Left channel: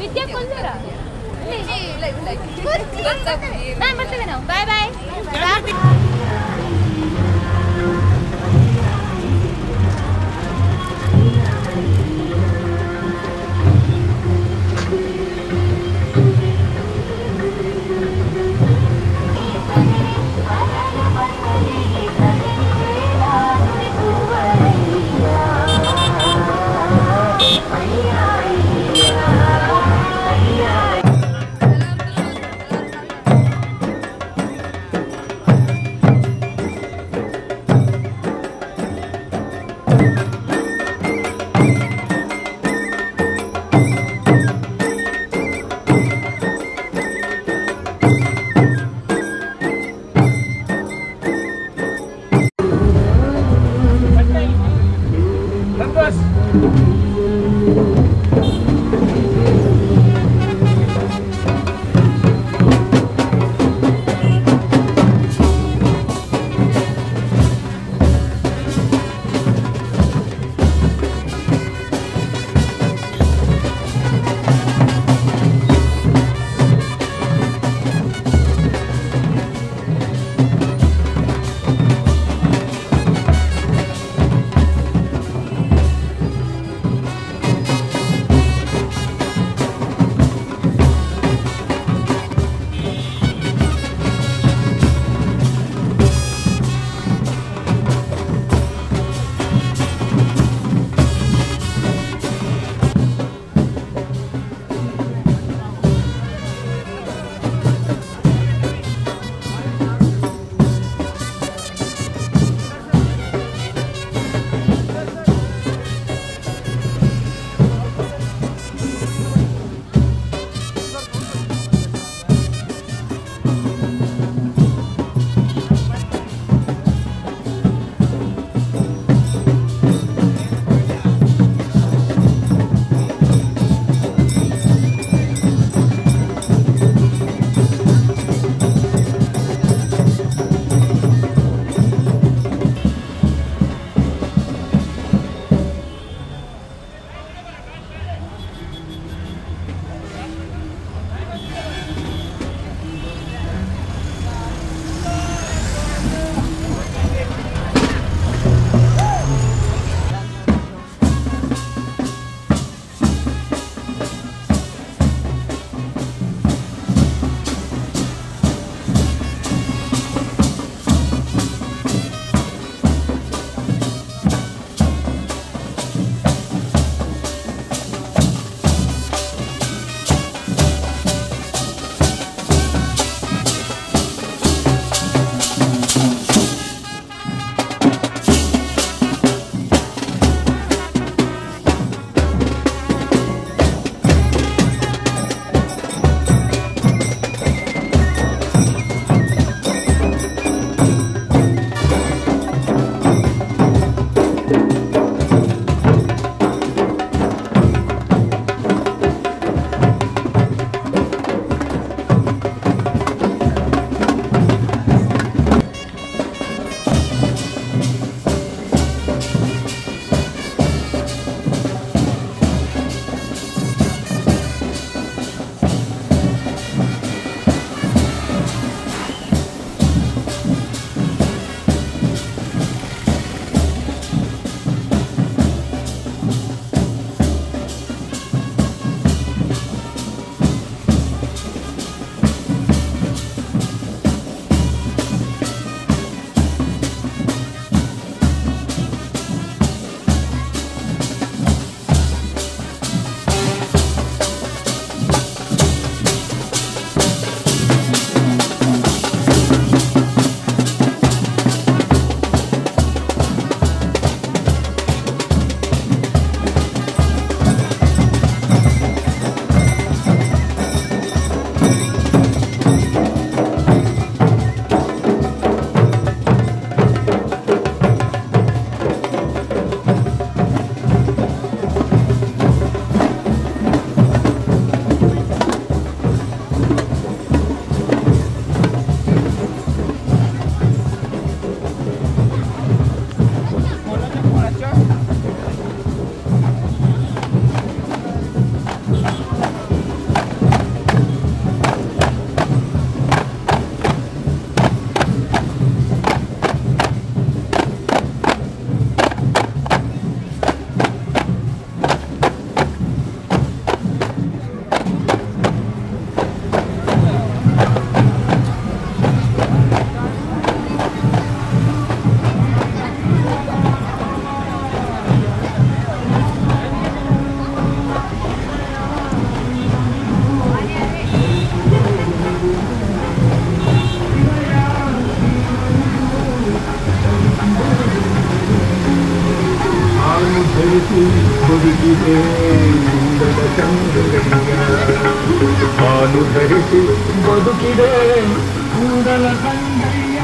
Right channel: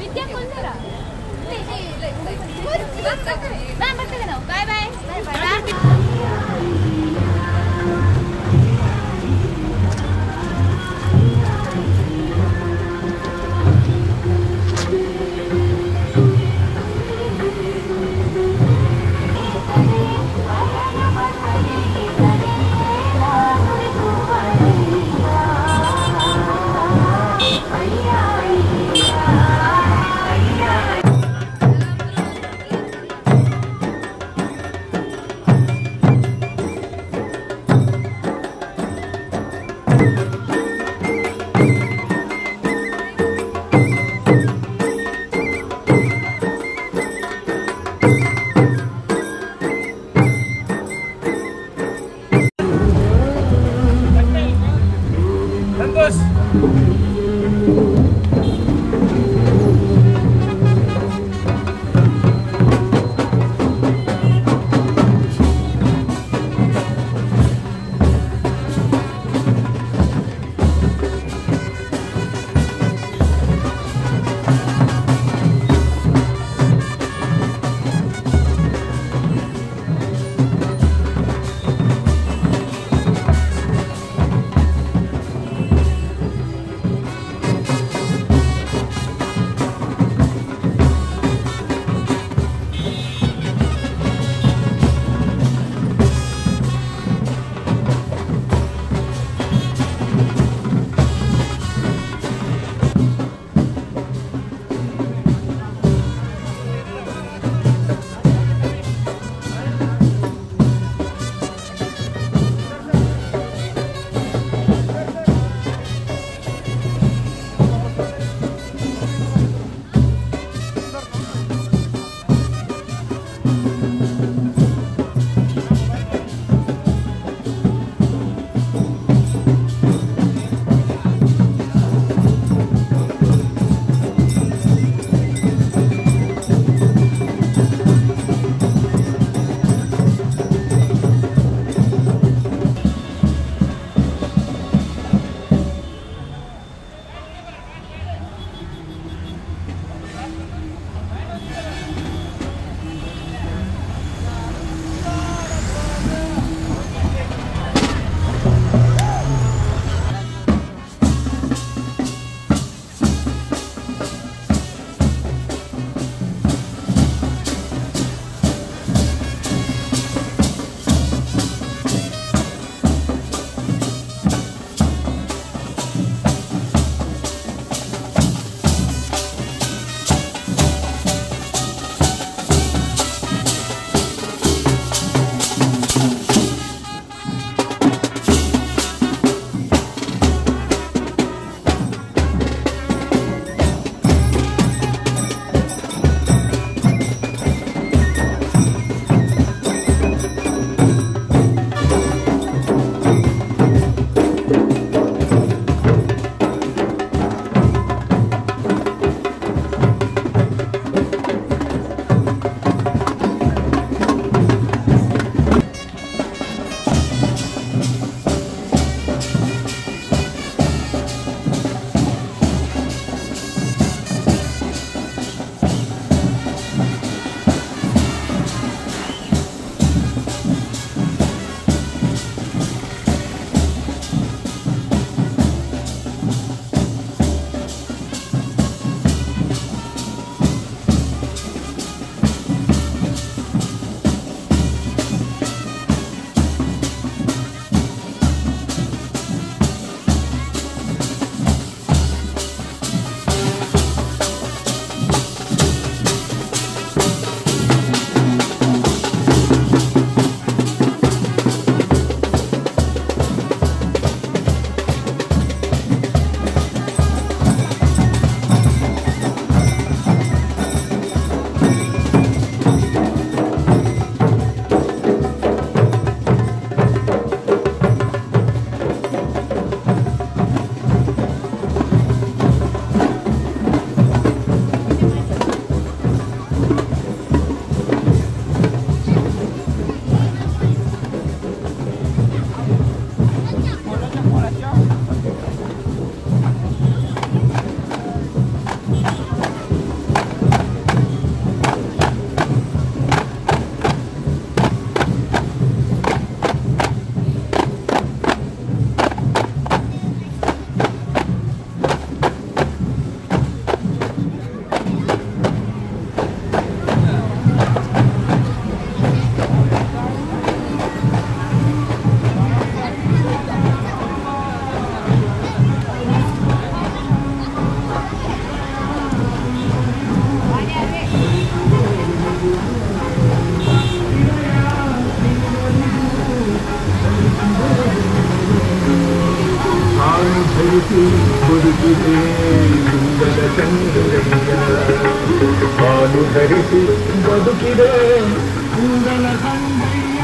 ವಿದ್ಯಾ ಕುಂತಾರ ನಾನು ಬರ್ತೇವೆ ನಾವು ಬಾಯ್ ಬಾಯ್ ಬದುಕಿದೆ ಇಂದದ ಚಂದ್ರಯ್ಯ ಹಾಲು ಧರಿಸಿ ಬದುಕಿದೆ ಕೂದಲ ಸಂಗಯ್ಯ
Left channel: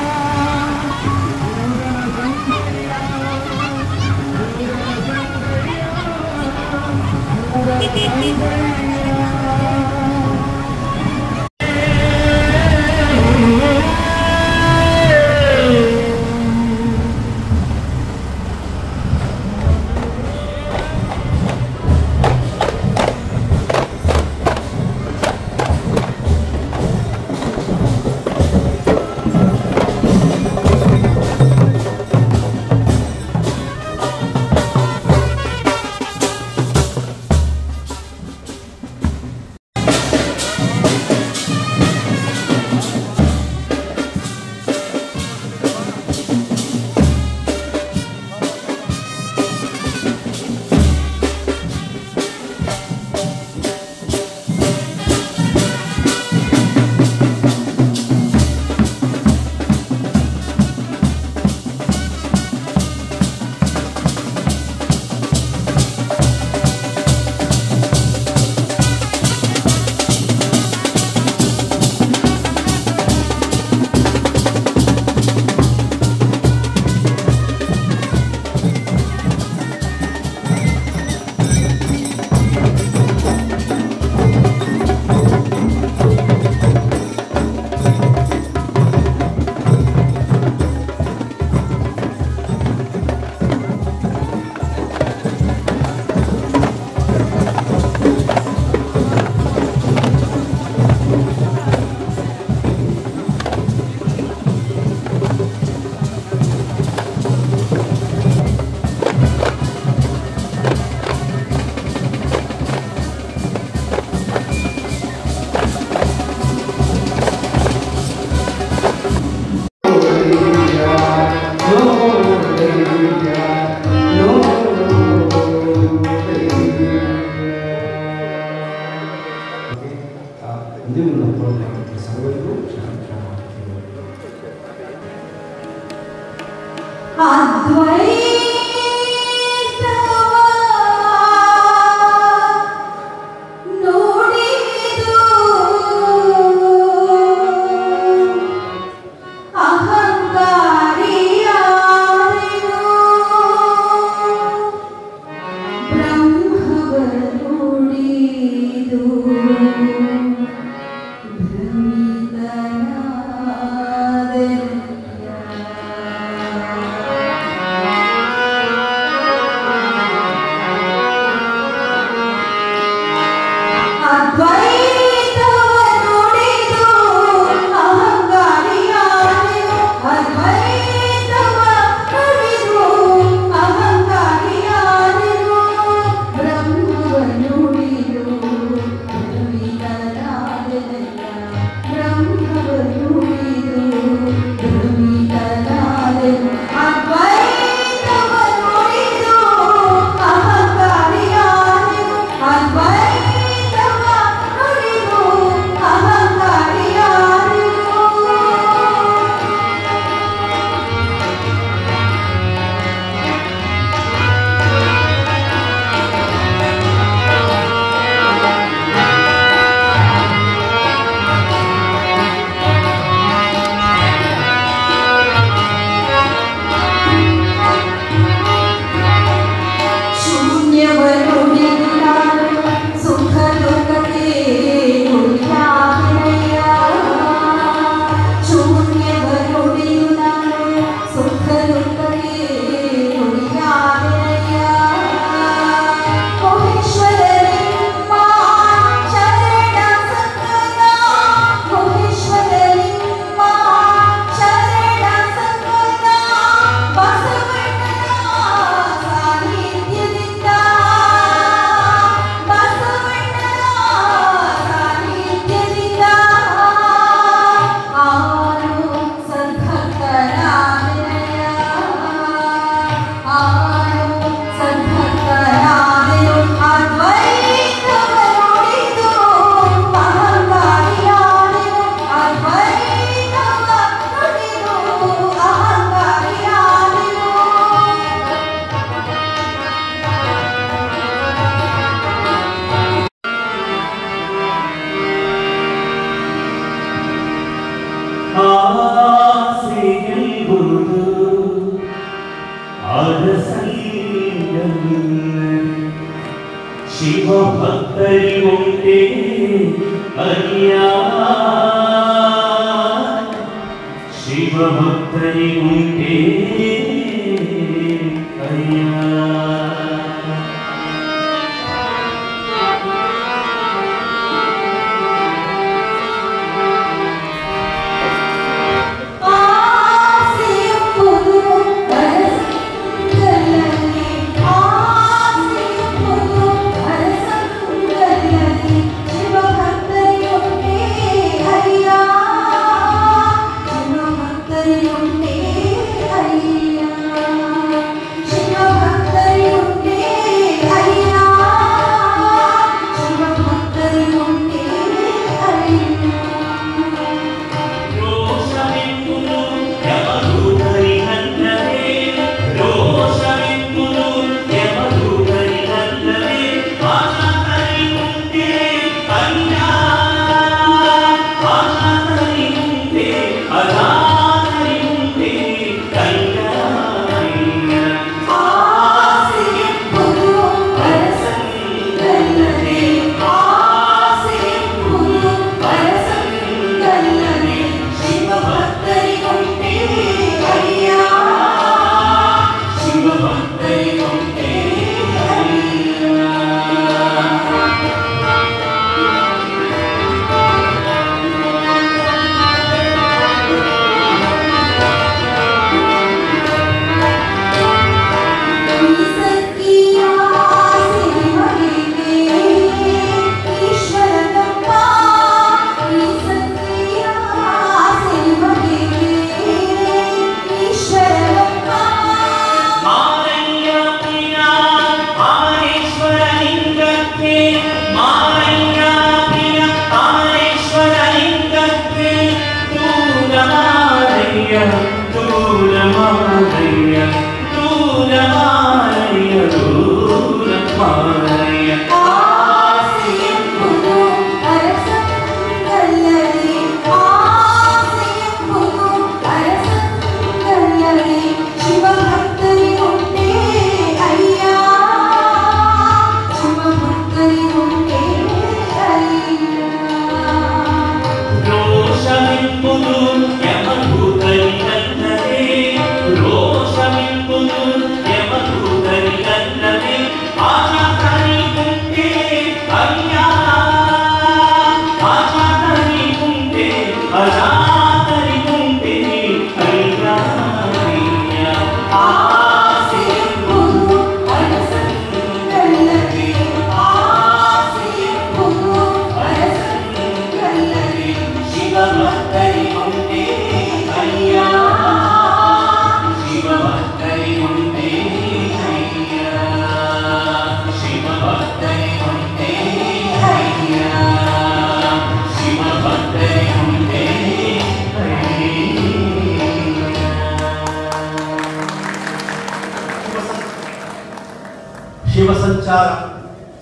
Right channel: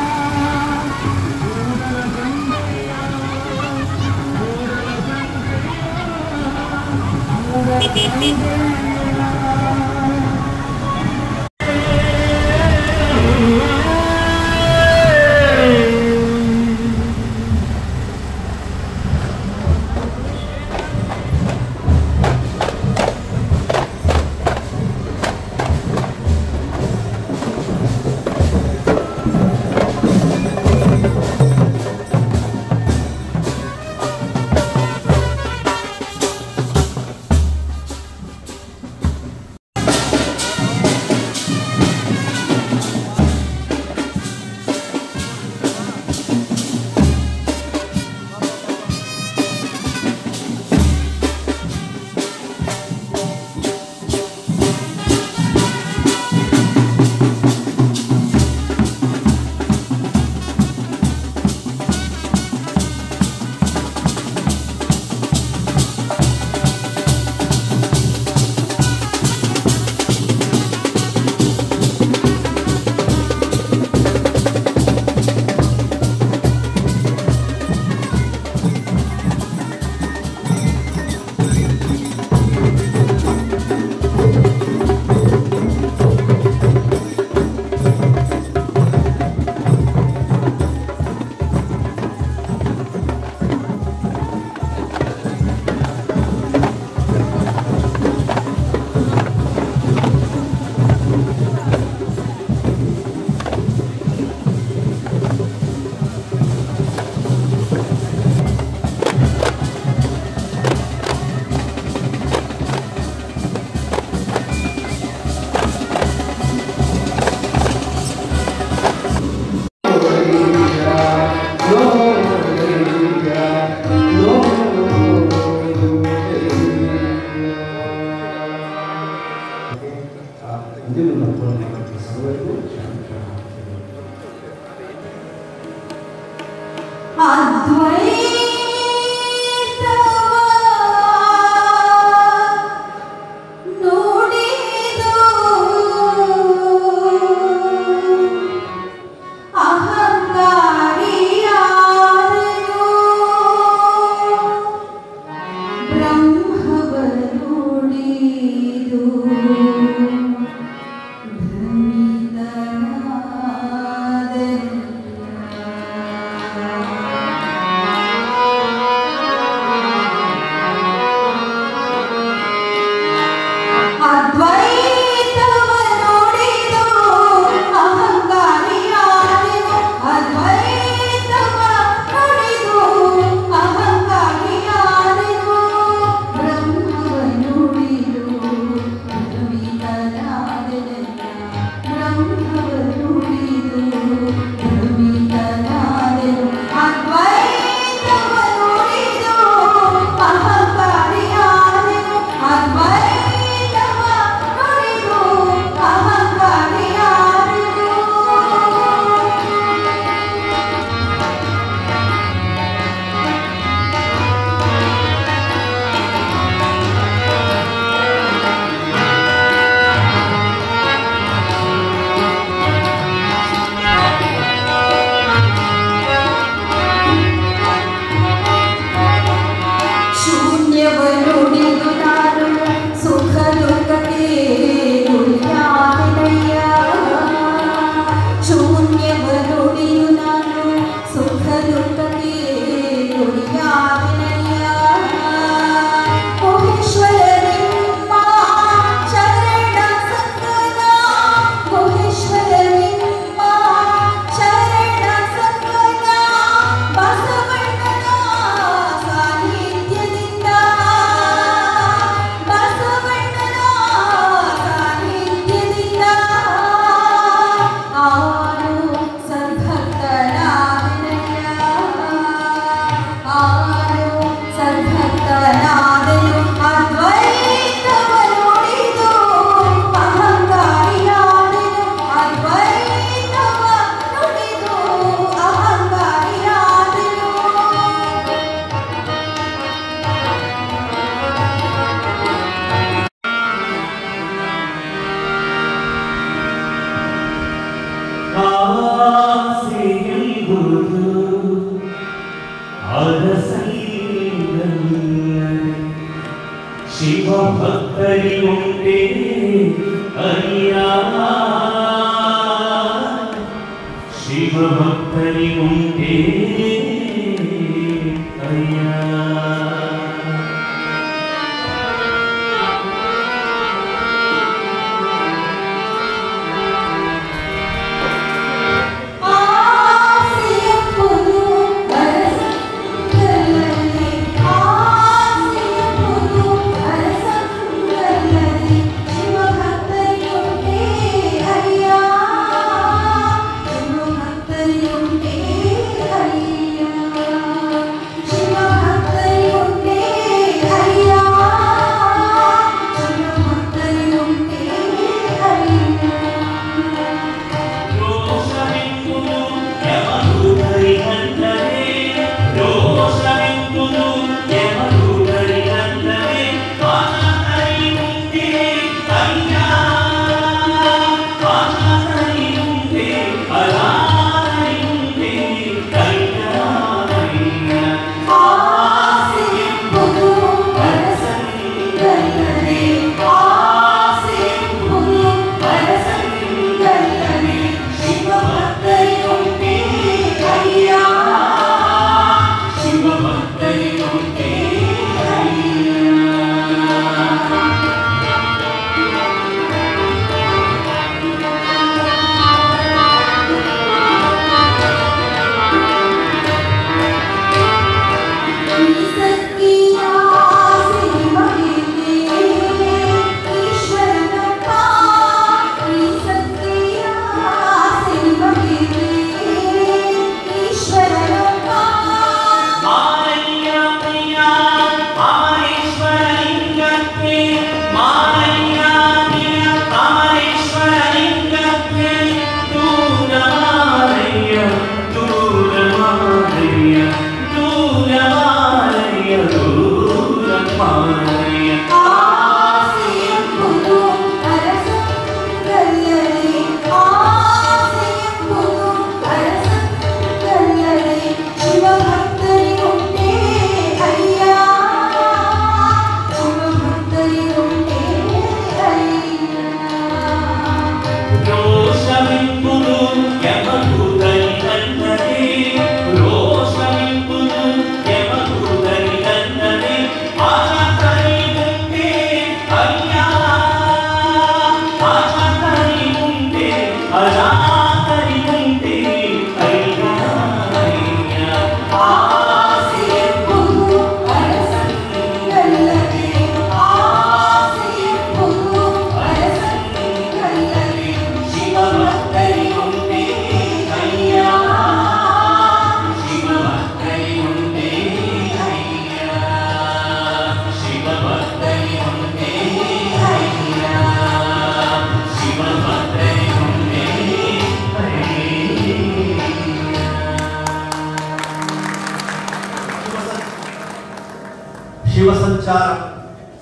ಶಿವಸಂಚಾರ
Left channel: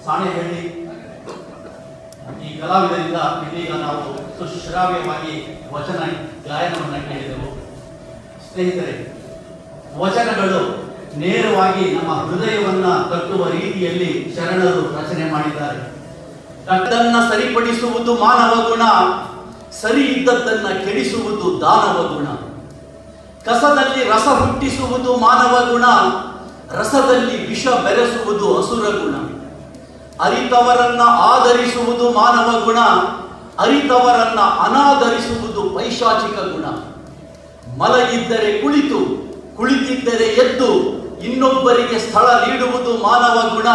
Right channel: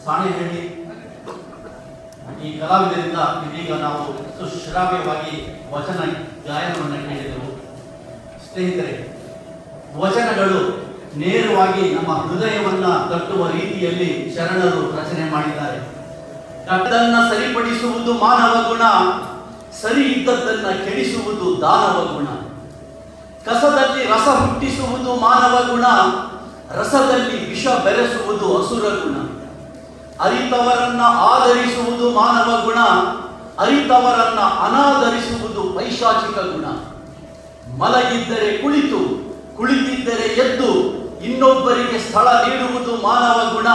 ಸಾಣೆಹಳ್ಳಿ ಈ ಕಲಾವಿದರಿಂದ ಇದೀಗ ನಾವು ಸುಶ್ರಾವ್ಯವಾಗಿ ವಚನ ಗಾಯನವನ್ನು ಕೇಳಿದೆವು. ಸ್ನೇಹಿತರೆ, ವಚನಗಳು ನೇರವಾಗಿ ನಮ್ಮ ಹೃದಯವನ್ನ ತಟ್ಟುವ ರೀತಿಯಲ್ಲಿ ಶರಣರು ರಚನೆ ಮಾಡಿದ್ದಾರೆ. ಅದನ್ನ ಸರಿಪಡಿಸುವುದು ಮಾನವ ಗುಣ, ಸರಿ ಇದ್ದದ್ದನ್ನ ಕೆಡಿಸುವುದು ದಾನವ ಗುಣ. ಕಸದಲ್ಲಿ ರಸ ಹುಟ್ಟಿಸುವುದು ಮಾನವ ಗುಣ, ರಸದಲ್ಲಿ ವಿಷ ಬೆರೆಸುವುದು ಅಸುರ ಗುಣ. ಅರಿತವರನ್ನ ಆದರಿಸುವುದು ಮಾನವ ಗುಣ, ಅರಿತವರನ್ನ ಅನಾದರಿಸುವುದು ಪೈಶಾಚಿಕ ಗುಣ. ಮಲಗಿದ್ದರೆ ಕುಳಿತು, ಕುಳಿತಿದ್ದರೆ ಎದ್ದು ಇನ್ನೊಬ್ಬರಿಗೆ ಸ್ಥಳ ನೀಡುವುದು ಮಾನವ ಗುಣ.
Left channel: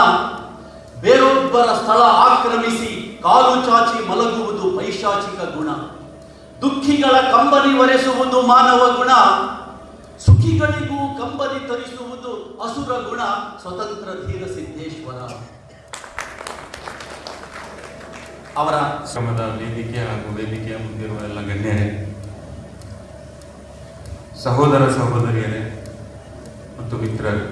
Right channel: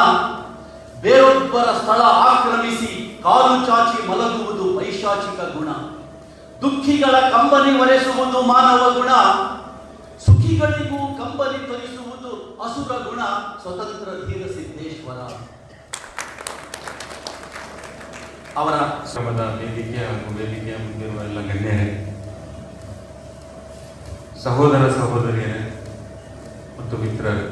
ಬೇರೊಬ್ಬರ ಸ್ಥಳ ಆಕ್ರಮಿಸಿ ಕಾಲು ಚಾಚಿ ಮಲಗುವುದು ಪೈಶಾಚಿಕ ಗುಣ. ದುಃಖಿಗಳ ಕಂಬನಿ ಒರೆಸುವುದು ಮಾನವ ಗುಣ, ಸುಖಿಗಳಿಗೂ ಕಂಬನಿ ತರಿಸುವುದು ಅಸುರ ಗುಣ. ಸ್ವತಂತ್ರ ಧೀರ ಸಿದ್ದೇಶ್ವರ ಅವರ ಶ್ರಮದ ವೇದಿಕೆ ಹಾಗೂ ವೇದಿಕೆಯ ಮುಂದಿರುವ ಎಲ್ಲ ಗಣ್ಯರೇ, ಸಹೋದರ ಸಹೋದರಿಯರೇ ಮತ್ತು ಮಿತ್ರರೇ,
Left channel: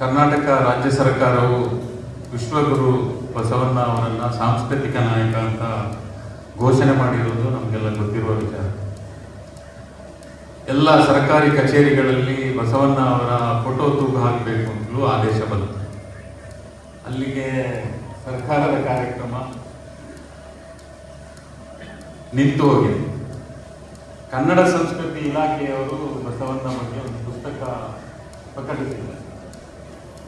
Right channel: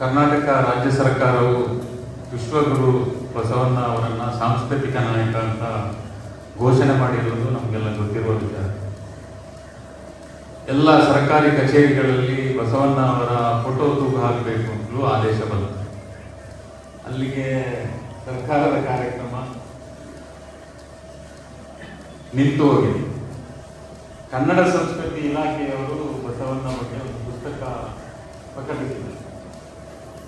ಕರ್ನಾಟಕ ರಾಜ್ಯ ಸರ್ಕಾರವು ವಿಶ್ವಗುರು ಬಸವಣ್ಣ ಅವರನ್ನು ಸಾಂಸ್ಕೃತಿಕ ನಾಯಕ ಅಂತ ಘೋಷಣೆ ಮಾಡಿರುವುದು ನಮಗೆಲ್ಲ ಗೊತ್ತಿರುವ ವಿಚಾರ. ಎಲ್ಲ ಸರ್ಕಾರಿ ಕಚೇರಿಗಳಲ್ಲಿ ಬಸವಣ್ಣ ಅವರ ಫೋಟೋ ತೂಗು ಹಾಕಬೇಕು ಅಂತಲೂ ಆದೇಶ ಬಂತು. ಅಲ್ಲಿಗೆ ಸರ್ಕಾರದ ಕಾರ್ಯಕ್ರಮ ನಿಂತು ಹೋಗಿದೆ. ಕನ್ನಡ ಸಂಸ್ಕೃತಿ ಇಲಾಖೆಯವರು ಬಸವಣ್ಣ ಬಗ್ಗೆ ಒಂದು ಪುಸ್ತಕ ಪ್ರಕಟಿಸಿದ್ದಾರೆ.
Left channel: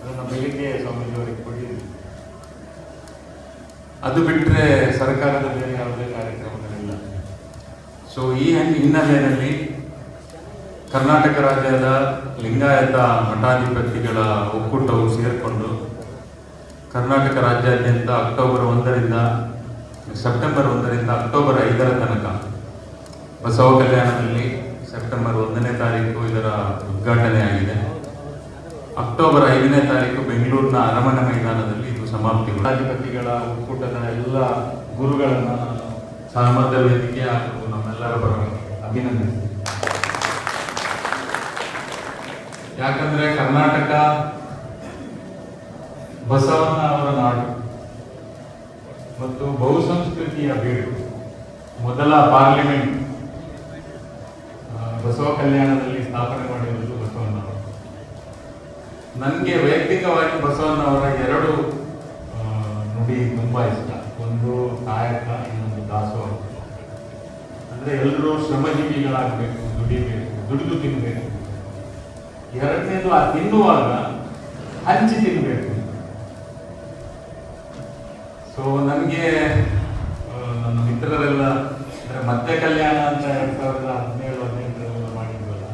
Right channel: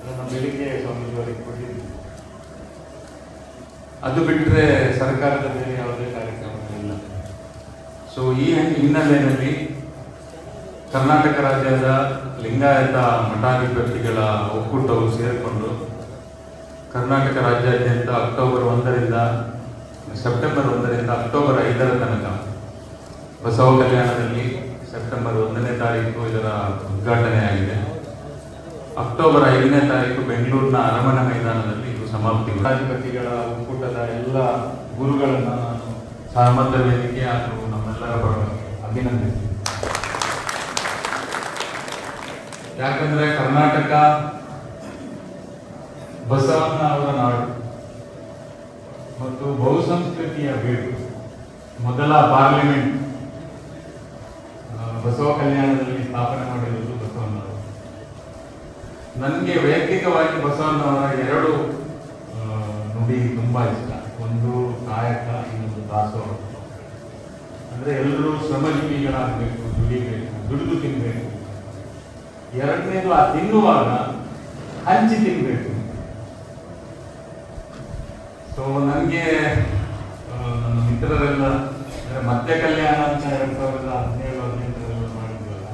ಅದನ್ನು ಬೆಳಿಗ್ಗೆ ಸ್ವಾಮೀಜಿಯವರಿಗೆ ಕೊಟ್ಟಿದ್ದೀವಿ. ಅದು ಬಿಟ್ಟರೆ ಸರ್ಕಾರದ ಬೇರೆ ಯಾವುದೇ ಕಾರ್ಯಕ್ರಮಗಳಿಲ್ಲ. ಸೊ ಈ ಹಿನ್ನೆಲೆಯಲ್ಲಿ ಕರ್ನಾಟಕ ರಾಜ್ಯದ ಲಿಂಗಾಯತ ಮಠಾಧಿಪತಿಗಳ ಒಕ್ಕೂಟವು ಸೇರಿಕೊಂಡು ಕರ್ನಾಟಕ ರಾಜ್ಯಾದ್ಯಂತ ಸೆಪ್ಟೆಂಬರ್ 1ರಿಂದ ಅಕ್ಟೋಬರ್ 5ರ ತನಕ ಬಸವ ಕಲ್ಯಾಣದಲ್ಲಿ ಸೆಪ್ಟೆಂಬರ್ 1ನೇ ತಾರೀಕು ಇದರ ಉದ್ಘಾಟನೆ ಆಗಿದೆ. ಅಕ್ಟೋಬರ್ 5ನೇ ತಾರೀಕು ಬೆಂಗಳೂರಿನ ಅರಮನೆ ಮೈದಾನದಲ್ಲಿ ಇದು ಸಮಾಪ್ತಿ. ಮಠಾಧಿಪತಿಗಳ ಒಕ್ಕೂಟದ ಎಲ್ಲ ಗುರುಗಳನ್ನು ನಾನು ಸಹಮತ ವೇದಿಕೆ ಹಾಗೂ ನಮ್ಮೆಲ್ಲರ ಪರವಾಗಿ ಅಭಿನಂದಿಸ್ತೀನಿ. ಯಾಕಂದ್ರೆ ಕರ್ನಾಟಕ ಬಸವಣ್ಣ ಅವರ ನಾಡು ಮತ್ತು ಬಹುಸಂಸ್ಕೃತಿಯ ಬೀಡು. ಮೊದಲ ಪಾರ್ಲಿಮೆಂಟ್ ಬಸವ ಕಲ್ಯಾಣದಲ್ಲಿ ಸ್ಥಾಪನೆ ಮಾಡಿರುವುದು ಬಸವಣ್ಣ ಅವರು. ನನಗೆ ವೈಯಕ್ತಿಕವಾಗಿ ಬಸವಣ್ಣ ಅವರ 2 ನುಡಿ ತುಂಬಾ ಇಷ್ಟ. ಒಂದು ಕಾಯಕ, ಇನ್ನೊಂದು ದಾಸೋಹ. ಅಂದ್ರೆ ಎಲ್ಲರೂ ಶ್ರಮಜೀವಿಗಳಾಗಬೇಕು, ದುಡಿಬೇಕು, ದುಡಿದು ತಿನ್ಬೇಕು. ಎರಡನೇದು ಆ ತಿನ್ನುವಾಗ ಹಂಚಿ ತಿನ್ಬೇಕು. ಸೊ ನನಗೆ ನನ್ನ ಮಿತ್ರರೆಲ್ಲ ಮತ್ತೆ ಕಲ್ಯಾಣ ಅಂತ 2017-18 ಮಾಡಿದ್ವಲ್ಲ,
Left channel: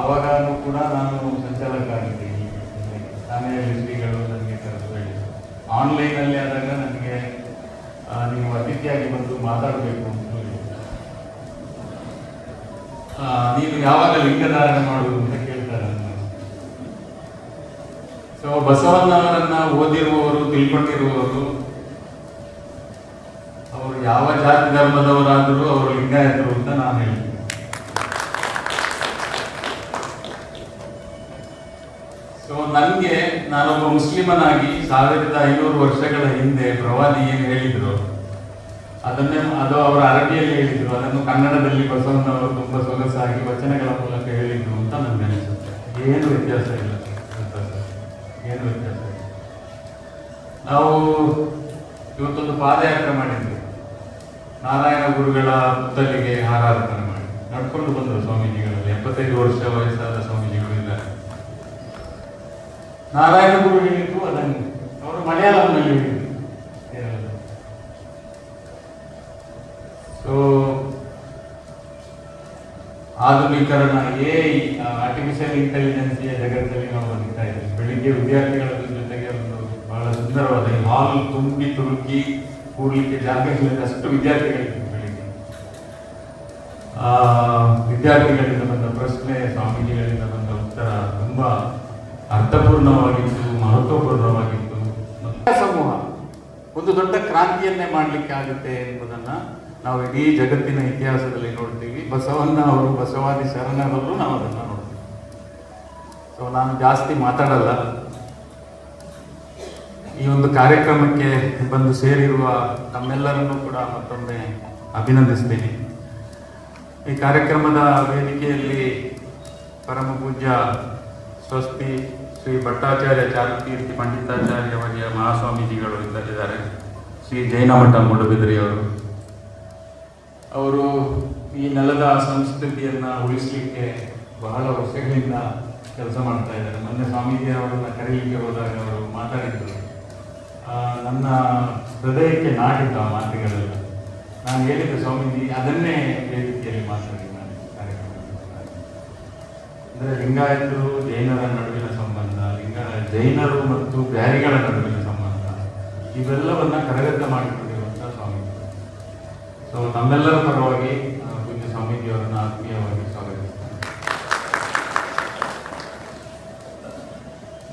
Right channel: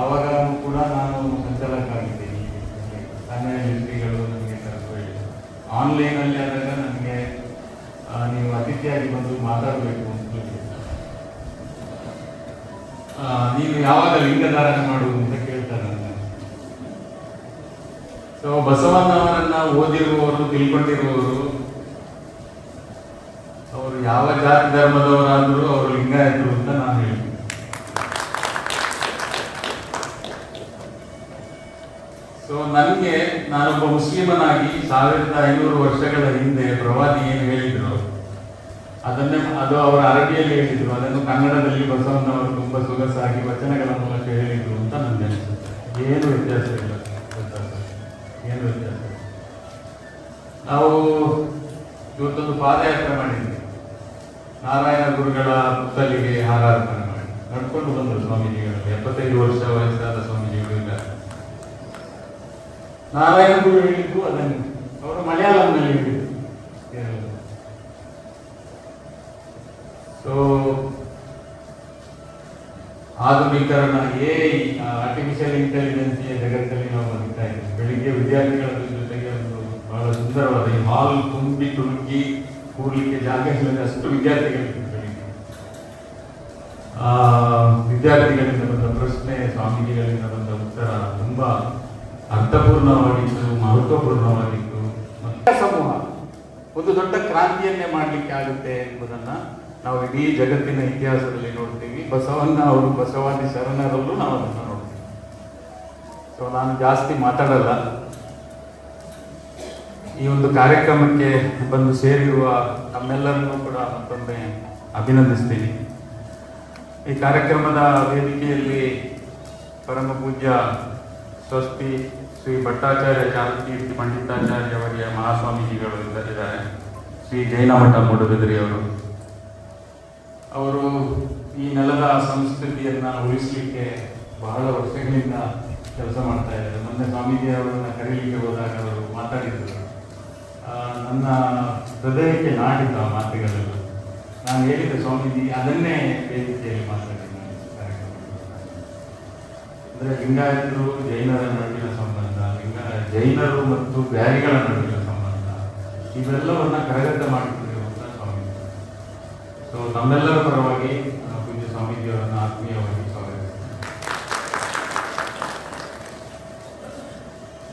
ಆವಾಗ ಕೂಡ ನಾನು ಸಂಚಾಲಕ ಆಗಿದ್ದೀನಿ. ಕನ್ನಡ ಶ್ರೀಗಳು ನನಗೆ ಕರೆದು ಆನ್ಲೈನಲ್ಲಿ ಆದಾಗ ನನಗೆ ನೀವು ಅತಿಥಿಯಾಗಿ ಬಂದು ಮಾತಾಡಬೇಕು ಅಂತ ಹೇಳಿ, ನೀವು ಯಾವಾಗ ಲಿಂಗಧಾರಣೆ ಮಾಡುವುದು ಅಂತ ಕೇಳ್ತಾರೆ ನನ್ನ. ಸೊ ಬಸವಣ್ಣ ಅವರನ್ನ ಓದಿರುವವರು, ತಿಳ್ಕೊಂಡಿರುವವರು, ಅವರು ಯಾವ ಜಾತಿ ಧರ್ಮದವರಾದರೂ ಅವರು ಲಿಂಗಾಯತರು ಅಂತ ನಾನು ಹೇಳ್ತೀನಿ. ಸೊ ನನಗೆ, ನಾನೊಬ್ಬ ಮುಸ್ಲಿಮನಾಗಿ 1500 ವರ್ಷಗಳ ಹಿಂದೆ ಪ್ರವಾದಿ ಏನು ಹೇಳಿದ್ರು ಅದು ಅವರ ಅರಬಿಯಲ್ಲಿ ಹೇಳಿದ್ರು, ಅದನ್ನು ಕನ್ನಡದಲ್ಲಿ ಬಸವಣ್ಣ ಅವರು ತುಂಬಾ ಸೊಗಸಾಗಿ ವಚನಗಳ ಮೂಲಕ ಹೇಳಿದ್ರು ಅಂತ ನನಗೆ ಅನಿಸುತ್ತೆ. ಏನು ವ್ಯತ್ಯಾಸ ಇಲ್ಲ, ಏನು ವ್ಯತ್ಯಾಸ. ನಾವು ಇವತ್ತೊಂದು ಪಾದಯಾತ್ರೆ ಮಾಡಿದ್ವಿ. ನಾರಾಯಣ ಗುರುಗಳ ಪುತ್ತಲಿಗೆ ಹಾರಾರ್ಪಣೆ ಮಾಡಿ ನಡ್ಕೊಂಡು ಬಂದರು ಸ್ವಾಮೀಜಿಗಳಲ್ಲಿ. 75 ವರ್ಷ ವಯಸ್ಸಾದ ಸ್ವಾಮೀಜಿಗಳು ಇದ್ದಾರೆ. ನಾರಾಯಣ ಗುರು ಹೇಳಿದ್ದು ಅದನ್ನು ಅವರು ಮಲಯಾಳಂನಲ್ಲಿ ಹೇಳಿದ್ರು. ಸೊ ಆಧುನೀಕರಣ, ಆರ್ಟಿಫಿಷಿಯಲ್ ಇಂಟೆಲಿಜೆನ್ಸಿಯ ಜಗತ್ತಲ್ಲಿ ನಾವು ಬದುಕ್ತಾ ಇದ್ದೀವಿ. ಬೆಳಿಗ್ಗೆ ವಿದ್ಯಾರ್ಥಿಗಳ ಜೊತೆಗೆ ಒಂದು ಬಹಳ ಸುಂದರವಾದ ಹಾಲ್ ತುಂಬಿ ತುಳುಕಿ ಕೂಡಲಿಕ್ಕೆ ಜಾಗ ಇಲ್ಲದೆ ಅಷ್ಟು ವಿದ್ಯಾರ್ಥಿಗಳಿದ್ದಾರೆ. ಬೆಳಿಗ್ಗೆ ವಿದ್ಯಾರ್ಥಿಗಳಿಂದ ಬಂದ ಪ್ರಶ್ನೆ, ಸ್ವಾಮೀಜಿಗಳಿಂದ ಬಂದ ಉತ್ತರ ತುಂಬಾ ಅರ್ಥಪೂರ್ಣವಾಗಿತ್ತು, ಮಹತ್ವಪೂರ್ಣವಾಗಿತ್ತು. ಸಮೂಹ ಒಂದು ದೊಡ್ಡ ಕ್ರಾಂತಿಯನ್ನೇ ಮಾಡಲಿಕ್ಕೆ ಆಗುತ್ತೆ ಎಂಬುದನ್ನ ನಾವು ಇಡೀ ಜಗತ್ತಿನ ಇತಿಹಾಸದಲ್ಲಿ ನೋಡ್ತೀವಿ. ಬಸವಣ್ಣ ಅವರು ಬಸವಾದಿ ಶರಣರಲ್ಲೂ ನಾವು ಅದನ್ನು ನೋಡ್ತೀವಿ. ಸೊ ನಾನು ಜಾಸ್ತಿ ಮಾತಾಡಲ್ಲ. ಈ ಒಂದು ಕಾರ್ಯಕ್ರಮಕ್ಕೆ ಬಂದು ಸೇರಿರುವ ತಮ್ಮೆಲ್ಲರನ್ನೂ ಕೂಡ ಮತ್ತೊಮ್ಮೆ ಅಭಿನಂದಿಸ್ತೀನಿ. ಈ ಕಾರ್ಯಕ್ರಮದ ವೇದಿಕೆಯಲ್ಲಿ ಪರಮ ಪೂಜ್ಯ ಸ್ವಸ್ತಿ ಶ್ರೀ ಭಟ್ಟಾಚಾರ್ಯ ಚಾರುಕೀರ್ತಿ ಪಂಡಿತಾಚಾರ್ಯ ಅವರಿಯ ಮಹಾಸ್ವಾಮೀಜಿಗಳು ಇದ್ದಾರೆ. ಶ್ರೀ ಜೈನಮಠ ಮೂಡುಬಿದಿರೆಯವರು. ಅವರು ಈ ನೆಲದ ಸಂಸ್ಕೃತಿಯನ್ನ ಉಳಿಸಲಿಕ್ಕೆ ಬಹಳ ವರ್ಷಗಳಿಂದ ಕೆಲಸ ಮಾಡ್ತಾ ಇದ್ದಾರೆ. ಮೊನ್ನೆ ಸ್ವಾಮೀಜಿಯವರನ್ನ ಕರೀಲಿಕ್ಕೆ ಹೋದಾಗ ಅವರು ಮಾತಾಡಿದ್ರು. ನನ್ನ ಹೃದಯಕ್ಕೆ ನಾಟಿದ ಮಾತುಗಳಲ್ಲಿ ನಾನು ಹೇಳಿದ್ದೆ, ಸ್ವಾಮೀಜಿ ಅದನ್ನೇ ವೇದಿಕೆಯಲ್ಲಿ ಮಾತಾಡಿದ್ದೆ. ಅಂದರೆ ಲಿಂಗಾಯತರು ಜೈನರ ನಡುವಿನ ಸಂಬಂಧ, ಜೈನರು ಮತ್ತು ಬ್ಯಾರಿಗಳ ನಡುವಿನ ಸಂಬಂಧ, ಇವೆಲ್ಲವನ್ನ ಕರಗತ ಮಾಡಿಕೊಂಡಿರುವಂತಹ ಸ್ವಾಮೀಜಿ. ಸೊ ನಮ್ಮೆಲ್ಲರ ಪರವಾಗಿ ಪೂಜ್ಯ ಸ್ವಾಮೀಜಿಯವರನ್ನು ಆತ್ಮೀಯವಾಗಿ ಸ್ವಾಗತಿಸ್ತೀನಿ.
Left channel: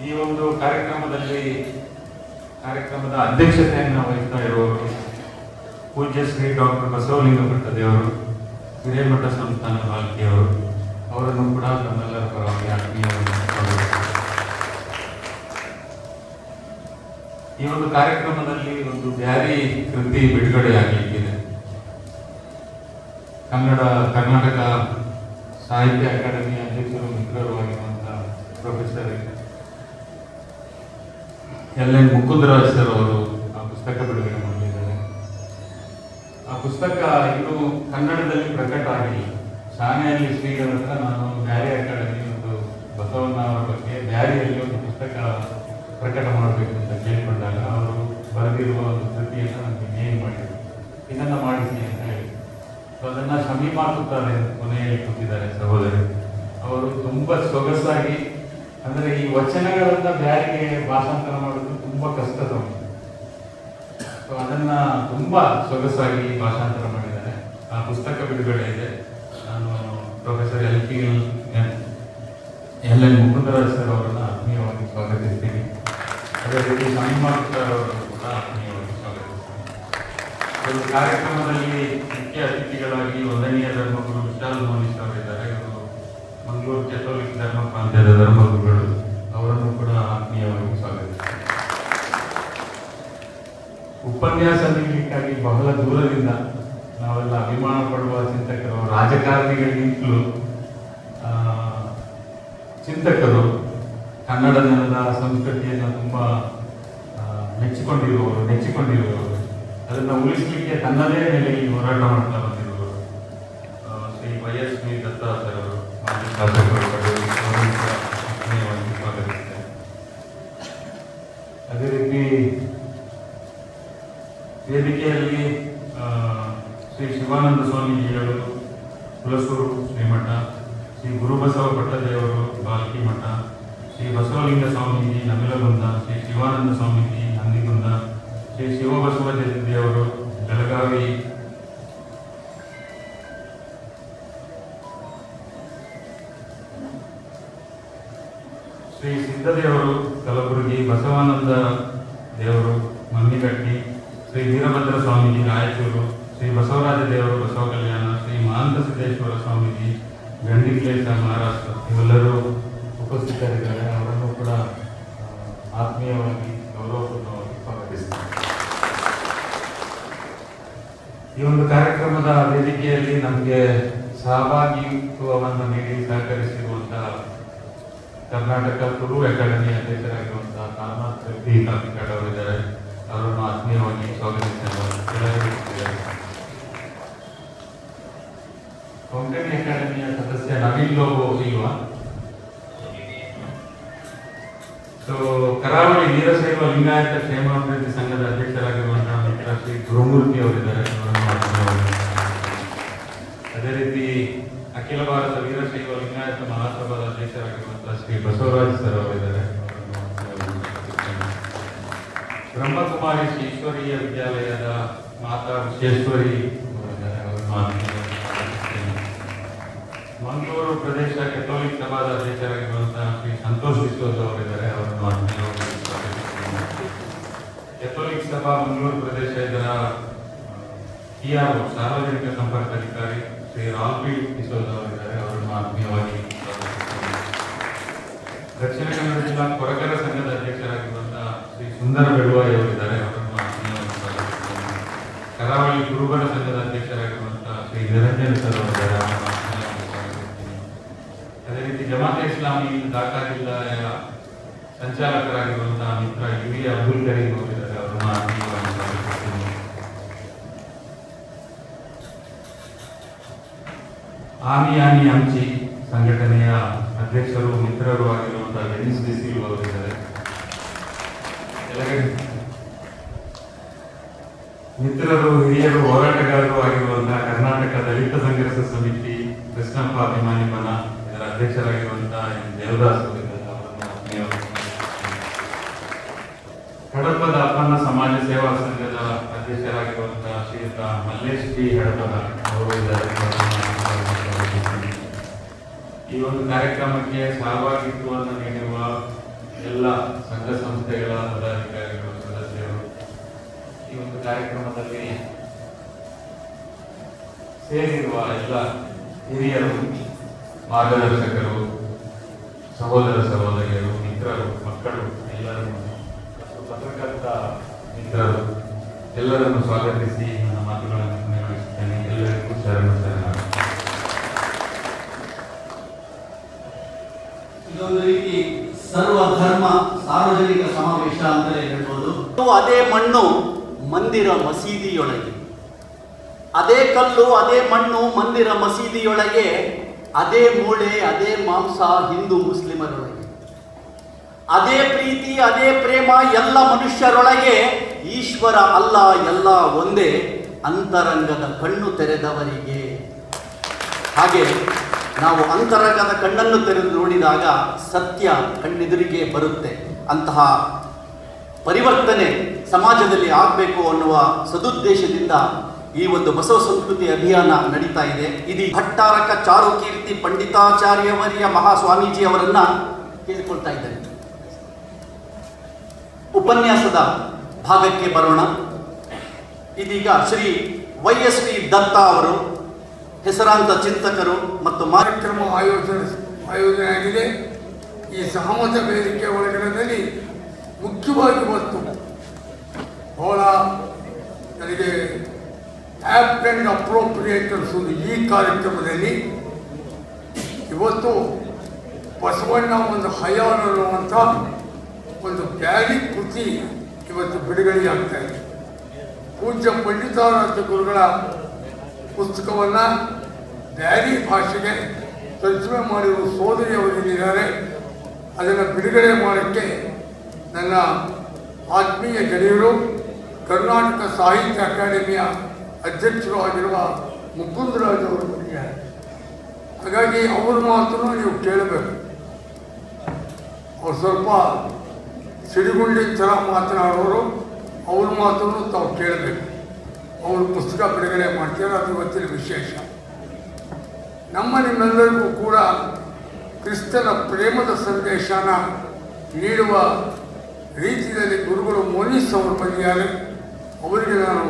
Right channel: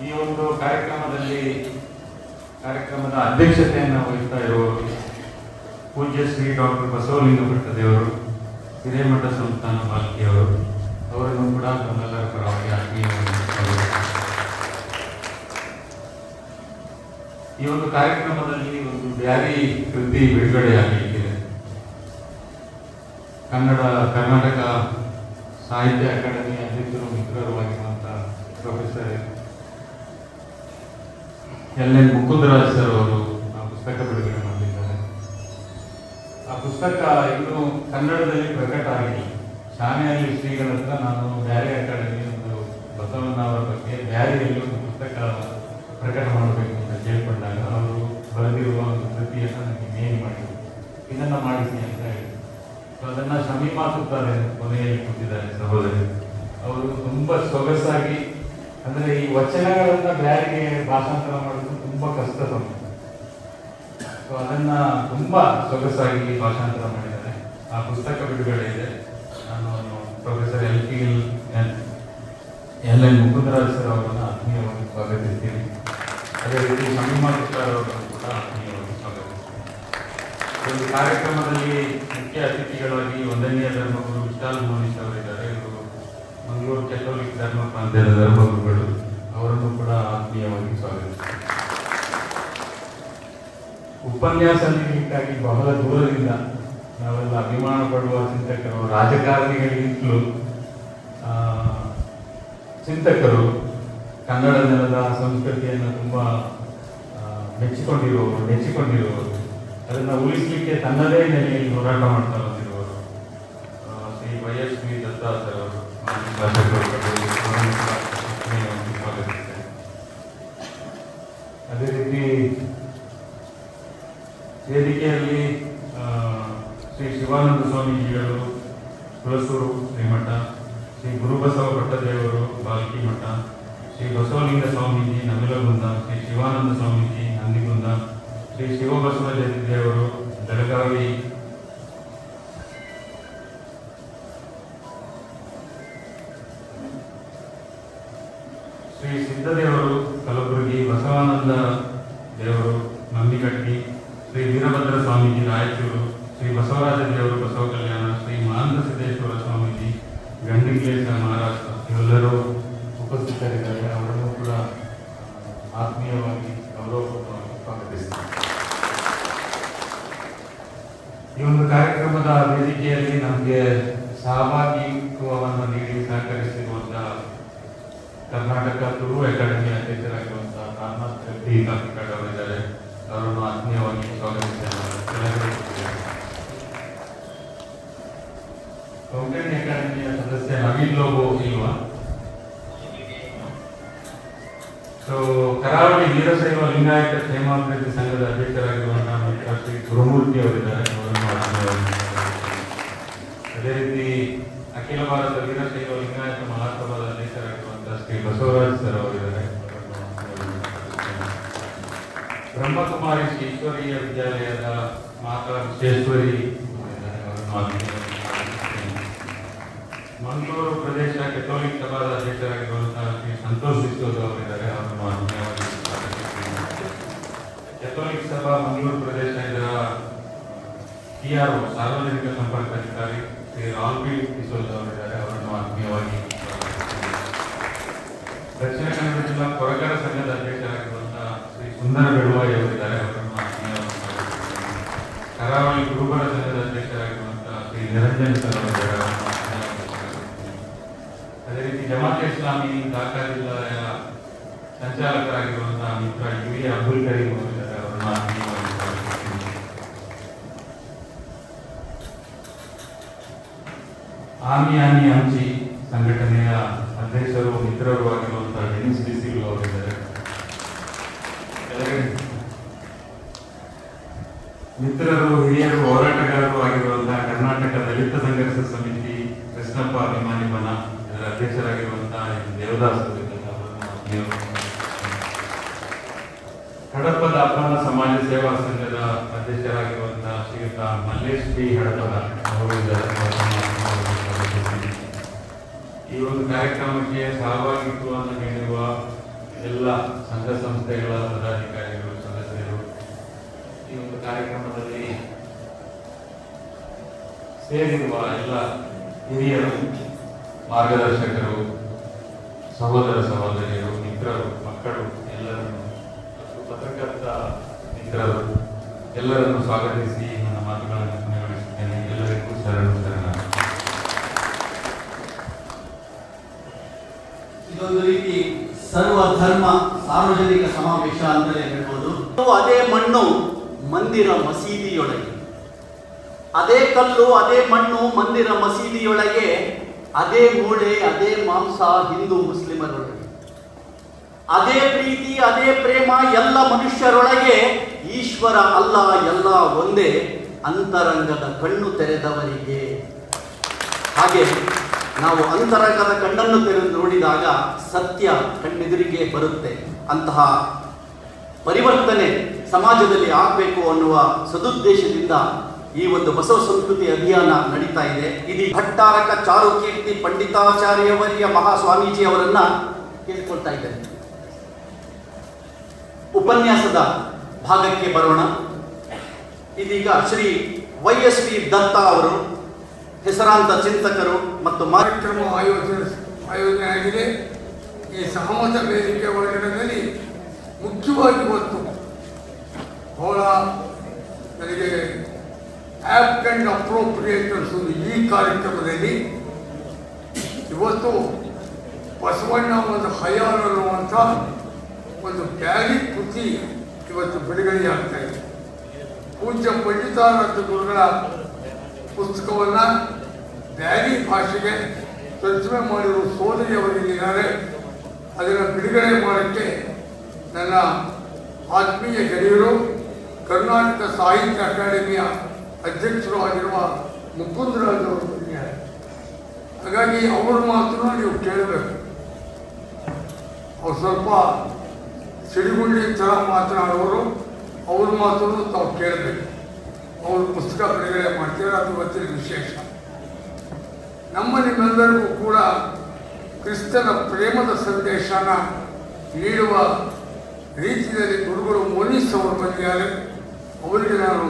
ಈ ಒಂದು ಕಾರ್ಯಕ್ರಮದ ಅಧ್ಯಕ್ಷತೆಯನ್ನು ವಹಿಸ್ತಾ ಇರುವವರು ಪೂಜ್ಯ ಶ್ರೀ ಡಾಕ್ಟರ್ ಬಸವಲಿಂಗ ಭಟ್ಟದೇವರು, ಹಿರೇಮಠ ಸಂಸ್ಥಾನ ಬಾಲ್ಕಿಯವರು. ಅವರನ್ನು ಕೂಡ ನಮ್ಮೆಲ್ಲರ ಪರವಾಗಿ ಆತ್ಮೀಯವಾಗಿ ಈ ಒಂದು ಕಾರ್ಯಕ್ರಮದಲ್ಲಿ ಒಂದು ಬ್ಯಾರಿ ಕೃತಿ ಬಿಡುಗಡೆಯಾಗಲಿಕ್ಕಿದೆ. ಕರ್ನಾಟಕ ಸಾಹಿತ್ಯ ಅಕಾಡೆಮಿ ಅಧ್ಯಕ್ಷರು ಮಿತ್ರರಾಗಿರುವಂತಹ ಪ್ರೊಫೆಸರ್ LN ಮುಕುಂದರಾಜ್ ಸರ್ ಅವರು ಆ ಪುಸ್ತಕ ಬಿಡುಗಡೆ ಮಾಡಿದ್ದಾರೆ. ಆ ಪುಸ್ತಕ ಇನ್ನೂ ಕನ್ನಡದಲ್ಲಿ ಪ್ರಕಟ ಆಗಿಲ್ಲ. ಶಾಲೆಯಲ್ಲಿ ಶ್ರೀಗಳ ಹತ್ರ ನಾನು ಬ್ಯಾರಿ ಅಕಾಡೆಮಿ ಒಂದು ಬಸವಣ್ಣವರ ಬಗ್ಗೆ ಬ್ಯಾರಿಯಲ್ಲಿ ಒಂದು ಪುಸ್ತಕ ಪ್ರಕಟ ಮಾಡಬೇಕು ಅಂತ ಕೇಳಿಕೊಂಡಾಗ ಅವರು ಬರೆದಿರುವ ಒಂದು ಕೃತಿಯನ್ನು ನನಗೆ ನೇಮ್ ಮಾಡಿದರು, ಇದನ್ನು ಮಾಡಿಸಿ ಅಂತ ಹೇಳಿ. ಅದನ್ನು ಸಮೀಪಾಸುತ್ತಾರೆ ಕೊನೆಯಲ್ಲಿ ಕೂತಿದ್ದಾರೆ ಸಹೋದರಿ. ಅವರು ತುಂಬ ಸೊಗಸಾಗಿ, ಅಂದರೆ ಈ ವಚನಗಳನ್ನು ಬ್ಯಾರಿಗೆ ಭಾಷಾಂತರ ಮಾಡೋದು ತುಂಬ ಕಷ್ಟ ಸಮಯ. ಸೊ ಅದನ್ನು ತುಂಬ ಸೊಗಸಾಗಿ ಭಾಷಾಂತರ ಮಾಡಿದ್ದಾರೆ. ಆ ಪುಸ್ತಕ ಬಿಡುಗಡೆ ಇದೆ. ನಾನು ಪ್ರೊಫೆಸರ್ ಎಲ್.ಎನ್. ಮುಕುಂದರಾಜ್ ಸರ್ ಅವರನ್ನು ಆತ್ಮೀಯವಾಗಿ ಸ್ವಾಗತಿಸ್ತೀನಿ. ಅದೇ ರೀತಿ ಶಾಮಿಮಾರ್ ಅವರನ್ನು ಕೂಡ ಆತ್ಮೀಯವಾಗಿ ಸ್ವಾಗತಿಸ್ತೀನಿ. ಈ ಕಾರ್ಯಕ್ರಮದಲ್ಲಿ ಮುಖ್ಯ ಅತಿಥಿಗಳಾಗಿ ವಂದನೀಯ ಧರ್ಮಗುರು ವಿಶಾಲ್ ಮೋನಿಶ್ ಅವರಿದ್ದಾರೆ. ಇವರು ಮಂಗಳೂರು ಕೆಥೋಲಿಕ್ ಧರ್ಮ ಪ್ರಾಂತ್ಯದ ಧರ್ಮಗುರುಗಳು. ಅವರನ್ನು ಕೂಡ ಆತ್ಮೀಯವಾಗಿ ಸ್ವಾಗತಿಸ್ತೀನಿ. ಉಪನ್ಯಾಸ ನೀಡಲಿಕ್ಕಾಗಿ ಬಹಳ ದೂರದಿಂದ ನಾವೆಲ್ಲ ಅಭಿಮಾನ ಪಡುವ ಚಿಂತಕರು, ರಾಜಕಾರಣಿಗಳಿಂದಲೂ ಚಿಂತಕರು, ಕನ್ನಡ ನೆಲದ ಸಂಸ್ಕೃತಿಯನ್ನು ತುಂಬ ನೆಚ್ಚಿಕೊಂಡಿರುವವರು, ಅದನ್ನು ಉಳಿಸಲಿಕ್ಕೆ ತನ್ನದೇ ನೆಲೆಯಲ್ಲಿ ಹೋರಾಟ ಮಾಡ್ತಾ ಬಂದಿರುವವರು ಶ್ರೀ ವೈ.ಎಸ್.ವಿ. ದತ್ತಾತ್ರೇಯ ಅವರು, ಸ್ವಾಗತಿಸ್ತೇನೆ. ಅದೇ ರೀತಿ ವೇದಿಕೆಯಲ್ಲಿ ಶ್ರೀ ಶಿವಾನಂದ ಸ್ವಾಮೀಜಿಗಳು ಕುಲಸೂರು ಶ್ರೀಮಠ, ಶ್ರೀ ಗುರುಬಸವ ಭಟ್ಟದೇವರು ಬಾಲ್ಕಿ ಮಠ, ಶ್ರೀ ಬಸವಲಿಂಗ ಸ್ವಾಮೀಜಿ ನಮೆಲಗುಂದ, ಶ್ರೀ ಶಿವಾನಂದ ಸ್ವಾಮೀಜಿ ನಂದಿಗುಂದ, ಶ್ರೀ ಶಿವಬಸವ ದೇವರು ಬೆಳಗಾವಿ, ಶ್ರೀ ಸಿದ್ದದೇವರು ಕಲಬುರಗಿ, ಬಸವಾನಂದ ದೇವರು ನಂದಿಗಟ್ಟಿ, ಶ್ರೀ ವೀರಭದ್ರ ಸ್ವಾಮೀಜಿ ರಾಯಚೂರು, ಶ್ರೀ ಬಸವರಾಜ ದೇವರು ಬಸವ ಕಲ್ಯಾಣ, ಶ್ರೀ ಮಹಾಂತ ಸಿದ್ದೇಶ್ವರ ಸ್ವಾಮೀಜಿ ಗಂಡಿಕ್ಲೇಶ ಮಹಾರಾಷ್ಟ್ರ, ಇವೆಲ್ಲರೂ ಉಪಸ್ಥಿತರಿದ್ದಾರೆ. ಅವರನ್ನು ಕೂಡ ಆತ್ಮೀಯವಾಗಿ ಗೌರವಪೂರ್ಣವಾಗಿ ಸ್ವಾಗತಿಸ್ತಾರೆ. ಈ ಒಂದು ಕಾರ್ಯಕ್ರಮದ ವೇದಿಕೆಯಲ್ಲಿ ನಮಗೆ ಸಹಭಾಗಿತ್ವವನ್ನು ನೀಡಿ ಸಹಕರಿಸಿರುವಂತಹ ಕರ್ನಾಟಕ ತುಳು ಅಕಾಡೆಮಿ ಅಧ್ಯಕ್ಷರಾಗಿರುವಂತಹ ರಾಮನಾಥ್ ರೆಡ್ಡಿ ಕಾಪಿಕಾಡ್ ಅವರಿದ್ದಾರೆ. ಅವರನ್ನು ಆತ್ಮೀಯವಾಗಿ ಸ್ವಾಗತಿಸಿದ್ದಾರೆ. ಕೊಂಕಣಿ ಅಕಾಡೆಮಿಯ ಸದಸ್ಯ ನವೀನ್ ಲೋಬೋ ಇಲ್ವಾ? ಸೊ ಕರಾವಳಿ ವೀರಶೈವ ಲಿಂಗಾಯತ ಕ್ಷೇಮಾಭಿವೃದ್ಧಿ ಸಂಘದ ಅಧ್ಯಕ್ಷರಾಗಿರುವಂತಹ ಶ್ರೀ ಗುರುಮೂರ್ತಿ ಅವರಿದ್ದಾರೆ. ಅದೇ ರೀತಿ ಅಖಿಲ ಭಾರತ ವೀರಶೈವ ಲಿಂಗಾಯತ ಮಹಾಸಭಾದ ಅಧ್ಯಕ್ಷರಾಗಿರುವಂತಹ ಶ್ರೀ ಬಸವರಾಜ್ ಸರ್ ಅವರಿದ್ದಾರೆ. ಬ್ರಹ್ಮಕುಮಾರಿ ಶ್ರೀ ಈಶ್ವರೀಯ ವಿದ್ಯಾಲಯದ ಮಾತಾ ವಿಶ್ವೇಶ್ವರಿ ಮಂಗಳೂರು ಪ್ರದೇಶ ಕೆಥೋಲಿಕ್ ಸಭಾದ ಅಧ್ಯಕ್ಷರಾಗಿರುವಂತಹ ಶ್ರೀ ಸಂತೋಷ್ ವಿಶ್ವಸ್ ಅವರಿದ್ದಾರೆ. ಕೆಥೋಲಿಕ್ ಸಭಾ ಮಂಗಳೂರು ಪ್ರದೇಶ ಇದರ PRO ಸಾರ್ವಜನಿಕ ಸಂಪರ್ಕ ಅಧಿಕಾರಿ ಶ್ರೀ ರಾಲ್ಬಿ ಕಿಶೋರ್ ಅವರಿದ್ದಾರೆ. ಅವರನ್ನು ಆತ್ಮೀಯವಾಗಿ ದಕ್ಷಿಣ ಕನ್ನಡ ಜಿಲ್ಲಾ ಕೊರಗರ ಸಂಘದ ಅಧ್ಯಕ್ಷರಾಗಿರುವಂತಹ ಶ್ರೀ ಸುಂದರ ಬೆಳುವಾಯಿ ಅವರಿದ್ದಾರೆ. ಅವರನ್ನು ಆತ್ಮೀಯವಾಗಿ ಕರಾವಳಿ ಕುರುಬರ ಸಂಘದ ಅಧ್ಯಕ್ಷರಾಗಿರುವಂತಹ ಶ್ರೀ ನಿರಂಜನ್ ಸರ್ ಅವರಿದ್ದಾರೆ. ಅದೇ ರೀತಿ ಜಮಾತೆ ಇಸ್ಲಾಮಿ ಢಾಕಾ ಜಿಲ್ಲೆಯ ಸಂಚಾಲಕರಾಗಿರುವಂತಹ ಮಿತ್ರ ಯುವಿ ಅಬ್ದುಲ್ ಕರೀಂ ಅವರಿದ್ದಾರೆ. ಅವರನ್ನು ಆತ್ಮೀಯವಾಗಿ ಸ್ವಾಗತಿಸ್ತೀನಿ. ಆಮಿ ಹಂಚಿ ಸಂಘಟನೆಯ ಅಧ್ಯಕ್ಷರು ಮಿತ್ರರು ಆಗಿರುವಂತಹ ಡೆನಿಸ್ ಡಿಸಿಲ್ ಅವರಿದ್ದಾರೆ. ಮಿತ್ರರು, ಹಿರಿಯರು, ಹೋರಾಟಗಾರರು ಆಗಿರುವಂತಹ ಕರ್ನಾಟಕ ದಲಿತ ಸಂಘರ್ಷ ಸಮಿತಿ ಕೃಷ್ಣಪ್ಪ ಅಭಿಮಾನಿಮನ ಇದರ ಅಧ್ಯಕ್ಷರಾಗಿರುವಂತಹ ದೇವದಾಸ್ ಕಡಪದ ಅಪ್ಪನ ಸಮಾಜ ಸೇವಾ ಸಂಘದ ಅಧ್ಯಕ್ಷರಾಗಿರುವಂತಹ ಶ್ರೀಯುತ ಮಲ್ಲೇಶ್ ಪಿ ಹಡಪದ ಅವರು ಇದ್ದಾರೆ. ಈ ಒಂದು ಕಾರ್ಯಕ್ರಮಕ್ಕೆ ಸಹಭಾಗಿತ್ವವನ್ನು ನೀಡಿರುವ ಎಲ್ಲ ಸಂಘ ಸಂಸ್ಥೆಗಳ ಪದಾಧಿಕಾರಿಗಳು, ಸದಸ್ಯರು, ಈ ಒಂದು ಕಾರ್ಯಕ್ರಮದಲ್ಲಿ ಸೇರಿರುವ ಎಲ್ಲ ಹಿರಿಯರು, ಮಾರ್ಗದರ್ಶಕರು, ಸಹೋದರ ಸಹೋದರಿಯರು, ಮಿತ್ರರು, ಮಕ್ಕಳು, ಎಲ್ಲರನ್ನು, ಪತ್ರಕರ್ತ ಮಿತ್ರರು ಎಲ್ಲರನ್ನು ಸ್ವಾಗತಿಸಿ ನನ್ನ ಮಾತುಗಳನ್ನು ನಿರ್ವಹಿಸುತ್ತೇನೆ. ಎಲ್ಲರಿಗೂ ಶರಣು. ಇದೊಂದು ರೀತಿ ಸರ್ವಧರ್ಮ ಸಾರ್ವಜನಿಕ ಸಮಾವೇಶ ಅಂತಲೇ ಹೇಳ್ಬೋದು. ಅದೇ ಮಣ್ಣು ಮಂದಿರ ಮಸೀದಿಯೊಳಗೆ, ಅದೇ ಕಲ್ಲು ಅದೇ ಮಣ್ಣು ಮಂದಿರ ಮಸೀದಿಯೊಳಗೆ ಅದೇ ಮೂಳೆ, ಅದೇ ಮಾಂಸ ಹಿಂದೂ ಮುಸ್ಲಿಮರೊಳಗೆ. ಅದೇ ಪ್ರೀತಿ, ಅದೇ ಪ್ರೇಮ ಎಲ್ಲ ಮನುಷ್ಯರೊಳಗೆ. ಈಶ್ವರ ಅಲ್ಲ, ಎಲ್ಲ ಒಂದೇ, ಅಂತರಂಗದ ಕಣ್ಣು ತೆರೆದವರಿಗೆ. ಹಾಗೆ ನಾವು ಅಂತರಂಗದ ಕಣ್ಣನ್ನು ತೆರೆದು ನೋಡಿದಾಗ ಸತ್ಯ ಕಣ್ಣೆದುರಿಗೆ ಬರುತ್ತೆ. ಅಂತಹ ಪರಿವರ್ತನೆ ಸಮಾಜದಲ್ಲಿ ಆಗಬೇಕು ಅನ್ನುವ ಸದುದ್ದೇಶದಿಂದ ಈ ಒಂದು ಬಸವ ಸಂಸ್ಕೃತಿ ಅಭಿಯಾನ ನಡೀತಾ ಇದೆ. ಇದು ಭಟ್ಟಾರಕ ಚಾರುಕೀರ್ತಿ ಪಂಡಿತಾಚಾರ್ಯವರ್ಯ ಮಹಾಸ್ವಾಮೀಜಿ ಅವರನ್ನ ಕೇಳಿಕೊಳ್ತಾ ಇದ್ದೇನೆ. ಉಪನ್ಯಾಸದ ಭಾಗಕ್ಕೆ ಬರೋಣ. ಇದೀಗ ಶ್ರೀ YSV ದತ್ತ ಅವರು ಹೆಸರಾಂತ ಚಿಂತಕರು ಮತ್ತು ಕಾರ್ಯಕ್ರಮ ಆಯೋಜನೆ ಆಗಿದೆ. ಈ ಸಹಮತ ವೇದಿಕೆ ಒಳಗಡೆಯಲ್ಲಿ ಮುಖ್ಯವಾಗಿ ಇವತ್ತು ಬಹಳ ನನಗೆ ಆಪ್ಟ್ ಅಂಡ್ ಅಪ್ರೋಪ್ರಿಯೇಟ್ ಅನಿಸೋದು ಈ ಕಾರ್ಯಕ್ರಮದಲ್ಲಿ ಇವತ್ತು ಬಸವಣ್ಣ ಒಂದು ಹಯಾನ್ ಅನ್ನುವಂಥ ಒಂದು ಬ್ಯಾರಿ ಕೃತಿ ಇವತ್ತು ಬಿಡುಗಡೆಯಾಗ್ತಾ ಇದೆ. ಪೂಜ್ಯ ಪಂಡಿತಾರಾಧ್ಯ ಗುರುಗಳ ಪುಸ್ತಕವನ್ನು ಬ್ಯಾರಿ ಭಾಷೆಗೆ ತರ್ಜುಮೆ ಮಾಡಿರುವ ಸೋದರಿಯವರಿದ್ದಾರೆ. ಅದನ್ನು ಬಿಡುಗಡೆ ಮಾಡೋಕ್ಕೆ ನನ್ನ ಆತ್ಮೀಯ ಗೆಳೆಯರು, ಕರ್ನಾಟಕ ಸಾಹಿತ್ಯ ಅಕಾಡೆಮಿಯ ಅಧ್ಯಕ್ಷರು ಆಗಿರುವ ಮುಕುಂದರಾಜ್ ಅವರು ಬಂದಿದ್ದಾರೆ. ಹಾಗಾಗಿ ಅವ್ರ ಮಾತನ್ನು ನೀವು ಕೇಳಬೇಕು. ಅವ್ರು ಸ್ವಲ್ಪ ಸಿಡಿಗುಂಡಿ ಥರ ಮಾತನಾಡೋರು, ಅವ್ರ ಮಾತನ್ನು ತಾವು ಕೇಳಬೇಕು. ಅವರು ಪುಸ್ತಕ ಬಿಡುಗಡೆ ಮಾಡ್ತಾರೆ, ಅದು ಇವತ್ತಿನ ವಿಶೇಷ. ನಿಮ್ಮೆಲ್ಲರಿಗೂ ಕೂಡ ಕ್ರಿಸ್ತನ ಪ್ರೇಮದ ಸಂದೇಶನ ನೀಡುವ ರೀತಿಯಲ್ಲಿ ಗುರುಗಳು ಮೋನಿಸ್ ಅವರು ಬಂದಿದ್ದಾರೆ. ಅವರಿಗೆ ನಾನು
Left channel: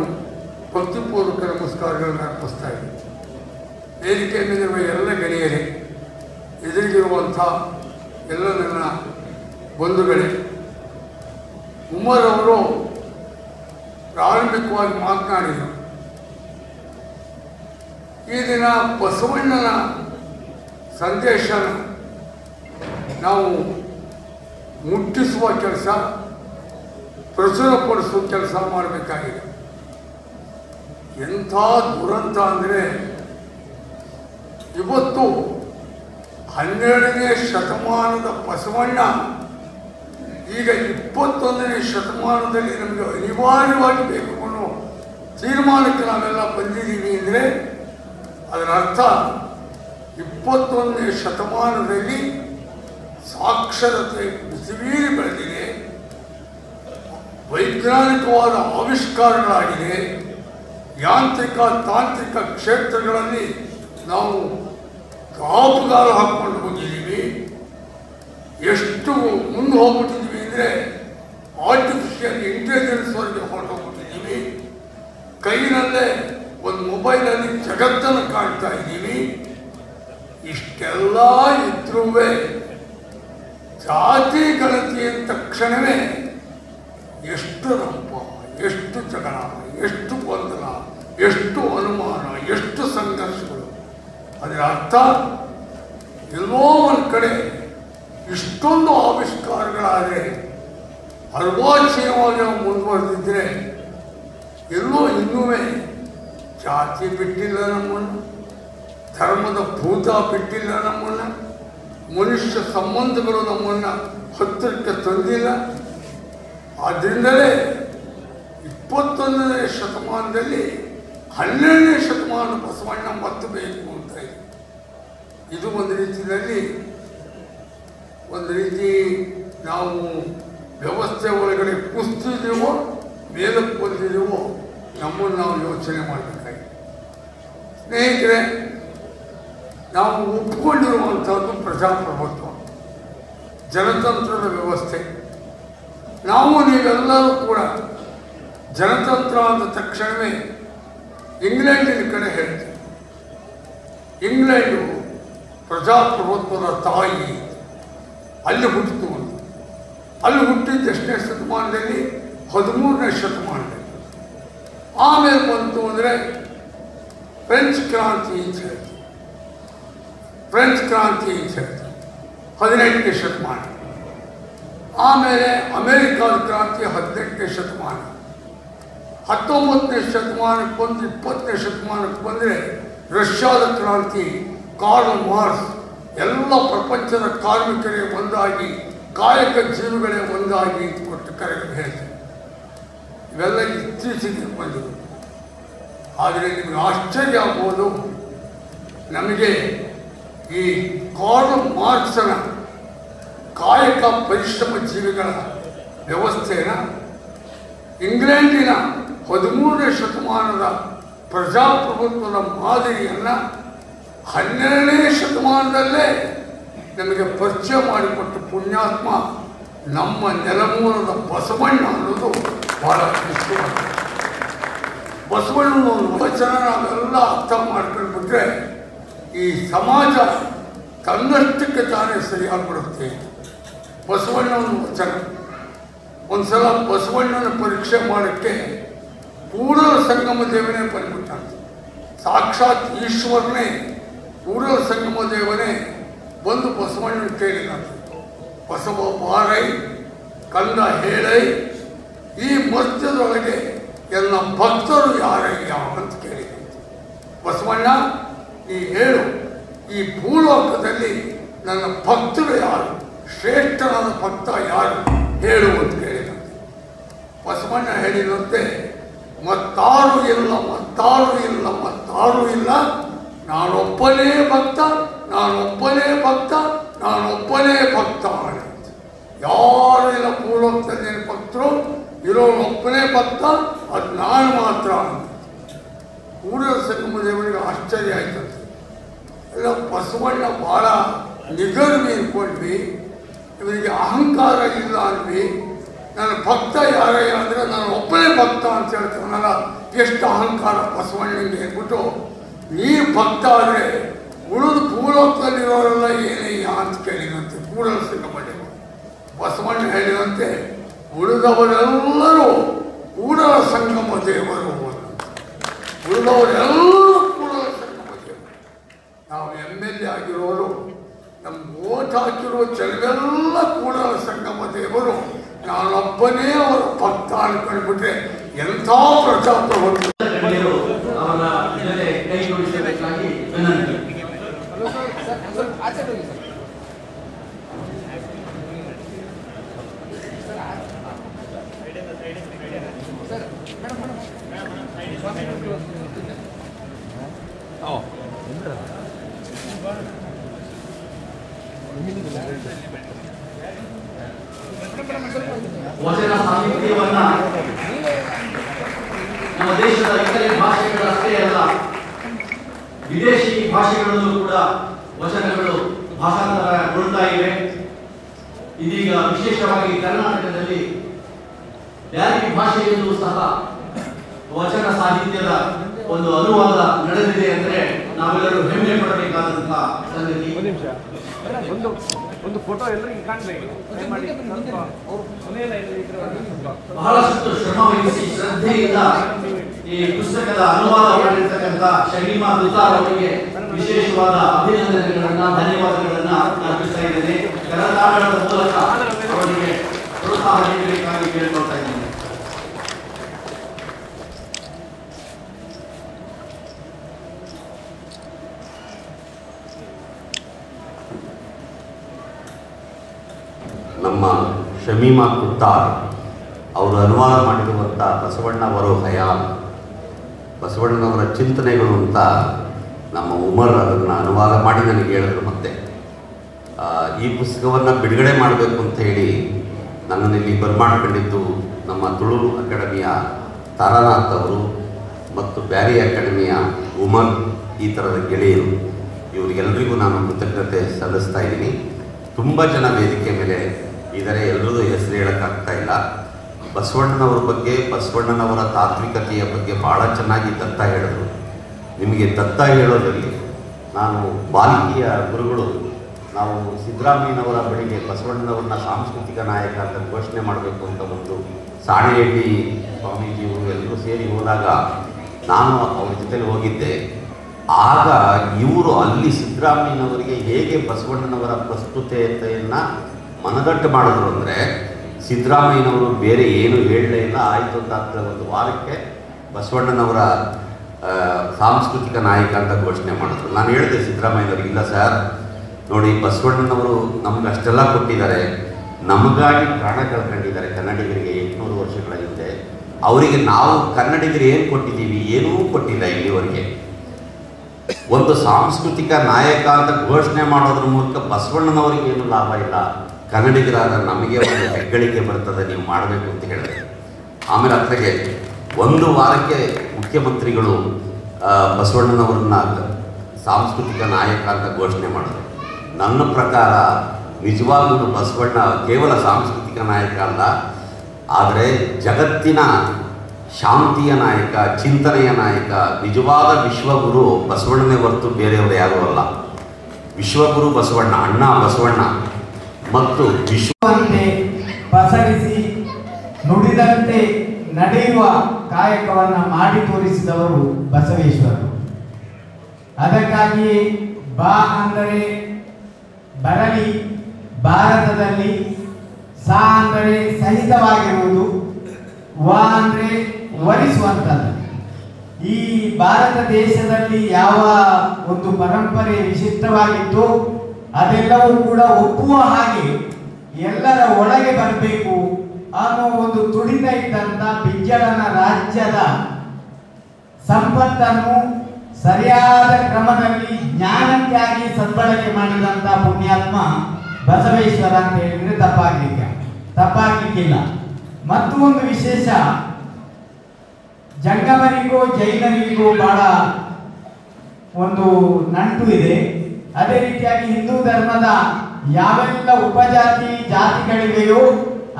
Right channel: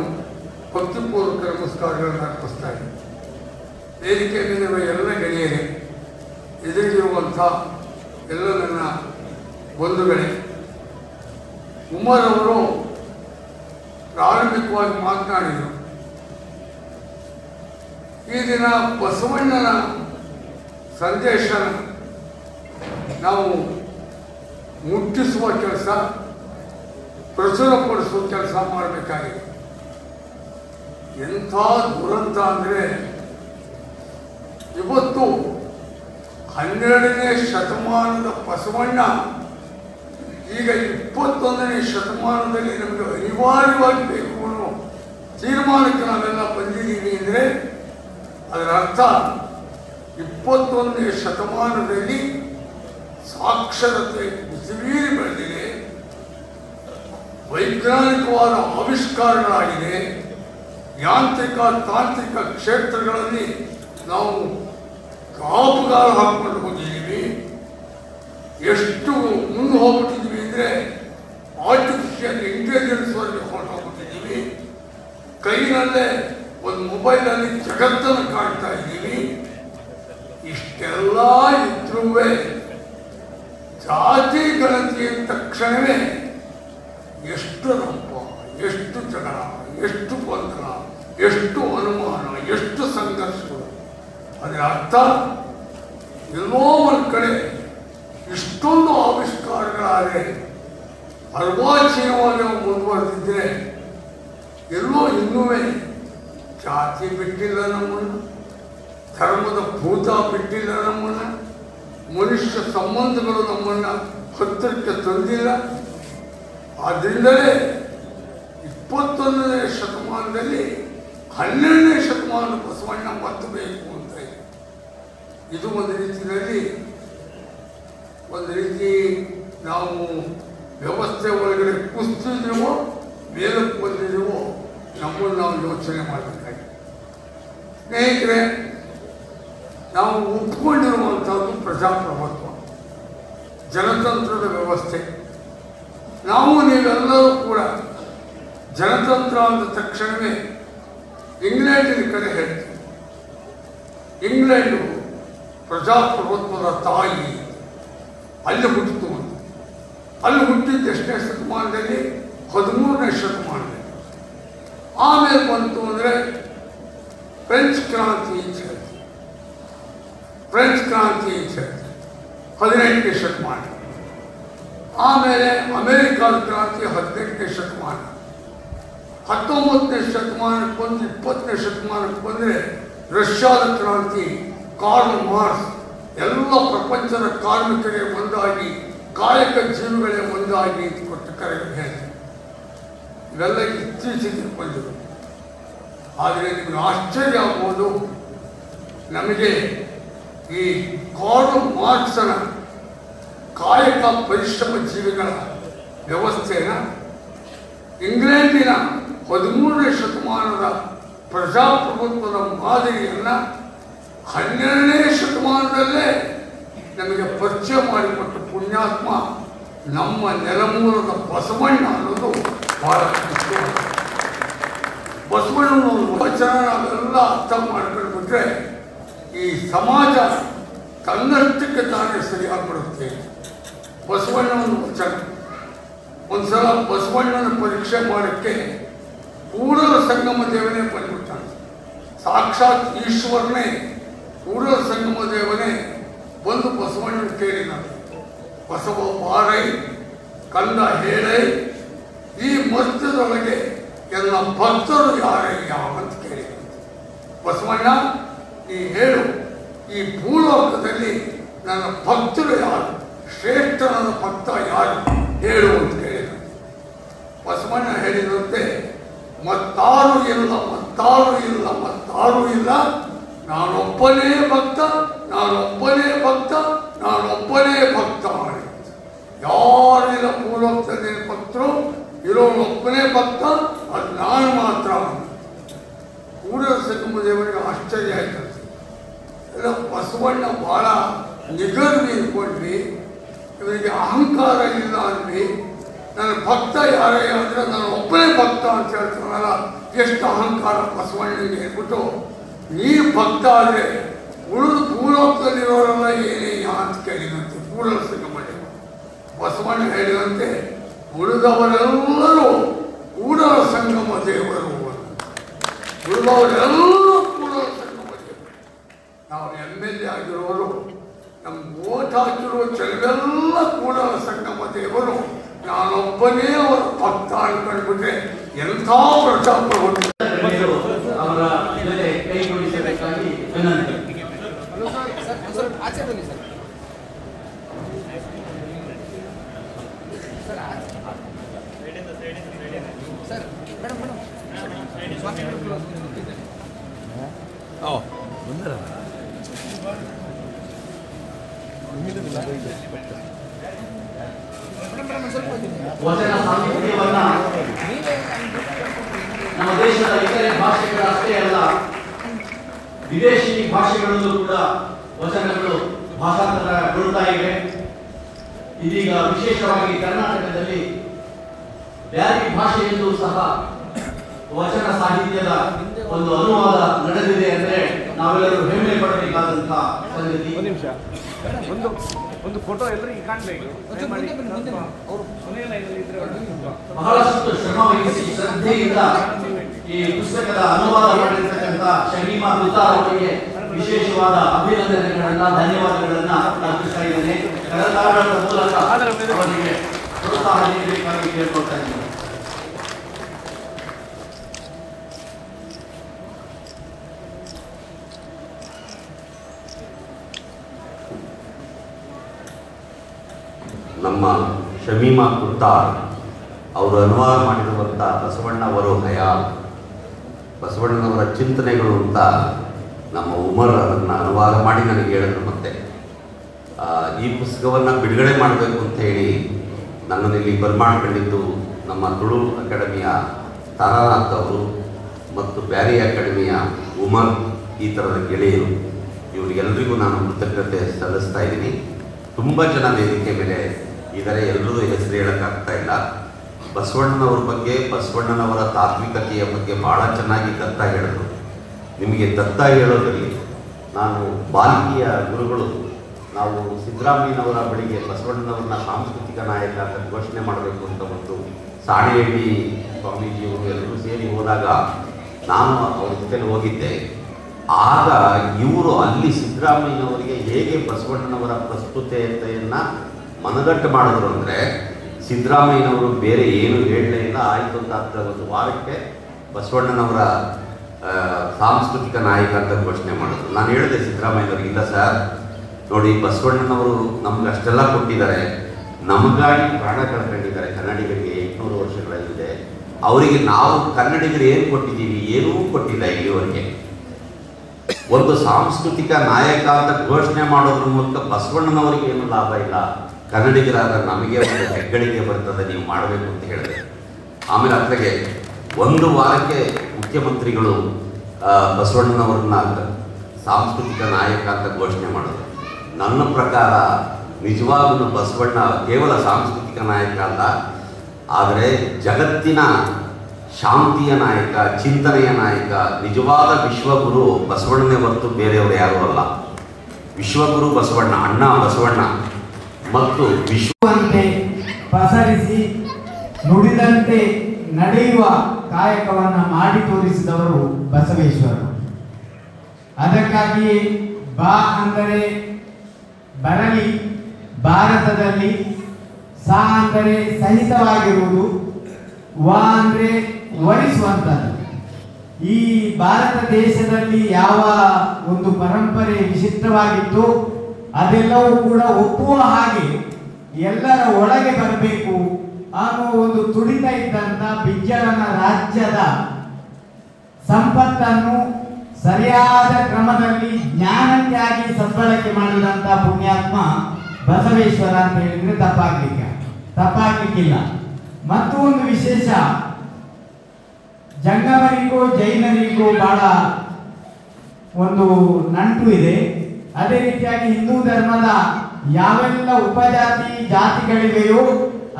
ಭಕ್ತಿಪೂರ್ವಕ ನಮಸ್ಕಾರಗಳನ್ನು ಅರ್ಪಿಸ್ತಾ ಇದ್ದೀನಿ. ವೇದಿಕೆ ಮೇಲಿರುವ ಎಲ್ಲ ಗೆಳೆಯರೇ, ಎದುರಿಗಿರುವಂಥ ಎಲ್ಲ ನನ್ನ ಬಂಧುಗಳೇ, ಉಮರ್ ಅವರು ಪ್ರಾರಂಭಿಕವಾಗಿ ಮಾತನಾಡಿದರು. ಈ ದಿನ ಬಸವಣ್ಣನ ಸಂದೇಶ ನಾವು ಮುಟ್ಟಿಸುವ ಕೆಲಸ, ಪ್ರಚುರಪಡಿಸುವ ಕೆಲಸ ಮಾಡಬೇಕಾಗಿದೆ. ಎಂಥ ದುರಂತ ಅಂದರೆ ಇವತ್ತು 12ನೇ ಶತಮಾನದ ಬಸವಣ್ಣ ಈಗ 21ನೇ ಶತಮಾನದಲ್ಲಿ ನಮಗೆ ಅನಿವಾರ್ಯವಾಗಿ ಬೇಕು ಅನ್ನೋ ತೀರ್ಮಾನಕ್ಕೆ ನಾವೆಲ್ಲ ಬಂದಿದ್ದೀವಿ ಅಂದರೆ ಅದರ ಅರ್ಥ 21ನೇ ಶತಮಾನದಲ್ಲಿ ಸಾಕ್ಷರತೆ ಬಿಸಿಮೀರಿ ಬೆಳೆದಿದೆ, ವೈಜ್ಞಾನಿಕವಾದ ಆವಿಷ್ಕಾರಗಳಾಗಿದೆ, ಯಾಂತ್ರಿಕ ತಾಂತ್ರಿಕ ಕ್ಷೇತ್ರಗಳಲ್ಲಿ ನಾವು ಕಾಪುಗಾಲ ಹಾಕ್ಕೊಂಡು ಹೋಗಿದ್ದೀವಿ. ಎಷ್ಟು ಮುಂದೆ ಹೋಗ್ಬಿಟ್ಟಿದ್ದೀವಿ ಅಂದರೆ ಆರ್ಟಿಫಿಷಿಯಲ್ ಇಂಟೆಲಿಜೆನ್ಸ್ ವರೆಗೆ ಹೊರಟೋಗ್ಬಿಟ್ಟಿದ್ದೀವಿ. ಕೈನಲ್ಲೇ ಒಂದು ಮೊಬೈಲಲ್ಲಿ ಜಗತ್ತನ್ನು ಕಾಣ್ತಾ ಇದ್ದೀವಿ. ಇಷ್ಟೆಲ್ಲ ಇದ್ರೂ ಜಾತಿ ಗಣತಿ ಅಂದ ತಕ್ಷಣವೇ ಎಷ್ಟು ರಂಪ, ಎಷ್ಟು ಜಗಳ, ಎಷ್ಟು ಗೊಂದಲ, ಎಷ್ಟು ಅನುಮಾನ, ಎಷ್ಟು ಸಂಘರ್ಷಗಳು. ಅದರ ಅರ್ಥ ಎಲ್ಲೋ ಒಂದು ಕಡೆ ಇಷ್ಟೊಂದು ಆವಿಷ್ಕಾರಗಳಾದರೆ ಅರ್ವಾಚೀನವಾಗಿ ನಾವು ಮುಂದುವರೆದಿದ್ದರೆ ಎಲ್ಲೋ ಇನ್ನೂ ಜಾತಿ ಬಿಟ್ಟಿಲ್ಲ ನಮ್ಮನ್ನು, ಧರ್ಮದ ಭೂತ ಬಿಟ್ಟಿಲ್ಲ ನಮ್ಮನ್ನು, ಮನುಷ್ಯ ಸಂಬಂಧಗಳು ನಮ್ಮನ್ನು ಹತ್ತಿರಕ್ಕೆ ತಂದಿಲ್ಲ. ಆದ್ದರಿಂದಲೇ 21ನೇ ಶತಮಾನದಲ್ಲಿ 12ನೇ ಶತಮಾನ ಬಸವಣ್ಣ ಮತ್ತಬೇಕು ಅಂತ ಇದೆ. ಇದು ಒಂದು ರೀತಿ ನಾವು ವ್ಯವಸ್ಥೆ ಒಳಗಡೆ ಕುಸ್ತಿದ್ದೀವೋ ಮೇಲಕ್ಕೆ ಬಂದಿದ್ದೀವೋ ನಮ್ಮನ್ನು ನಾವು ಯೋಚನೆ ಮಾಡಬೇಕಾಗಿದೆ. ಸ್ನೇಹಿತರೆ, ನಾವು ಒಪ್ಪಿಕೊಂಡಿರುವಂಥದ್ದು ಪ್ರಜಾಪ್ರಭುತ್ವ, ಜನತಂತ್ರದ ವ್ಯವಸ್ಥೆ. ನಾವು ನೀವೆಲ್ಲರೂ ಕೂಡ ಜನತಂತ್ರ ಅಂದ ತಕ್ಷಣವೇ ಇಂಗ್ಲೆಂಡಿನ ಕಡೆ ಹೇಳ್ತೀವಿ. ಇಂಗ್ಲೆಂಡು ಪ್ರಜಾಪ್ರಭುತ್ವದ ತಾಯಿ, ಅಲ್ಲಿ ಹುಟ್ಟಿತು. ಅಲ್ಲಿ ಹುಟ್ಟಿದ್ದು ಎಷ್ಟನೇ ಶತಮಾನದಲ್ಲಿ? 13ನೇ ಶತಮಾನದಲ್ಲಿ. ಆಮೇಲೆ ಬಂತು ಅಂದರೆ ಫ್ರೆಂಚ್ ಕ್ರಾಂತಿ ಅಂತ ಹೇಳ್ತೀವಿ. ಫ್ರೆಂಚ್ ಕ್ರಾಂತಿ ಅಂತ ಹೇಳ್ತೀವಿ 18ನೇ ಶತಮಾನ. ಆಮೇಲೆ ಅಮೆರಿಕಾದ ಕ್ರಾಂತಿ 18ನೇ ಶತಮಾನ. 19ನೇ ಶತಮಾನಕ್ಕೆ ಬಂದು 20ನೇ ಶತಮಾನಕ್ಕೆ ಬಂದರೆ ರಷ್ಯಾದ ಕ್ರಾಂತಿ ಕಾರ್ಲ್ ಮಾರ್ಕ್ಸ್ ಎಲ್ಲ ಪ್ರಪಂಚದ ಕಾರ್ಮಿಕರೇ ಒಂದಾಗಿ, ಕಾಯಕ ಜೀವಿಗಳೇ ಒಂದಾಗಿ ಕೊಟ್ಟು ಕರೆದು ಹೇಳಿದರು. ಇವೆಲ್ಲ ಇತ್ತೀಚೆಗೆ ಬಂದವು. ಆದರೆ ನಿಮಗೆ ಆಶ್ಚರ್ಯ ಆಗ್ಬೋದು, ನಮಗೆ ಈ ಕಾರ್ಲ್ ಮಾರ್ಕ್ಸನ ಕಾಯಕ ಪರಿಶ್ರಮ ಜೀವಿಗಳ ವ್ಯವಸ್ಥೆಯನ್ನು ಇಂಗ್ಲೆಂಡಿನ 13ನೇ ಶತಮಾನದ ಪ್ರಜಾಪ್ರಭುತ್ವದ ಮಾದರಿಯನ್ನು 12ನೇ ಶತಮಾನದಲ್ಲೇ ನಮಗೆ ಪರಿಚಯ ಮಾಡಿಕೊಟ್ಟು ಪುಣ್ಯಾತ್ಮ ನಮ್ಮ ನೆಲಮೂಲದ ಬಸವಣ್ಣ ಅನ್ನೋದು ಬಹಳ ಮುಖ್ಯ. ಬಸವಣ್ಣನ ವಚನ ನಾವೆಲ್ಲ ಅರ್ಥ ಮಾಡ್ಕೊಂಡ್ಬಿಟ್ರೆ ಈ ಸಮಾಜ ತನ್ನಷ್ಟಕ್ಕೆ ತಾನೇ ಸರಿಯಾಗ್ಬಿಡುತ್ತೆ. ಬಸವಣ್ಣನ ವಚನ ಒಂದ್ಸಲ ಬಸವಣ್ಣನ ಪರೀಕ್ಷೆ ಮಾಡೋಕ್ಕೆ ಕೂಡಲ ಸಂಗಮ ದೇವನೇ ಬಂದ್ಬಿಟ್ಟಾನೆ. ಸಾಕ್ಷಾತ್ ಈಶ್ವರನೇ ಕೂಡಲ ಸಂಗಮ ದೇವನೇ ಬಂದು ಬಸವಣ್ಣನ ಕೇಳಿದ, ಬಸವ ಬಾರೈ ಕಂದ ಹೇಳೈ, ಈ ಮಧ್ಯದೊಳಗೆ ಎಲ್ಲ ಭಕ್ತರು ಯಾರಯ್ಯ ಅಂತ ಕೇಳಿದ. ಬಸವಣ್ಣ ಈ ಹೇಳು, ಈ ಭೂಲೋಕದಲ್ಲಿ ನನ್ನ ಭಕ್ತರು ಯಾರು, ಶ್ರೇಷ್ಠನಾದ ಭಕ್ತ ಯಾರು ಹೇಳು ಅಂತ ಕೇಳಿದ. ಬಸವಣ್ಣ ಹೇಳಿದಂತೆ, ಮತ್ತಾರು ಇಲ್ಲ, ಮತ್ತಾರು ಇಲ್ಲ, ಮತ್ತಾರು ಇಲ್ಲ, ನಾನೊಬ್ಬನೇ ಭಕ್ತ, ನಾನೊಬ್ಬನೇ ಭಕ್ತ, ನಾನೊಬ್ಬನೇ ಭಕ್ತ ಮಾಡಿ. ಯಾರು ಇಲ್ಲ ಭೂಲೋಕದಲ್ಲಿ ಭಕ್ತರು, ಇರೋನೊಬ್ಬನೇ ಭಕ್ತ, ಅದು ನಾನು ಮಾತ್ರ. ಕೂಡಲ ಸಂಗಮ ದೇವರಿಗೆ ಆಶ್ಚರ್ಯ ಆಯ್ತು. ಎಲ್ಲ ಬಸವಣ್ಣ ಬಹಳ ನಿಗರ್ವಿ ಇಟ್ಕೊಂಡ್ವಿ, ಇವರಿಗೆ ಅಹಂಕಾರ ಇಲ್ಲ ಅಂದ್ವಿ. ನನ್ನ ಭಕ್ತ ಯಾರಯ್ಯ ಅಂದರೆ ನಾನು ಒಬ್ಬನೇ ಭಕ್ತ ಅಂತ ಹೇಳ್ತಾನಲ್ಲ, ಎಷ್ಟು ಅಹಂಕಾರ ಬಸವಣ್ಣನಿಗೆ ಅಂದ್ಬಿಟ್ಟು, ನೀ ಭಕ್ತ ಆದರೆ ಉಳಿದು ಭೂಲೋಕದಲ್ಲಿರೋರೆಲ್ಲ ಏನಯ್ಯ ಅಂತ ಕೇಳಿದಂತೆ ಕೂಡಲ ಸಂಗಮ ದೇವ. ಬಸವಣ್ಣ ಹೇಳಿದಂತೆ, ಉಳಿದವರೆಲ್ಲರೂ ಕೂಡಲ ಸಂಗಮ ದೇವರು, ಉಳಿದವರೆಲ್ಲರೂ ಕೂಡಲ ಸಂಗಮ ದೇವರು. ನಾವು MLA ಆಗಿರೋರು, ನಮ್ಮ ಓಟ್ ಹಾಕಿರೋ ಜನರೆಲ್ಲ ಕೂಡಲ ಸಂಗಮ ದೇವರು, ನಾನೊಬ್ಬನೇ ಅವರ ಭಕ್ತ ಅನ್ಕೊಂಡ್ಬಿಟ್ರೆ ಎಂಥ ಪ್ರಜಾಪ್ರಭುತ್ವ. ವಚನ ಸಾಹಿತ್ಯವನ್ನ ನಮ್ಮ ದೇಶದ ಇತರೆ ಭಾಷೆಗಳಷ್ಟೇ ಅಲ್ಲ, ವಿದೇಶಿ ಭಾಷೆಗಳಲ್ಲೂ ಕೂಡ ವಚನಗಳು ಭಾಷಾಂತರಗೊಳ್ತಾ ಇವೆ. ಇದೀಗ ವಿಶೇಷವಾಗಿ ಕರ್ನಾಟಕದಲ್ಲಿ ಬ್ಯಾರಿ ಭಾಷೆಯಲ್ಲೂ ಸಹ ವಚನ ಸಾಹಿತ್ಯದ ಒಂದು ಅನುವಾದ ನಡೆದಿದೆ ಅಂದ್ರೆ ನಾವೆಲ್ಲರೂ ಹೆಮ್ಮೆ ಪಡಬೇಕಾದಂತಹ ಸಂಗತಿ. ಒಂದು ಫೋಟೋ ಎಲ್ಲರಿಗೂ ಕಾಣಬೇಕು. ಬಹಳಷ್ಟು ಶ್ರಮವಹಿಸಿ ಶ್ರದ್ಧೆಯಿಂದ ಈ ಪುಸ್ತಕದ ಅನುವಾದ ಮಾಡಿರ್ತಕ್ಕಂಥ ಶಮೀಮಾ ದುತಾರ್ ಅವರಿಗೆ ವಿಶೇಷವಾದ ಅಭಿನಂದನೆಗಳನ್ನ, ಧನ್ಯವಾದಗಳನ್ನ ಅರ್ಪಿಸ್ತಾ ಇದ್ದೇನೆ. ಕರತಾಳದ ಮೂಲಕ ಅವರಿಗೆ ಪ್ರೋತ್ಸಾಹ ನೀಡಬೇಕಾಗಿ ಕೇಳ್ಕೊಳ್ತಾ ಇದ್ದೇನೆ. ನಮ್ಮ ಶಮೀಮಾ ದುತಾರ್ ಅವರು ಅನುವಾದ ಮಾಡಿರುವಂಥ ಬಸವಣ್ಣವರು ಹಯಾಮ್, ಬಸವಣ್ಣನವರ ಚಿಂತನೆಗಳು ಅಂತ ನಮ್ಮ ಉಮರ್ ಅದನ್ನು ಅನುವಾದ ಮಾಡಿ ನನಗೆ ಹೇಳಿದ್ರು. ಮತ್ತೆ ಈ ಪುಸ್ತಕವನ್ನು ಬಿಡುಗಡೆ ಮಾಡಬೇಕು ಅಂತ ಹೇಳಿ ನನ್ನನ್ನು ಇಲ್ಲಿ ಬರ್ಮಾಡ್ಕೊಂಡಿದ್ದು ನಮ್ಮ ತುಳು ಅಕಾಡೆಮಿಯ ತಾರಾನಾಥ್ ಅವರು ಮತ್ತು ಬ್ಯಾರಿ ಅಕಾಡೆಮಿಯ ಉಮರ್, ಈ ಥರದ ಗೆಳೆಯರು, ಇವರಿಗೆಲ್ಲರಿಗೂ ನಾನು ಕೃತಜ್ಞತೆ ಸಲ್ಲಿಸ್ತಾ ಇದ್ದೀನಿ. ತುಂಬ ಜನ ವೇದಿಕೆ ಮೇಲೆ ಇದ್ದಾರೆ, ಎಲ್ಲರೂ ಹೆಸರು ಹೇಳೋಕ್ಕಾಗ್ತಾ ಇಲ್ಲ. ಬಸವಣ್ಣನವ್ರ ಬಗ್ಗೆ, ಬಸವಣ್ಣನವರ ತಾತ್ವಿಕತೆಯ ಬಗ್ಗೆ ಭಾಳ ಚೆನ್ನಾಗಿ ದತ್ತ ಹೇಳಿದ್ರು. ನಿಮಗೆ ದತ್ತ ಹೇಳೋದಿರಲಿ, ನಾನು ಬಾಲ್ಕಿಯ ಗುರುಗಳು ನಾವು ಸಿದ್ದರಾಮಯ್ಯನವರ ಬಳಿಗೆ ಬಸವಣ್ಣನವ್ರನ್ನ ಸಾಂಸ್ಕೃತಿಕ ನಾಯಕ ಅಂತ ಘೋಷಣೆ ಮಾಡಬೇಕು ಅಂತ ಬಂದು ಸಾಣೆಹಳ್ಳಿ ಸ್ವಾಮೀಜಿಯವರು ಎಲ್ಲರೂ ಸೇರಿ ಹೋದಾಗ ನಾನು ಅವ್ರ ಜೊತೆಗೆ ಹೋಗಿದ್ದೆ. ಆಗ ಇವರು ಅಲ್ಲಿ ಸಿದ್ದರಾಮಯ್ಯನವರಿಗೆ ಹೇಗೆ ಬಸವಣ್ಣನವರ ಪ್ರಸ್ತುತತೆಯನ್ನು ಮನದಟ್ಟು ಮಾಡಿದ್ರು ಅಂದರೆ, ಸಿದ್ದರಾಮಯ್ಯನವರು ಬೇರೆ ಏನು ಹೇಳಲೇ ಇಲ್ಲ, ಆಯಿತು ಅಂತ ಒಂದು ವಾರಕ್ಕೆ ಬಸವಣ್ಣನವರ ಸಾಂಸ್ಕೃತಿಕ ನಾಯಕ ಅಂತ ಘೋಷಣೆ ಮಾಡಿದ್ರು. ನಾನು ಹೇಳಿದೆ ಸಿದ್ದರಾಮಯ್ಯನವ್ರಿಗೆ, ಇಲ್ಲ ಸರ್ ನೋಡಿ, ಬಸವಣ್ಣನವರು ನಮ್ಗೆ ಅಷ್ಟೆಲ್ಲ ಕೊಟ್ಟಿದ್ದಾರೆ, ನಮಗಾಗಿ ಪ್ರಾಣ ಕಳ್ಕೊಂಡಿದ್ದಾರೆ ಕನ್ನಡಿಗರಿಗೆ 800 ವರ್ಷಗಳ ಹಿಂದೆ. ಅವರಿಗೆ ನಾವು ಕನ್ನಡಿಗರು ಏನು ಕೊಟ್ಟಿದ್ದೀವಿ? ಏನೂ ಕೊಟ್ಟಿಲ್ಲ ಇಲ್ಲಿವರೆಗೆ. ಒಂದು ಸಾಂಸ್ಕೃತಿಕ ನಾಯಕ ಅಂತ ಘೋಷಣೆ ಮಾಡೋದ್ರ ಮೂಲಕ ಬಸವಣ್ಣನವರಿಗೆ ಏನು ಲಾಭ ಇಲ್ಲ, ಕನ್ನಡಿಗರಾದ ನಮಗೆ ಒಂದು ಹೆಗ್ಗಳಿಕೆ ಬರ್ತದೆ, ನೀವು ಮಾಡಬೇಕು ಅಂತ ಹೇಳಿದೆ. ಆಮೇಲೆ ಅತ್ಲಾಗೆ 1 ವಾರಕ್ಕೆ ಮುಖ್ಯಮಂತ್ರಿಗಳು ಬಸವಣ್ಣನವ್ರನ್ನ ಸಾಂಸ್ಕೃತಿಕ ನಾಯಕ ಅಂತ ಘೋಷಣೆ ಮಾಡೋದು. ನನ್ನ ಪ್ರಕಾರ ನಿಜವಾಗಲೂ ಬಸವಣ್ಣ ಕೇವಲ ಸಾಂಸ್ಕೃತಿಕ ನಾಯಕ ಅಲ್ಲ, ಆದರೆ ಜಗತ್ತಿನ ಶಾಂತಿಯ ನಾಯಕ, ಚಿಂತನೆಯ ನಾಯಕ, ನಿಜವಾದ ವಿಶ್ವಗುರು ಬಸವಣ್ಣನೇ ಹೊರತು ಬೇರೆಯವರು ಯಾರೂ ಅಲ್ಲ. ವಿಶ್ವಗುರು ಬಸವಣ್ಣ, ಅಣ್ಣ ಬಸವಣ್ಣ. ಮತ್ತು ವಿಶ್ವವಂತೆ ಪಸರಿಸಿ ನುಡಿದಂತೆ ನಡೆಯುವ ಕಾಯಕವನ್ನು ಮಾಡಿ ತೋರಿಸಿದವರು ಬಸವೇಶ್ವರರು. ಅದಕ್ಕಾಗಿ ಬಾ ಅಂದರೆ ಬರಲಿ, ಭಾರತದಲ್ಲಿ ಸಾ ಅಂದರೆ ಸಹಿತವಾಗಿರುವುದು, ವ ಅಂದರೆ ವರಿಸುವಂಥದ್ದು. ಈ ಭಾರತ ದೇಶದಲ್ಲಿ ಯಾವ ಒಂದು ಪರಂಪರೆ ವಿಶಿಷ್ಟವಾಗಿತ್ತು ಅದೆಲ್ಲವೂ ಕೂಡ ಒಪ್ಪುವ ಹಾಗೆ ಎಲ್ಲರ ಒಳಗೆ ಬರಬೇಕು ಅನ್ನೋ ಒಂದು ತುಡಿತ ಇದ್ದಂಥ ಬಿಜ್ಜಳನ ರಾಜ್ಯದ ಸಂಪತ್ತನ್ನು ಸರಿಯಾದ ಕ್ರಮದಲ್ಲಿ ಜ್ಞಾನಕ್ಕಾಗಿ ಸದ್ಬಳಕೆ ಮಾಡಿದಂಥ ಪುಣ್ಯಾತ್ಮ ಬಸವೇಶ್ವರ ಅಂತ ಹೇಳಿದ್ರೆ ತಪ್ಪಾಗ್ಲಿಕ್ಕಿಲ್ಲ. ಮತ್ತು ಒಂದು ವಿಶೇಷ, ಜಂಗಮರಿಗೂ ಜೈನರಿಗೂ ಬಹಳ ಒಂದು ನಂಟು ಇದೆ. ಅದೇ ರೀತಿಯಾಗಿ ಹಿಂದೂ ಧರ್ಮದ ಯಾವೆಲ್ಲ ಉಪಜಾತಿ ಜಾತಿಗಳಿವೆಯೋ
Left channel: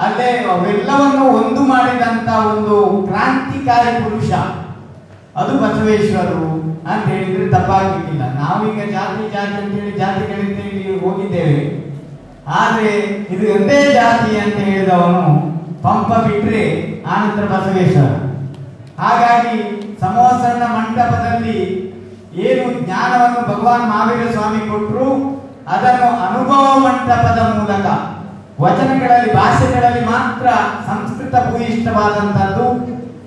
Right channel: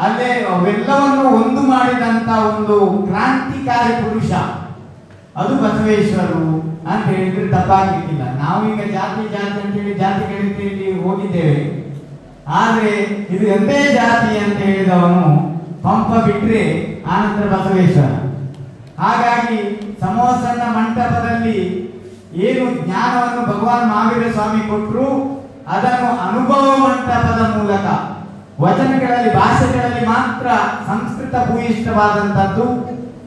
ಅಲ್ಲೇ ಅವೆಲ್ಲವನ್ನು ಒಂದು ಮಾಡಿದಂತ ಒಂದು ಕ್ರಾಂತಿಕಾರಿ ಪುರುಷ ಅದು ಬಸವೇಶ್ವರರು ಅಂತ ಹೇಳಿದ್ರೆ ತಪ್ಪಾಗ್ಲಿಕ್ಕಿಲ್ಲ. ನಾವೀಗ ಜಾತಿ ಅಂತೇಳಿ ಜಾತಿಗಳಿಂದ ಹೋಗಿದ್ದೇವೆ, ಆದ್ರೆ ಇದು ಒಂದೇ ಜಾತಿ ಅಂತ ಹೇಳಿದವನು ಪಂಪ ಬಿಟ್ರೆ ಆನಂತರ ಬಸವೇಶ್ವರ. ಹಾಗಾಗಿ ಸಮೋಸನ ಮಂಟಪದಲ್ಲಿ ಏನು ಜ್ಞಾನವನ್ನು ಭಗವಾನ್ ಮಹಾವೀರ ಸ್ವಾಮಿ ಕೊಟ್ಟರು ಅದನ್ನು ಅನುಭವ ಮಂಟಪದ ಮೂಲಕ ವಚನಗಳಲ್ಲಿ, ಭಾಷೆಗಳಲ್ಲಿ ಮಾತ್ರ ಸಂಸ್ಕೃತ ಭೂಯಿಷ್ಠವಾದಂಥದ್ದು,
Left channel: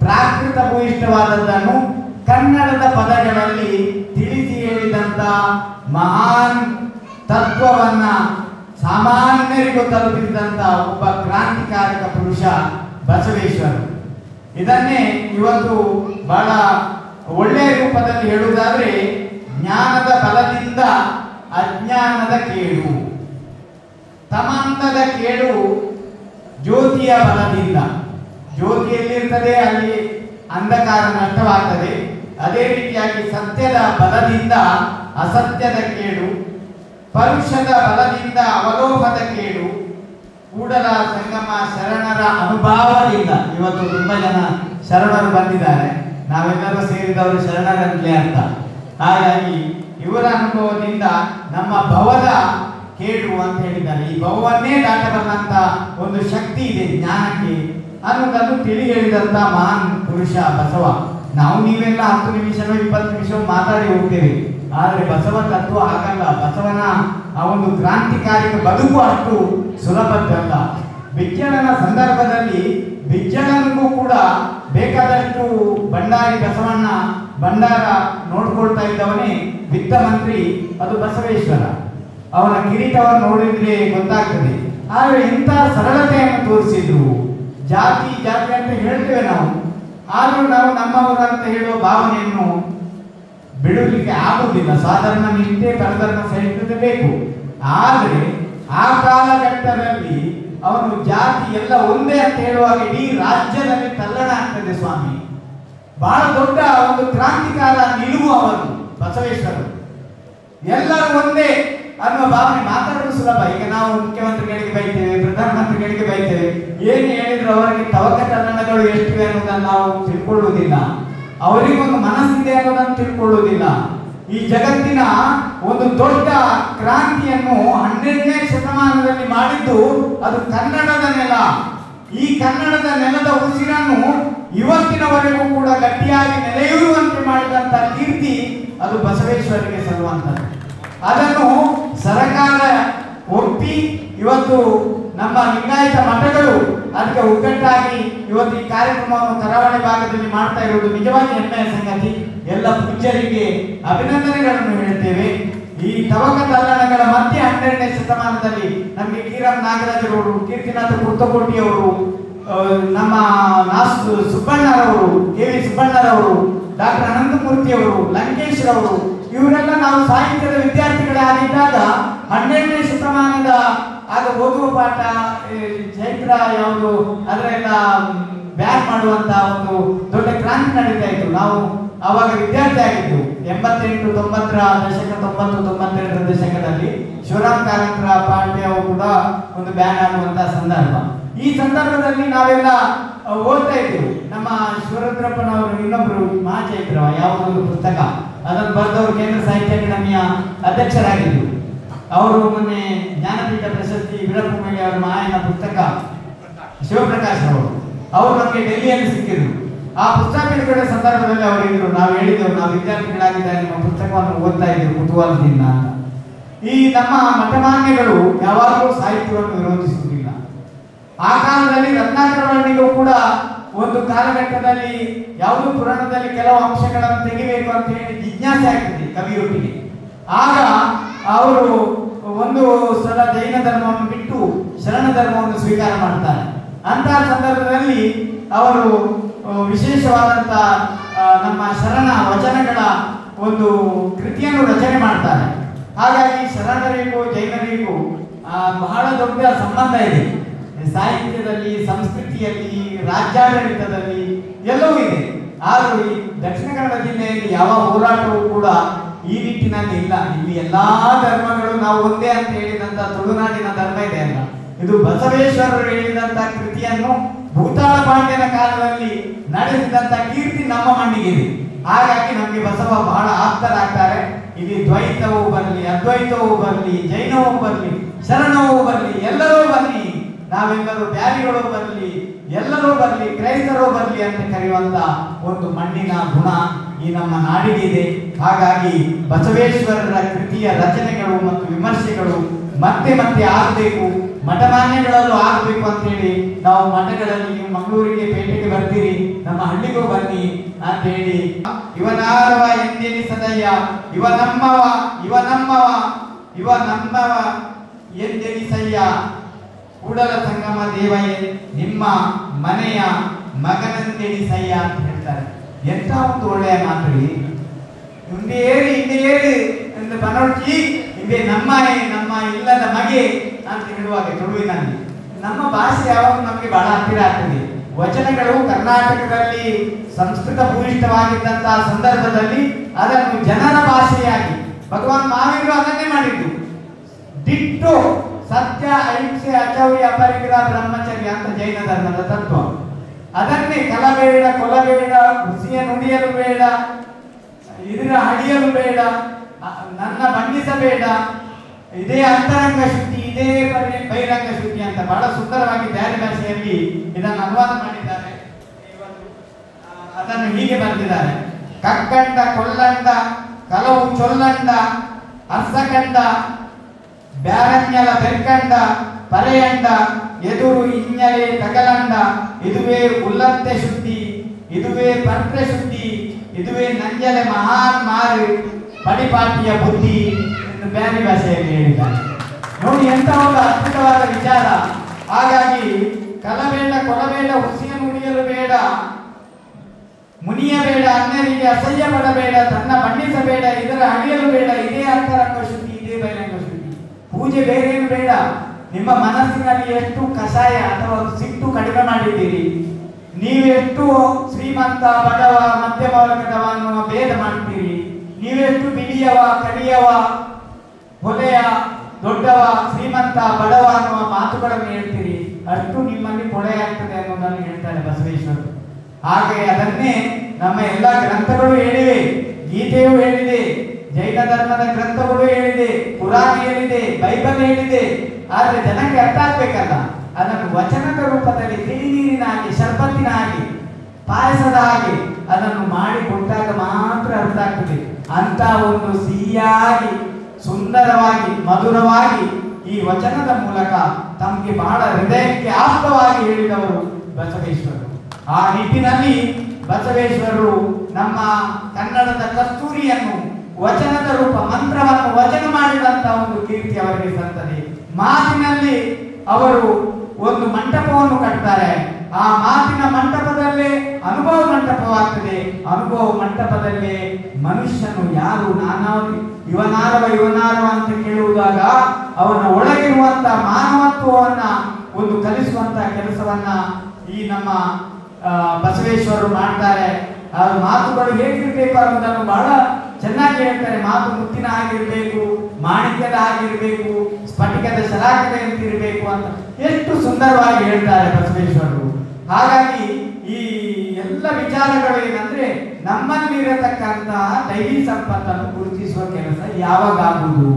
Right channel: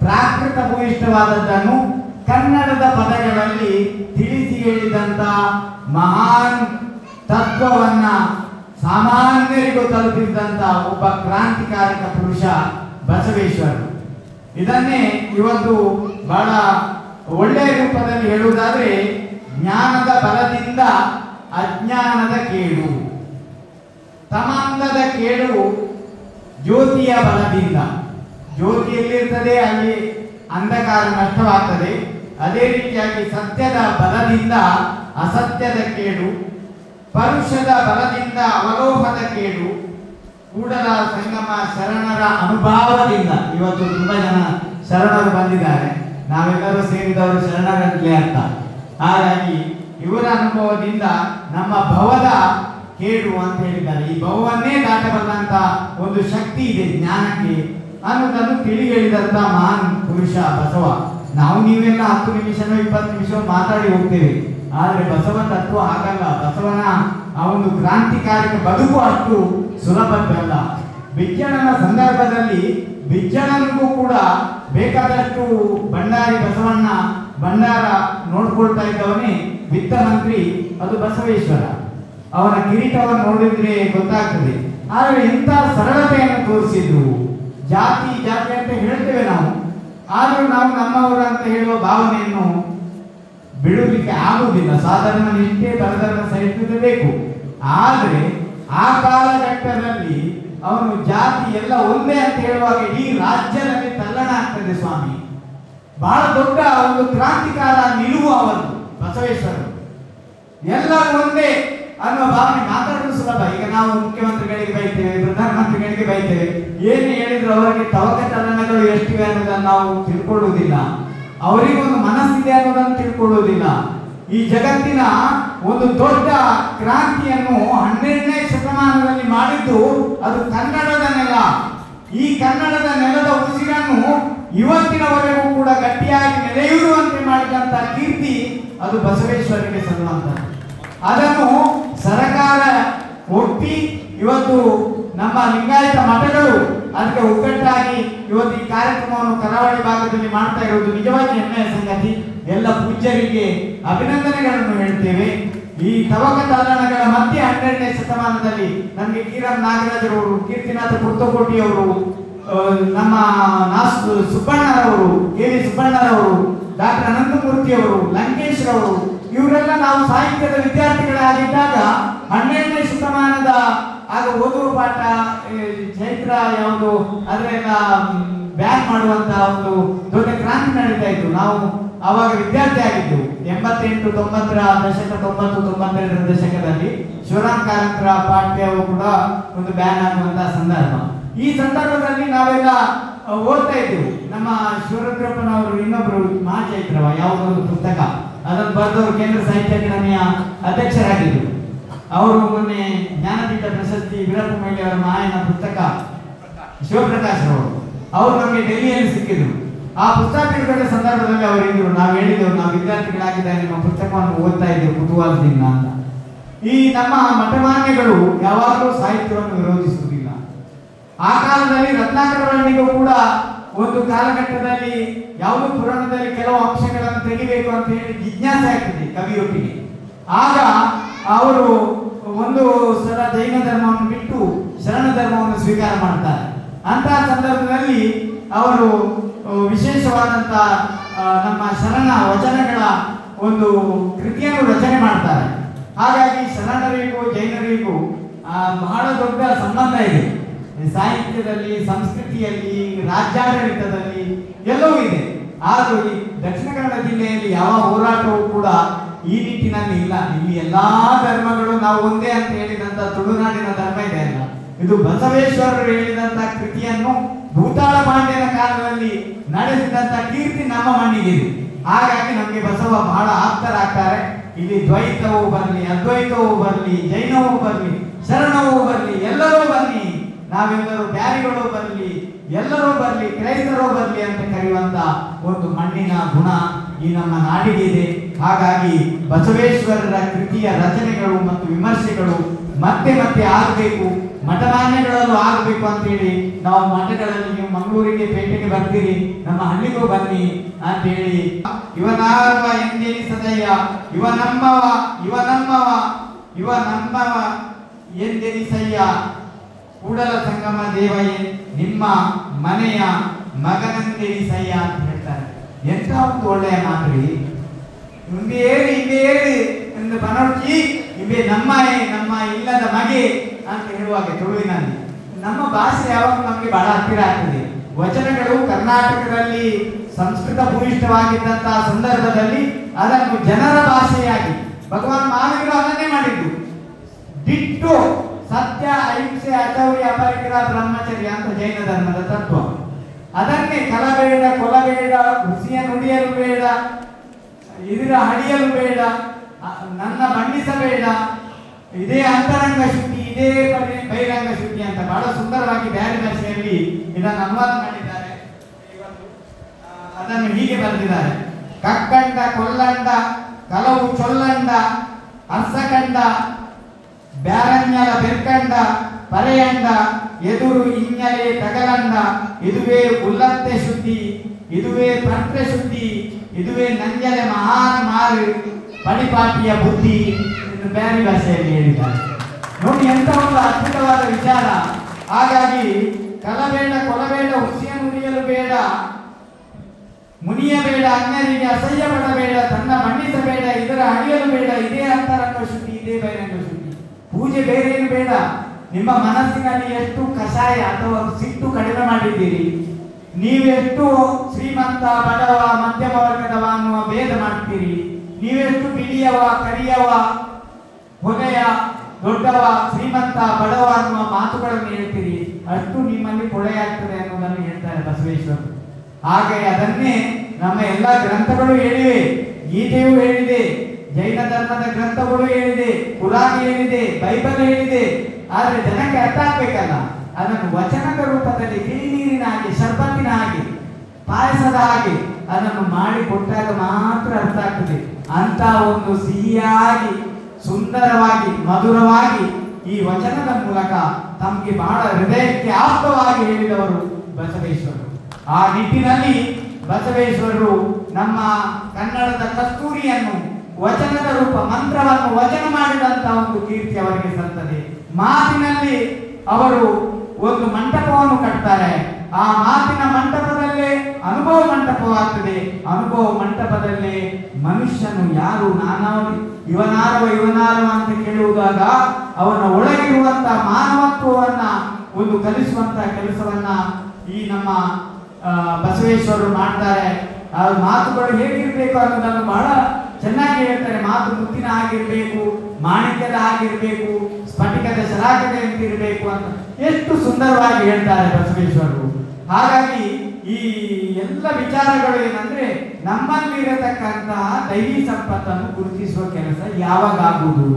ಪ್ರಾಕೃತ ಭೂಯಿಷ್ಠವಾದದ್ದನ್ನು ಕನ್ನಡದ ಪದಗಳಲ್ಲಿ ತಿಳಿಸಿ ಹೇಳಿದಂತ ಮಹಾನ್ ತತ್ವವನ್ನ ಸಾಮಾನ್ಯರಿಗೂ ತಲುಪಿಸಿದಂತ ಒಬ್ಬ ಕ್ರಾಂತಿಕಾರಕ ಪುರುಷ ಬಸವೇಶ್ವರರು. ಇದನ್ನೇ ಇವತ್ತು ಬಹಳ ಒಳ್ಳೆಯ ರೂಪದಲ್ಲಿ ಹೇಳುವುದಾದ್ರೆ, ಜ್ಞಾನದ ಬಲದಿಂದ ಅಜ್ಞಾನದ ಕೇಡು, ತಮಾಂಧದ ಕೇಡು ಜ್ಯೋತಿಯ ಬಲದಿಂದ. ಜ್ಯೋತಿ ಎಲ್ಲಿರ್ತದೆ ಅಲ್ಲಿ ಅಂಧಕಾರ ನಷ್ಟವಾಗ್ತದೆ. ಅದೇ ರೀತಿಯಾಗಿ ಸತ್ಯದ ಬಲದಿಂದ ಅಸತ್ಯದ ಕೇಡು, ಪರುಷದ ಬಲದಿಂದ ಅವಲೋಹದ ಕೇಡು, ಕೂಡಲ ಸಂಗಮ ಶರಣರ ಅನುಭವದಿಂದ. ಇವತ್ತು ತುಂಬಾ ಜನ ಶರಣರು ಬಂದಿದ್ದಾರೆ, ನಾವೆಲ್ಲರೂ ಸೇರಿದವರು ಶರಣರಲ್ಲಿ ಅಂತ. ಹಾಗಾಗಿ ಇವರ ಅನುಭವದಿಂದ ನಮ್ಮ ಭವದ ಕೇಡು ಅಂತ ಹೇಳಿದ್ದಾರೆ. ಈ ಭವವನ್ನೇ ದಾಟಬಲ್ಲಂತ ಒಂದು ಶಕ್ತಿ ಇದೆ ಜ್ಞಾನಕ್ಕೆ ಅನ್ನೋದನ್ನು ತಿಳಿ ಹೇಳಿದಂತ ಮಹಾನ್ ಪುರುಷ ಬಸವ. ನಾವು ನೀವೆಲ್ಲ 10 ನಿಮಿಷವೋ 20 ನಿಮಿಷವೋ ಮಾತಾಡಿ ಹೋಗ್ತೇವೆ, ಆದ್ರೆ ಬಸವ ತತ್ವ ಹಾಗಲ್ಲ. ಬಸವನ ಆ ಒಂದು ಕ್ರಾಂತಿಕಾರಿಕ ಬದುಕು ಅಷ್ಟು ಸುಲಭದ್ದಲ್ಲ. ಬಿಜ್ಜಳನ ಸಂದರ್ಭದಲ್ಲಿ ಬಿಜ್ಜಳನಿಗೂ ಕೂಡ ಬೇಕಾದಷ್ಟು ಭಂಡಾರಿ ಬಸವಣ್ಣ ಭಂಡಾರ ನೋಡ್ಕೊಳ್ತಾ ಇದ್ದವನೇ ವಿತ್ತ ಮಂತ್ರಿ, ಅದು ಬಸವೇಶ್ವರ. ಅವನ ಕಿರೀಟವನ್ನು ನೋಡಿದ್ರೆ ಗೊತ್ತಾಗ್ತದೆ. ಆದ್ರೆ ಎಂತ ಸರಳತೆಯನ್ನು ತೋರಿಸಿದ್ರು. ಜಾತಿ ಅಂತ ಹೇಳ್ತೇವೆ ನಾವು, ಆದ್ರೂ ನಾವು ನಮ್ಮವರು ಅಂತ ಹೇಳುವ ಭಾವನೆಯನ್ನು ಬಿಡಲಿಕ್ಕೆ ಆಗುವುದಿಲ್ಲ. ಸಾಧಾರಣ ನಿಷ್ಠೆ, ಪರಧರ್ಮ ಸಹಿಷ್ಣುತೆ ಬೇಕು. ಆದ್ರೆ ಆ ಕಾಲಘಟ್ಟದಲ್ಲಿ ಅವನು ಜಾತಿ ಎಲ್ಲ ಒಂದೇ ಅಂತ ಹೇಳುವಾಗ ಇಡೀ ರಾಜ್ಯದಲ್ಲಿ ತಲ್ಲಣ ಆಗ್ತದೆ. ಸ್ವಾಮಿ ಬಹಳ ದೊಡ್ಡ ಒಂದು ಕ್ರಾಂತಿಕಾರ ನಿಲುವು ಅವನು ಬಸವೇಶ್ವರರು. ಎಲ್ಲರೂ ಒಂದೇ ಅನ್ನುವ ಭಾವನೆ ಮಾತಾಡಲು ಸುಲಭ. ಈಗ ನಾವು ಮುಖ್ಯಮಂತ್ರಿಗಳಿಗೆ ಬೈತೇವೆ, ಪ್ರಧಾನಮಂತ್ರಿಗಳಿಗೆ ಬೈತೇವೆ, ಏನು ಹೇಳಿದ್ರು ಅವರಿಗೆ ತವಕ ಚಲನಗಳು ಎಷ್ಟಿವೆ ಅನ್ನೋದನ್ನು ನಾವು ತಿಳ್ಕೊಳ್ಳುವುದಿಲ್ಲ. ಅವರಿಗೊಂದು ಮನಸ್ಸಿದೆ ಅನ್ನೋದನ್ನು ತಿಳ್ಕೊಳ್ಳುವುದಿಲ್ಲ. ಈ ಜಗತ್ತಿನ ಒಂದು ದೊಡ್ಡ ಕ್ರಾಂತಿಯನ್ನು 12ನೇ ಶತಮಾನದಲ್ಲಿ ಮಾಡಿದ್ದು ಅದು ಕನ್ನಡದ ನೆಲ. ಈ ಕನ್ನಡದ ನೆಲದ ಉಸಿರನ್ನು ಇವತ್ತಿನವರೆಗೂ ಕೂಡ ಗಟ್ಟಿಯಾಗಿ ನೆಲೆಯೂರುವಂತೆ ಮಾಡಿದಂತ ಕೀರ್ತಿ ಅದು ಬಸವೇಶ್ವರರಿಗೆ ಸಲ್ಲುವಂಥದ್ದು. ಅದನ್ನು ಸರ್ಕಾರ ಒಪ್ಪಿ ಇವತ್ತು ನಮ್ಮ ಲಿಂಗಾಯತ ಮಠಗಳು ಅದಕ್ಕೆ ಒಗ್ಗಟ್ಟಾಗಿ ಇವತ್ತು ಈ ಕಾರ್ಯಕ್ರಮವನ್ನು ಕರಾವಳಿ ಭಾಗದಲ್ಲಿ ಮಾಡ್ತಾ ಇರುವುದು ನಿಜವಾಗಿ ಹೆಮ್ಮೆಯ ಸಂಗತಿ. ಎಲ್ಲ ಪೂಜ್ಯರಿಗೆ ಅಭಿನಂದನೆಗಳನ್ನು ಹೇಳ್ತೇವೆ. ಈ ತವಕ ತಲ್ಲಣಗಳ ಮಧ್ಯೆ 12ನೇ ಶತಮಾನದಲ್ಲಿ ನಮಗೆ ಕಿರಂ ನಾಗರಾಜರವರು, ಕೀರ್ತಿನಾಥ ಕುರ್ತಕೋಟಿಯವರು, ನಮ್ಮ ಸುಬ್ಬಣ್ಣರವರು, ಕೆ.ವಿ. ಸುಬ್ಬಣ್ಣರವರು, ಡಾಕ್ಟರ್ ಅನಂತಮೂರ್ತಿಯವರು, ಲಂಕೇಶ್ ರವರು, ಇವರೆಲ್ಲ ನಾವು ಸಾಹಿತ್ಯದ ವಿದ್ಯಾರ್ಥಿಗಳಾಗಿದ್ದಾಗ 12ನೇ ಶತಮಾನದ ಆಗ ಓದುವ ಪಾಠ ಚೈತ್ರ ಯಾವುದು ಅದರೆಲ್ಲ ಬ್ಯಾನ್ ಮಾಡುವಂತ ಒಂದು ದೊಡ್ಡ ಕ್ರಾಂತಿ ನಡೀತಾ ಇತ್ತು. ನಾವು ಆವಾಗ ವಿದ್ಯಾರ್ಥಿ ಆಗಿದ್ದು 88, 90ರ ದಶಕ, 90, 92ರ ದಶಕದಲ್ಲಿ ಶಿವರಾಮ್ ಕಾರಂತರ ಪಾಠ್ಯವು ಕೂಡ ಒಂದು ಬ್ಯಾನ್ ಆಗುವಂತಹ ಸಂದರ್ಭ. ಈ ಸಂದರ್ಭದಲ್ಲಿ ನಾವೆಲ್ಲ ಓದ್ತಾ ಇದ್ದೆವು. ನಮ್ಮ ಶಿವರುದ್ರಪ್ಪನವರು ಇನ್ನೊಬ್ರು ಮಹಾಚೈತ್ರವ ಯಾವುದೊಂದು ಪುಸ್ತಕ ಅದನ್ನು ಬರೆದವರು ಕೇಂದ್ರ ಸಾಹಿತ್ಯ ಅಕಾಡೆಮಿಯ ಅಧ್ಯಕ್ಷರಾಗಿದ್ದರು. ಅವರು ಮೊನ್ನೆ ಜ್ಞಾನಪೀಠ ಪ್ರಶಸ್ತಿ ವೀರಪ್ಪಮಯ್ಯ ಅವರ ಮಾಯನ ಪುಸ್ತಕ ಶಿವಪ್ರಕಾಶ್ ಅವರು ನಮಗೆ ಡೆಲ್ಲಿಯಲ್ಲಿ ಸಿಕ್ಕಿದ್ರು. ಆ ಪುಸ್ತಕ ಬಿಡುಗಡೆ ಸಂದರ್ಭದಲ್ಲಿ ಅವರಿದ್ರು, ನಾವು ಹೇಳಿದ್ದೆವು ನಾವು ವಿದ್ಯಾರ್ಥಿಗಳಾಗಿದ್ದಾಗ ನಿಮ್ಮ ಪುಸ್ತಕವನ್ನು ಓದ್ತಾ ಇದ್ದೇವೆ ಕುತೂಹಲದಿಂದ. ಈ ನಮ್ಮ ಮಠಮಾನ್ಯಗಳು ಯಾವಾಗಲೂ ಸಾಹಿತ್ಯವನ್ನು ವಿರೋಧಿಸುವುದಿಲ್ಲ. ಆ ಕಾಲದಲ್ಲಿ ರತ್ನಾಕರವರ್ಣಿಗೂ ಕೂಡ ಒಂದು ಕಾಲಘಟ್ಟದಲ್ಲಿ ಯಾವುದೋ ಪುರಾಣದಲ್ಲಿ ಕೆಲವು ಅಂಶಗಳನ್ನು ತೆಗಿಬೇಕು ಅಂತ ಹೇಳಿ ಜಿಜ್ಞಾಸೆ ಆಗ್ತದೆ ಕವಿಯೊಟ್ಟಿಗೆ. ಆಗ ಅವರು ಒಂದು ಸಲ ಜೈನ ಧರ್ಮವನ್ನು ಬಿಟ್ಟು ಶರಣ ಧರ್ಮವನ್ನು ಸ್ವೀಕಾರ ಮಾಡ್ತಾರೆ. ಅಂತಹ ಸಂದರ್ಭದಲ್ಲಿ ಅವರು ವಿಶೇಷವಾದಂತ ನಮ್ಮ ಶರಣ ವಚನಗಳ ಒಂದು ಕೃತಿಯನ್ನು ರಚನೆ ಮಾಡ್ತಾರೆ. ಹಾಗಾಗಿ ಶರಣರಿಗೂ ಜೈನರಿಗೂ ಬಹಳ ದೊಡ್ಡ ಸಂಬಂಧ ಇದೆ. ಸಾಹಿತ್ಯದಲ್ಲಿ, ಸಂಸ್ಕೃತಿಯಲ್ಲಿ, ರಾಜ್ಯಾಡಳಿತದಲ್ಲಿ ಎಲ್ಲವೂ ಇದೆ. ಆದರೂ ಈ ದಕ್ಷಿಣ ಕನ್ನಡ ಜಿಲ್ಲೆಯಲ್ಲಿ ಯಾವ ಹೋರಾಟವೂ ಕೂಡ ಈ ನಿಟ್ಟಿನಲ್ಲಿ ಇಲ್ಲ. ಇಲ್ಲಿ ಎಲ್ಲಾ ಧರ್ಮಗಳು ನಾವು ಒಂದೇ ಅಂತ ಹೇಳಿದಂತ ತುಳುನಾಡಿನ ಧರ್ಮ ಇದೆ ಅಲ್ಲ, ಇದು ಬಸವೇಶ್ವರರು ಹೇಳಿದಂತ ಕೃತಿಯನ್ನು ಭೂತಾಳ ಪಾಂಡ್ಯನ ಕಾಲದಲ್ಲಿ ನಡೆಸಿದಂತ ಕೀರ್ತಿ ನಮ್ಮ ಮಣ್ಣಿಗಿದೆ. ಹಾಗಾಗಿ ನಮಗೆ ಬಸವ ಬಹಳ ಆಪ್ತರಾಗ್ತಾರೆ. ಇಲ್ಲಿ ದ್ವೈತವೂ ಬರಲಿ, ಅದ್ವೈತವೂ ಬರಲಿ, ಜೈನವೂ ಬರಲಿ, ಶರಣವೂ ಬರಲಿ, ಎಲ್ಲರೂ ಬರಲಿ, ನಾವೆಲ್ಲರೂ ಬ್ಯಾರಿಗಳು ಬರಲಿ, ಎಲ್ಲರೂ ಬರಲಿ, ಕ್ರೈಸ್ತರು ಬರಲಿ ಅಂತ ಕರೆಯುವಂತ ಒಂದು ಮಣ್ಣಿನ ಗುಣ ಈ ನಮ್ಮ ನಾಡಿಗಿದೆ. ಹಾಗಾಗಿ ಬಸವೇಶ್ವರರ ಕೃತಿಯ ರಚನೆಗಳು ಮತ್ತು ವಿಮರ್ಶೆಗಳು ಮತ್ತೆ ಮತ್ತೆ ಆಗಬೇಕು, ಮಠಮಾನ್ಯಗಳಲ್ಲೂ ಆಗಬೇಕು ಅಂತ ಹೇಳಿ ನಾವು ಮಠಗಳಲ್ಲಿ ನೀವು ಮಂಗಳೂರಿಗೆ ಪೇಟೆಗೆ ಬರ್ತೀರಿ, ನಮ್ಮ ಹಳ್ಳಿಗೂ ಬನ್ನಿ ಅಂತ ಹೇಳಿ ಇವನಾರವ ಎಂದೆನಿಸದಯ್ಯ, ಇವನಮ್ಮವ ಇವನಮ್ಮವ ಇವನಮ್ಮವ ಎಂದೆನಿಸಯ್ಯ, ಕೂಡಲ ಸಂಗಮ ದೇವಯ್ಯ ನಿಮ್ಮ ಮನೆಯ ಮಗನಂದೆನಿಸಯ್ಯ ಅಂತ ಹೇಳ್ತಾರೆ. ಎಂಥ ಒಂದು ಒಳ್ಳೆಯ ಮಾತು. ಹಿಂದೆ ಹೇಳಿ ಎಂದು ಬನೋಡ್ಕಿ ಇವೆ ನಮ್ಮ ಇಲ್ಲದ ಮಗೆ ಅಂತ ಹೇಳುವಾಗ ತುಳುವಿನಲ್ಲಿ ನಮ್ಮ ಭಾಷೆ ಯಾವಾಗ ನಮಗೆ ಬಹಳ ಹತ್ತಿರ ಆಗ್ತದೆ. ವಚನಗಳು ಕರ್ನಾಟಕದಲ್ಲಿ ಸಂಸ್ಕೃತ ಭೂಯಿಷ್ಠವಾಗಿದ್ದಂತಹ ಸಂದರ್ಭದಲ್ಲಿ ಅದನ್ನು ಜನರ ಭಾಷೆಯಾಗಿ ಭಗವಾನ್ ಮಹಾವೀರರು ಅದನ್ನೇ ಮಾಡಿದ್ದು. ದಿಟ್ಟು ಸತ್ಯ, ಅಹಿಂಸೆ, ಅಚೌರ್ಯ, ಅಪರಿಗ್ರಹ, ಬ್ರಹ್ಮಚರ್ಯ ಅಂತ ಜೈನ ಧರ್ಮದ ತತ್ವ. ಅದನ್ನೇ ಕಲಬೇಡ, ಕೊಲಬೇಡ, ಹುಸಿಯ ನುಡಿಯಲು ಬೇಡ, ಇದರ ಹಡಿಯಲು ಬೇಡ, ನನ್ನ ಬಂಧಿಸಬೇಡ, ಇದೇ ಅಂತರಂಗ ಶುದ್ಧಿ, ಇದೇ ಬಹಿರಂಗ ಶುದ್ಧಿ ಅಂತ ಬಹಳ ಸುಂದರವಾಗಿ ಬೇರೆ ಭಾಷೆಯಲ್ಲಿ ಇದನ್ನು ಅನುವಾದ ಮಾಡಿದ್ದಾರೆ. ಅದನ್ನು ಹೀಗೆ ಬರೆದಿದ್ದಾರೆ: ಕಕ್ಕಂಡ ಕೊಲ್ಲಂಡ ಕಲವು ಚೊಲ್ಲಂಡ ಅರ್ಸಕಂಡ ಬ್ಯಾರಣ್ಯಲ ಬೆರ್ಕಂಡ ಪರೆಯಂಡ ಎದುರು ಇಂಜಲೆ ತಗಲಂಡ, ಇದುವೇ ಉಲ್ಲತ್ತೆ ಶುದ್ಧಿ, ಇದುವೇ ಪಂತ್ರ ಶುದ್ಧಿ, ಇದುವೇ ನಂಜಲೆ ಮಹಾನ್ ಮಾರು ಪಡಿಪಾಟಿಯ ಬುದ್ಧಿ ಎಂದು ಬೇರೆ ಭಾಷೆಯಲ್ಲಿ ಹೇಳಿದ್ದಾರೆ. ನೋಡಿ ಎಂತ ಒಂದು ಅದ್ಭುತವಾದ ವಿಚಾರ. ಹಾಗಾಗಿ ಕಲಬೇಡ, ಕೊಲಬೇಡ, ಹುಸಿಯ ಮುನಿಯಲು ಬೇಡ, ಮುನಿಯಬೇಡ, ಅನ್ಯರಿಗೆ ಅಸಹ್ಯ ಪಡಬೇಡ, ತನ್ನ ಬಣ್ಣಿಸಬೇಡ, ಇದರ ಹಣಿಯಲು ಬೇಡ, ಇದೇ ಅಂತರಂಗ ಶುದ್ಧಿ, ಇದೇ ಬಹಿರಂಗ ಶುದ್ಧಿ. ಪೂಜೆ ಬೇರೇನು ಬೇಡ. ನಿಮ್ಮ ಮನಸ್ಸಿನಲ್ಲಿ ಎಷ್ಟು ಕಷಾಯ ಅಥವಾ ಸಿಟ್ಟು ಕಡಿಮೆ ಮಾಡಿದ್ದೀರಿ, ನೀವೆಷ್ಟು ಶ್ರೀಮಂತ, ಬಡವ, ಮಧ್ಯಮ ವರ್ಗದವ ಅನ್ನುವ ಭೇದ ಮಾಡ್ತೀರಿ, ನೀವೆಷ್ಟು ಬಿಳಿಯವ, ಕರಿಯವ, ಹೊಲೆಯ, ದೊಡ್ಡವ, ಶ್ರೀಮಂತ, ಬಡವ ಅನ್ನುವ ಮಾತುಗಳನ್ನು ಹೇಳ್ತೀರಿ, ಅಷ್ಟು ನಿಮ್ಮಲ್ಲಿ ಕೊಳೆಯಾಗ್ತದೆ ಅನ್ನೋದನ್ನು ಹೇಳ್ತಾರೆ ಬಸವೇಶ್ವರರು. ಹಾಗೆ ಅದನ್ನೇ ನಮ್ಮ ಎಲ್ಲ ಗ್ರಂಥಗಳು ಹೇಳಿವೆ. ಗೀತೆಯೂ ಹೇಳಿದೆ, ಜೈನ ಧರ್ಮದ ಗ್ರಂಥಗಳು ಹೇಳಿದೆ, ಪುರಾಣ ಹೇಳಿದೆ, ಬೈಬಲ್ ಹೇಳಿದೆ. ಆದ್ರೆ ಜನಕ್ಕೆ ಅರ್ಥ ಆಗ್ಬೇಕಲ್ಲ, ಅದನ್ನು ವಚನದ ರೂಪದಲ್ಲಿ ತಿಳಿ ನೀರಿನ ಹಾಗೆ, ಶರ್ಬತ್ತಿನ ಹಾಗೆ, ಪಾಯಸದ ಹಾಗೆ ಅದನ್ನು ಮಾಡಿ ಕೊಟ್ಟಾಗ ಮಾತ್ರ ಅರ್ಥ ಆಗ್ತದೆ. ಅಂತ ಒಂದು ಸಿಹಿಯಾಗಿ, ಸುಂದರವಾಗಿ, ಮಧುರವಾಗಿ ಈ ವಚನದ ಮೂಲಕ ತಮಗೆ ಬಹಳ ಹೃದಯಕ್ಕೆ ಆಪ್ತವಾಗಿ ಹೇಳಿದವರು ಬಸವೇಶ್ವರರು. ಆ ನಿಟ್ಟಿನಲ್ಲಿ ಬಸವೇಶ್ವರರು ನಮ್ಮ ಕನ್ನಡದ ಕಸ್ತೂರಿಯನ್ನು ವಚನದ ರೂಪ ಮಂತ್ರವನ್ನು ವಚನ ಮಾಡಿದಂತಹ ಒಂದು ಕೀರ್ತಿ ಅವರಿಗೆ ಸಲ್ತದೆ. ಮಾತಿನಲ್ಲಿ ಅವರು ಒಂದು ಮಂಟಪವನ್ನು ಕಟ್ತಾರೆ. ಆ ಮಾತಿನ ಮಂಟಪದಲ್ಲೇ ಅನುಭವ ಮಂಟಪವಾಗ್ತದೆ. ಅನುಭವ ಮಂಟಪದಲ್ಲೇ ಮನುಷ್ಯನು ಯಾರು, ಇವನಾರವ ಅಂತ ಕೇಳುವುದಾಗ ಅವನ ಒಳಗಿರುವಂತಹ ಮಾನವತ್ವವನ್ನ ಒಂದು ಕಲಿಸುವಂತಹ ಕೆಲಸವನ್ನ ಈ ನಮ್ಮ ಬಸವೇಶ್ವರರು ಮಾಡ್ತಾರೆ. ಆ ಮಾತುಗಳು ಹೇಗಿರ್ಬೇಕು ಅನ್ನೋದನ್ನು ಬಹಳ ಚೆನ್ನಾಗಿ ಹೇಳ್ತಾರೆ. ಮಾತು ಮುತ್ತಿನ ಆಗಿರ್ಬೇಕು, ಮಾಣಿಕ್ಯದ ಆಗಿರ್ಬೇಕು, ಸ್ಫಟಿಕದ ಶರಾಕದ ಅಂತಿರ್ಬೇಕು ಅಂತ ಎಷ್ಟು ಸುಂದರವಾಗಿ ಹೇಳ್ತಾರೆ ಬಸವೇಶ್ವರರು. ಹಾಗಾಗಿ ಈ ಎಲ್ಲ ವಿಚಾರಗಳು ಏನಂದ್ರೆ ನಮ್ಮಲ್ಲಿರತಕ್ಕಂತಹ ದೈವಿ ಸಂಪತ್ತನ್ನು ಗುರುತಿಸುವ ಕೆಲಸ ಯಾವಾಗ ಆಗುವುದು?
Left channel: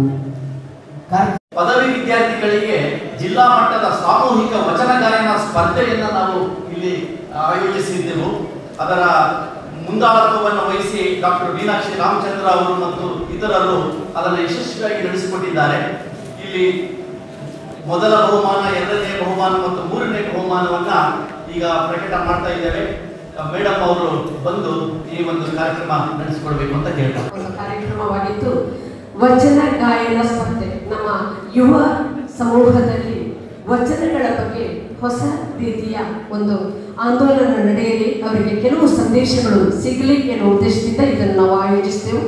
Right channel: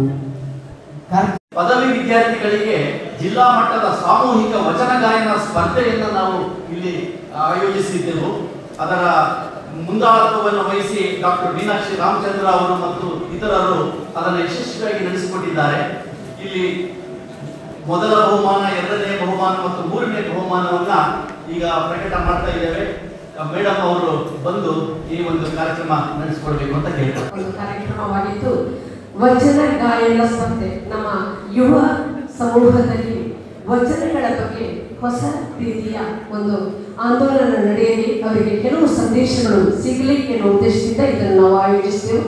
ಪದವಿ ವಿದ್ಯಾರ್ಥಿಗಳಿಗೆ ಜಿಲ್ಲಾ ಮಟ್ಟದ ಸಾಮೂಹಿಕ ವಚನ ಗಾಯನ ಸ್ಪರ್ಧೆಯನ್ನು ನಾವು ಇಲ್ಲಿ ಆಯೋಜಿಸಿದ್ದೆವು. ಅದರ ಮುಂದಾಳತ್ವವನ್ನು ವಹಿಸಿ ಡಾಕ್ಟರ್ ಮೀನಾಕ್ಷಿ ರಾಮಚಂದ್ರ ಅವರು ಮತ್ತು ಇತರರು ಅದನ್ನು ಯಶಸ್ವಿಯಾಗಿ ನಡೆಸಿಕೊಟ್ಟಿದ್ದಾರೆ. ಇಲ್ಲಿ ಮೊದಲ ಬಹುಮಾನ, ಎರಡನೇ ಬಹುಮಾನ ಮತ್ತು ಮೂರನೇ ಬಹುಮಾನವನ್ನ ಈಗ ಪ್ರಕಟ ಮಾಡ್ತಾ ಇದ್ದೇವೆ. ಮೇಡಮ್ ಅವರು ಬಂದು ಈ ಒಂದು ಕಾರ್ಯಕ್ರಮ ನಡೆಸಿಕೊಡ್ಬೇಕು ಅಂತ ಕೇಳ್ತಾರೆ. ಕಾರ್ಯಕ್ರಮವಾಗಿದ್ದು ವಚನ ಗಾಯನ ಸ್ಪರ್ಧೆ ನಮ್ಮ ಯುವ ಸಮೂಹದಲ್ಲಿ ವಚನಗಳ ಬಗ್ಗೆ ಹೊಸ ರೀತಿಯ ಒಂದು ಆಂದೋಲನ ನಡೆಯಲಿ, ಅವರಿಗೆ ಕೆಲವು ಸಂದೇಶಗಳು ಸಿಗಲಿ ಎನ್ನುವ ಉದ್ದೇಶದಿಂದ ಇದನ್ನು ನಾವು ಆಯೋಜಿಸಿದೆವು.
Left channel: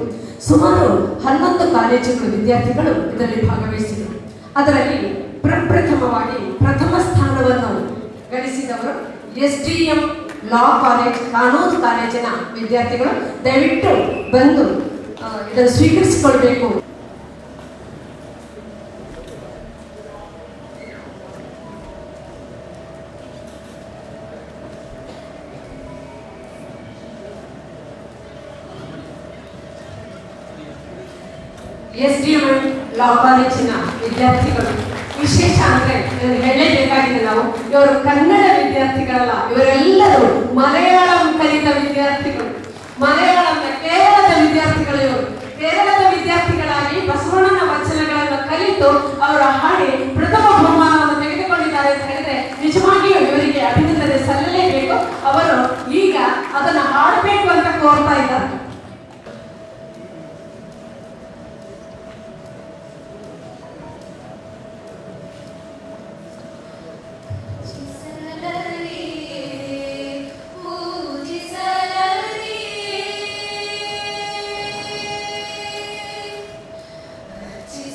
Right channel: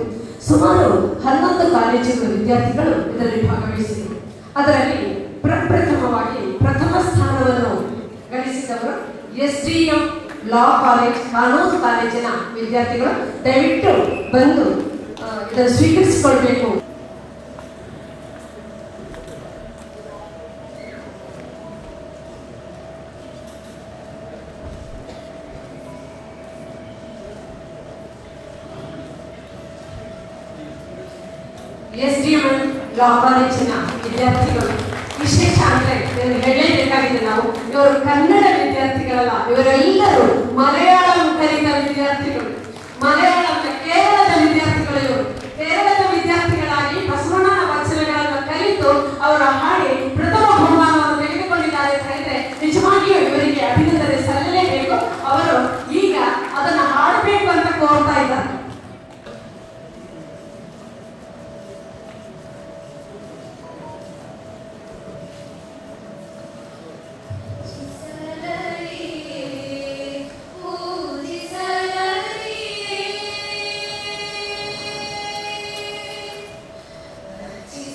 ಸುಮಾರು 11 ಕಾಲೇಜುಗಳ ವಿದ್ಯಾರ್ಥಿಗಳು ಇದರಲ್ಲಿ ಭಾಗವಹಿಸಿದರು. ಅದರಲ್ಲಿ ಪ್ರಪ್ರಥಮವಾಗಿ ಪ್ರಥಮ ಸ್ಥಾನವನ್ನು ಗಳಿಸಿದವರು SDM ಲಾ ಕಾಲೇಜ್, ಕಾನೂನು ಕಾಲೇಜಿನ ವಿದ್ಯಾರ್ಥಿಗಳು. ದಯವಿಟ್ಟು ಬಂದು ಇದನ್ನು ಸ್ವೀಕರಿಸಿಕೊಳ್ಬೇಕು. SDM ಲಾ ಕಾಲೇಜಿನ ವಿದ್ಯಾರ್ಥಿಗಳು ವಿಶೇಷ ಅಂದ್ರೆ ಹೇಳಲೇಬೇಕಾಗಿದೆ. ನಾವು ಇವರು ಕನ್ನಡ ವಿದ್ಯಾರ್ಥಿಗಳಲ್ಲ, ಇವರೆಲ್ಲರೂ ಮಲಯಾಳಂ ಕಲಿತ ವಿದ್ಯಾರ್ಥಿಗಳು. ಮಲಯಾಳಂ ಕೇರಳದ ವಿದ್ಯಾರ್ಥಿಗಳು. ಇವರು ಕೇರಳದ ವಿದ್ಯಾರ್ಥಿಗಳಾಗಿ ಬಸವಣ್ಣನ ವಚನಗಳನ್ನು ಕಲಿತು ಅವರ ಹಾಡಿ ಪ್ರಥಮ ಬಹುಮಾನವನ್ನು ತೆಗೆದುಕೊಂಡಿದ್ದಾರೆ ಅಂತ ಹೇಳಿದ್ರೆ ನಿಜವಾಗಿಯೂ ಇವರಿಗೆ ಅಭಿನಂದನೆ ಸಲ್ಲಲೇಬೇಕು. ಅವರು ಈಗ ಅದನ್ನು ಹಾಡಬೇಕು ಅಂತ ಕೋರ್ತಾ ಇದ್ದಾರೆ.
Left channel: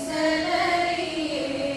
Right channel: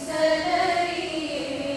Salary